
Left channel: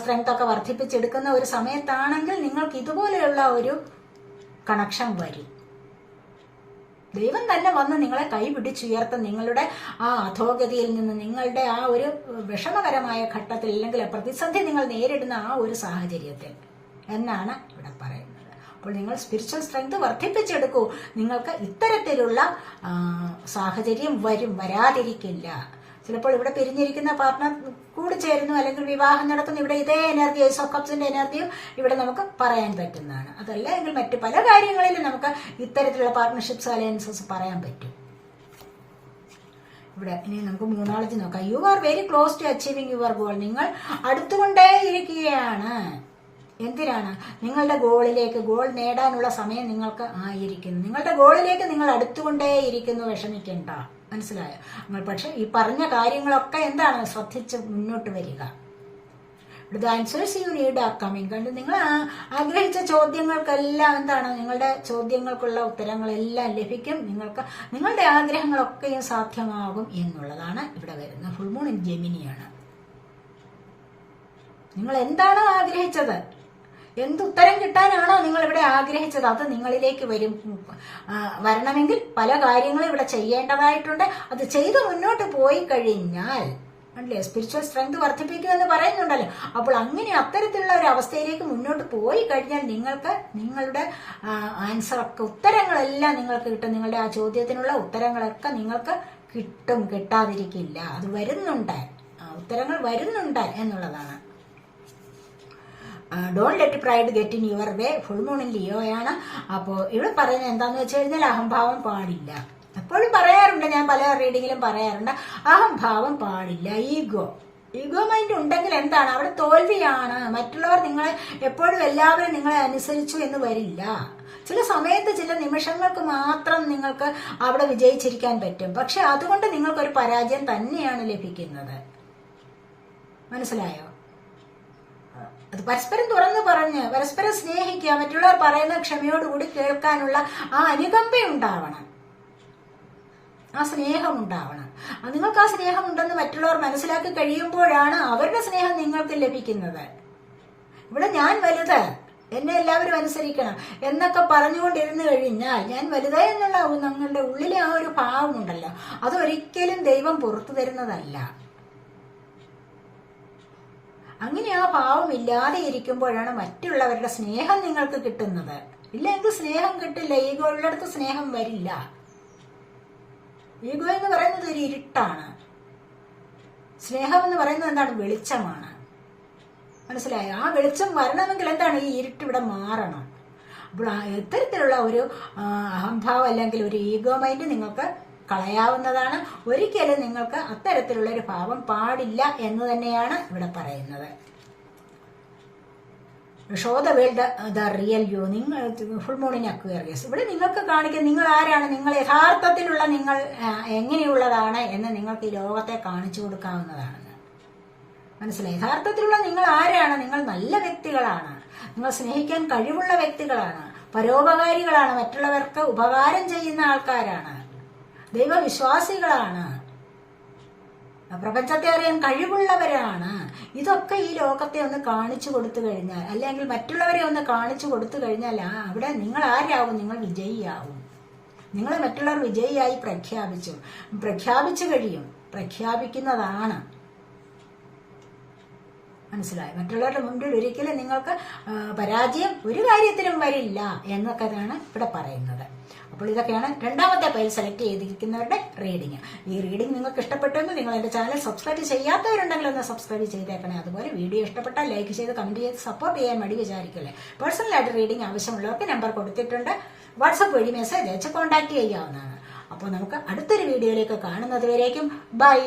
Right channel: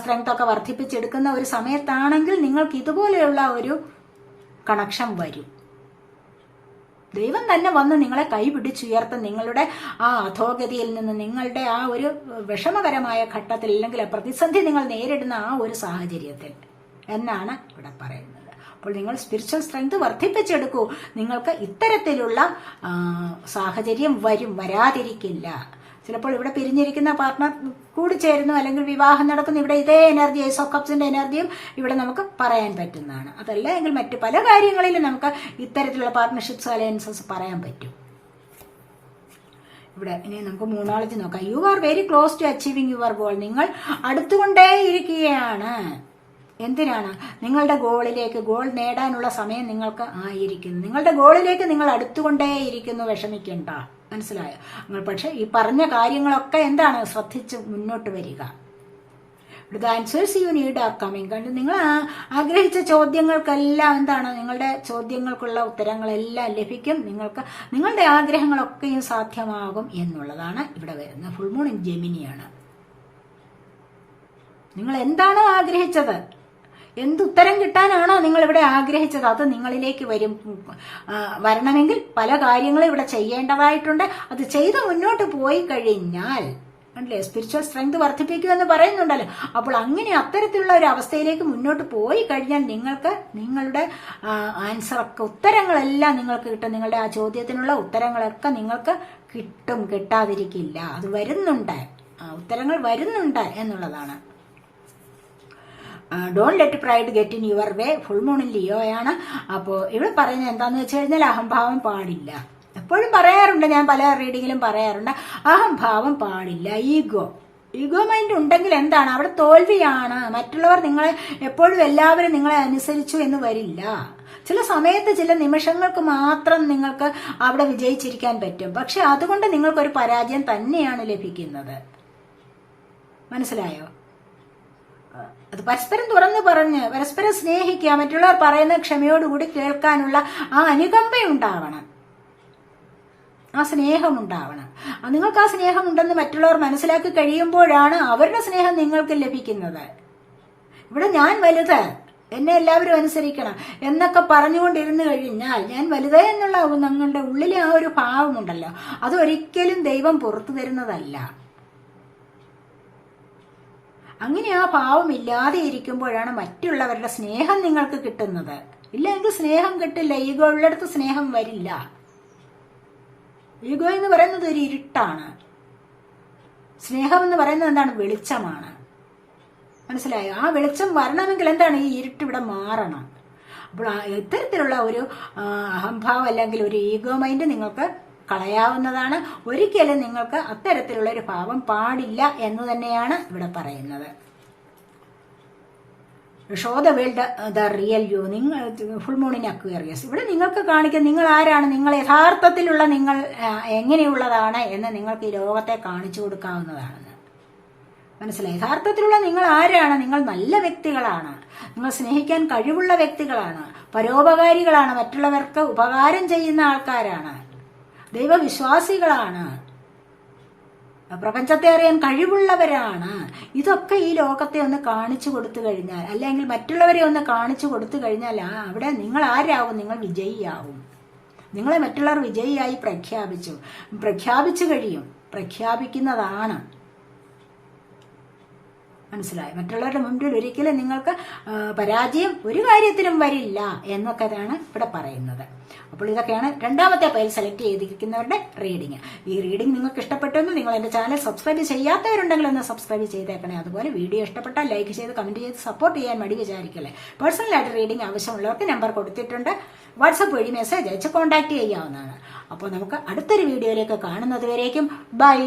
സ്ട്രെങ്ത് ഒക്കെ വർദ്ധിപ്പിച്ചെടുക്കുന്ന ഒരു സമയത്താണെങ്കിൽ നിങ്ങൾക്ക് ഇതുപോലെയുള്ള ഒരു കണക്ഷൻ വരും. ദൈവം തന്നെ വന്ന് നിങ്ങളെ കൈപിടിച്ചുയർത്തും. നിങ്ങളുടെ ആ അധോഗതിയിൽ നിന്ന്, നിങ്ങളുടെ ആ ഒരു വിഷമകരമായ ഘട്ടത്തിൽ, അല്ലെങ്കിൽ പ്രതിസന്ധി നിങ്ങൾ നേരിടുന്ന ആ ഒരു സാഹചര്യത്തിൽ എന്നാണ് ഇവിടെ പറയുന്നത്. അപ്പോൾ നിങ്ങൾ സ്പിരിച്വൽ സ്ട്രെങ്ത് വർദ്ധിപ്പിച്ചെടുക്കൂ. നിങ്ങൾക്ക് ഇത്തരത്തിലുള്ള സാഹചര്യം വരാതിരിക്കില്ല. ചിലപ്പോൾ ഇവിടെ പിരിഞ്ഞിരിക്കുന്ന പാർട്ട്ണർ കൂടി ചേരുന്നു, അല്ലെങ്കിൽ വിവാഹം നടക്കുന്നു. ഇവിടെ ഇതേ എനർജി, ഏസ് ഓഫ് കപ്സിന്റെ എനർജിയും ഇവിടെ നമുക്ക് പറയാൻ പറ്റുന്നതാണ്. അതല്ല എങ്കിൽ മറ്റു പല കാര്യങ്ങളിലും നമുക്ക് ഇത്തരത്തിലുള്ള പാർട്ട്ണർഷിപ്സ് അലയൻസസ് പറയാൻ പറ്റും. ഇവിടെ ഇനി നമുക്ക് മൂന്നാളജി നോക്കാം. You are very close to achieving your goal. നിങ്ങൾ അടുത്തുകൊണ്ടേയിരിക്കുകയാണ്. എന്തിനാണ്? നിങ്ങളുടെ ഗോൾ നേടാനുള്ള സമയം നിങ്ങൾക്ക് ആയിരിക്കുന്നു. നിങ്ങളുടെ ഗോളിലേക്ക് നിങ്ങൾ അടുത്തുകൊണ്ടേയിരിക്കുന്നു. വിഷമിക്കണ്ട, മനസ്സിലായോ? നിങ്ങൾ പക്ഷെ ഈ പറഞ്ഞ കാര്യങ്ങളൊക്കെ എന്താണ്, ശ്രദ്ധിച്ച് മുന്നോട്ട് വരിക. The answers you need are coming. കണ്ട് നിങ്ങൾ ആഗ്രഹിച്ച ചോദ്യങ്ങൾക്കെല്ലാം എന്താണ്, നിങ്ങളുടെ ചോദ്യങ്ങൾക്കുള്ള ഉത്തരങ്ങളെല്ലാം ലഭിക്കും. നിങ്ങൾക്ക് നിങ്ങളുടെ ആഗ്രഹങ്ങളൊക്കെയും സാധ്യമാകും എന്നുള്ളതാണ് ഇവിടെ വരുന്നത്. ഫുൾ മൂൺ ഇൻ ജെമിനിയാണ്. നിങ്ങൾ എന്താണോ ആഗ്രഹിച്ചത്, എന്തുത്തരം കിട്ടാനാണോ നിങ്ങൾ ഇവിടെ ആഗ്രഹിച്ചത്, അത് നിങ്ങളിലേക്ക് വരണമെങ്കിൽ പല കാര്യങ്ങളും ഇവിടെ ചെയ്യേണ്ടതായിട്ടുണ്ട്. അത് ചെയ്ത് മുന്നോട്ട് പോയി കഴിഞ്ഞാൽ അല്ലേ സ്പിരിച്വൽ സ്ട്രെങ്ത് വർദ്ധിപ്പിക്കുമെന്ന് പറയുന്നുണ്ടല്ലോ. അപ്പോൾ അങ്ങനെ അത്തരത്തിലുള്ള ഒരു അവസ്ഥയിലേക്ക് മുന്നോട്ട് പോയി കഴിഞ്ഞാൽ നിങ്ങൾക്ക് നിങ്ങളുടെ ആൻസറൊക്കെ, ഉത്തരങ്ങളെല്ലാം നിങ്ങൾക്ക് കിട്ടും. നിങ്ങളുടെ ആ ചോദ്യത്തിനുള്ള ഉത്തരങ്ങളൊക്കെ നിങ്ങൾക്ക് കിട്ടും, കിട്ടാതിരിക്കില്ല. അത് വരുന്നുണ്ട്, ഉത്തരങ്ങൾ വരുന്നുണ്ട് എന്നുള്ളതാണ്. Don't let pride get in your way. Full മൂണിൽ ലിയോയാണ്. അപ്പോൾ ഇവിടെ പറയുന്നത് എന്താണെന്ന് വെച്ച് കഴിഞ്ഞാൽ അഹംഭാവം പാടില്ല. എപ്പോഴും പറയാറുണ്ട്, ഞാൻ പല റീഡിങ്ങിലും പറയാറുണ്ട്, അഹംഭാവം പാടില്ല. ഈഗോ മൈൻഡ് ഉണ്ടെങ്കിൽ എന്താണ്, അവിടെ തോൽവിയാണ്. മറ്റുള്ളവർ നിങ്ങളെ എപ്പോഴും എല്ലാവരും നിങ്ങളെ അനുസരിച്ചു എന്ന് വരില്ല. ചില സമയത്ത് ചില നിമിഷങ്ങൾക്ക് മാത്രം നിങ്ങൾക്ക് അവിടെ വിജയിച്ചിരിക്കാൻ പറ്റും. പക്ഷെ അതുകൊണ്ട് നിങ്ങൾക്കൊരു പരാജയം തന്നെയാണ് ലഭിക്കുന്നത്. മനസ്സിലായോ? അത് പരസ്പരം തുറന്നു പറഞ്ഞ് പരസ്പരം സ്നേഹിക്കുക, മറ്റുള്ളവർ പറയുന്ന ക്ഷമയോടുകൂടി കേൾക്കാനുള്ള ആ അനുകമ്പയുണ്ടാവണം, ആ സ്നേഹം ഉണ്ടാവണം. നിങ്ങൾക്ക് ആ സ്നേഹം ഉണ്ടെന്ന് മറ്റുള്ളവർ മനസ്സിലാക്കി കഴിയുമ്പോഴാണ് അവരുടെ സ്നേഹം നിങ്ങൾക്ക് ലഭിക്കുന്നത്. ഇവിടെ ഞാൻ വലുത്, എന്നെ എല്ലാവരും അനുസരിക്കണം എന്നൊക്കെ പറഞ്ഞുകൊണ്ടിരുന്നു കഴിഞ്ഞാൽ, ഞാൻ വലുത് എന്നുള്ള നിങ്ങളുടെ ഉള്ളിലെ ആ ഒരു ഭാവമുണ്ടല്ലോ, അതൊരിക്കലും ദൈവം പുറത്തു തരുന്നതല്ല. അങ്ങനെ ആ ഭാവം ഇല്ലാതെ ഇരിക്കുമ്പോഴാണ് മറ്റുള്ളവരുടെ സ്നേഹം നിങ്ങൾക്ക് കിട്ടുന്നത്. ഇല്ലെങ്കിൽ സ്നേഹം കിട്ടില്ല. ഈഗോ ഉള്ളിടത്ത് സ്നേഹം വരില്ല. ഈഗോ എന്ന് പറയുന്നത് ഒരു ഇരുട്ടാണ്. സ്നേഹം എന്ന് പറയുന്നത് എന്താണ്, വെളിച്ചമാണ്. മനസ്സിലായോ? ആ വെളിച്ചം വരണമെങ്കിൽ എന്താണ്, ഈ ഇരുട്ട് ഇവിടെ മാറണം. അപ്പോൾ ഇത്തരത്തിലുള്ള ഒരു അഹംഭാവം അല്ലെങ്കിൽ ഒരു ഈഗോ മൈൻഡ് നിങ്ങൾക്ക് കളയാവുന്നതാണ്. ഒരിക്കലും നിങ്ങൾക്ക് അത്തരത്തിലുള്ള ഒരു ഭാവം പാടില്ല എന്ന് തന്നെയാണ് ഇവിടെ പറയുന്നത്. Show the world the real U. നിങ്ങൾ ഫുൾ മൂൺ ഇൻ അക്വേറിയസ്. ഇവിടെ നിങ്ങൾക്ക് കാണിക്കുക നിങ്ങൾ ആരാണ്, നിങ്ങൾ യഥാർത്ഥത്തിലുള്ള നിങ്ങൾ എങ്ങനെയുള്ളതാണ് എന്ന് നിങ്ങൾക്ക് ഈ ലോകത്തെ കാണിച്ചു കൊടുക്കാവുന്നതാണ്. മനസ്സിലായി? യഥാർത്ഥത്തിലുള്ള നിങ്ങൾ ആരാണ്? നിങ്ങൾ നല്ല വ്യക്തികളാണ്, നിങ്ങൾ സ്നേഹിക്കാൻ കഴിവുള്ള വ്യക്തികളാണ്, പരോപകാരികളാണ്, മറ്റുള്ളവർക്ക് ഉപകാരം ചെയ്യുന്ന ആൾക്കാരാണ്, ദൈവവിശ്വാസികളാണ്, പ്രപഞ്ചത്തെ അറിയാൻ കഴിവുള്ളവരാണ്. ഇതൊക്കെ ഈ ലോകത്തെ ഒന്ന് കാണിച്ചു കൊടുത്തു കഴിഞ്ഞാൽ, അല്ലെങ്കിൽ മറ്റുള്ളവരെ ഒന്ന് കാണിച്ചു കൊടുത്തു കഴിഞ്ഞാൽ അവിടെ നിങ്ങൾ ആരാവും? നിങ്ങൾ വിജയിയാവും. നിങ്ങളെ മറ്റുള്ളവർ വിജയിയായി പ്രഖ്യാപിച്ചു കഴിയും, പ്രഖ്യാപിക്കുന്നതാണ്. മനസ്സിലായി. മറ്റുള്ളവരുടെ മുമ്പിൽ ഒരിക്കലും നിങ്ങൾക്ക് പരാജയം ഒരു കാര്യത്തിലും വരില്ല എന്നൊക്കെയാണ് ഇവിടെ പറയുന്നത്. അപ്പോൾ ഇതൊക്കെയാണ് രണ്ടാമത്തെ പൈൽ സെലക്ട് ചെയ്തിരിക്കുന്നവരുടെ റീഡിങ്. ഈ റീഡിംഗ് നിങ്ങൾക്ക് ഇഷ്ടപ്പെട്ടെങ്കിൽ നിങ്ങൾ എന്റെ ചാനൽ സബ്സ്ക്രൈബ് ചെയ്യാത്തവരുണ്ടെങ്കിൽ ഒന്ന് സബ്സ്ക്രൈബ് ചെയ്തേക്കണേ. അതുപോലെ വീഡിയോ ഇഷ്ടപ്പെട്ടാൽ ലൈക്ക് ചെയ്ത് കമന്റ് ചെയ്ത് സപ്പോർട്ട് ചെയ്യാൻ മടി വിചാരിക്കല്ലേ. പേഴ്സണലായിട്ട് റീഡിംഗ് ആവശ്യമുള്ളവർക്ക് നമ്പർ കൊടുത്തിട്ടുണ്ട്. വാട്സപ്പ് വഴി മെസ്സേജ് അയച്ച് കോൺടാക്ട് ചെയ്യാവുന്നതാണ്. അപ്പോൾ നമുക്ക് അടുത്തൊരു വീഡിയോയിലേക്ക് കാണുന്നത് വരേക്കും ബൈ.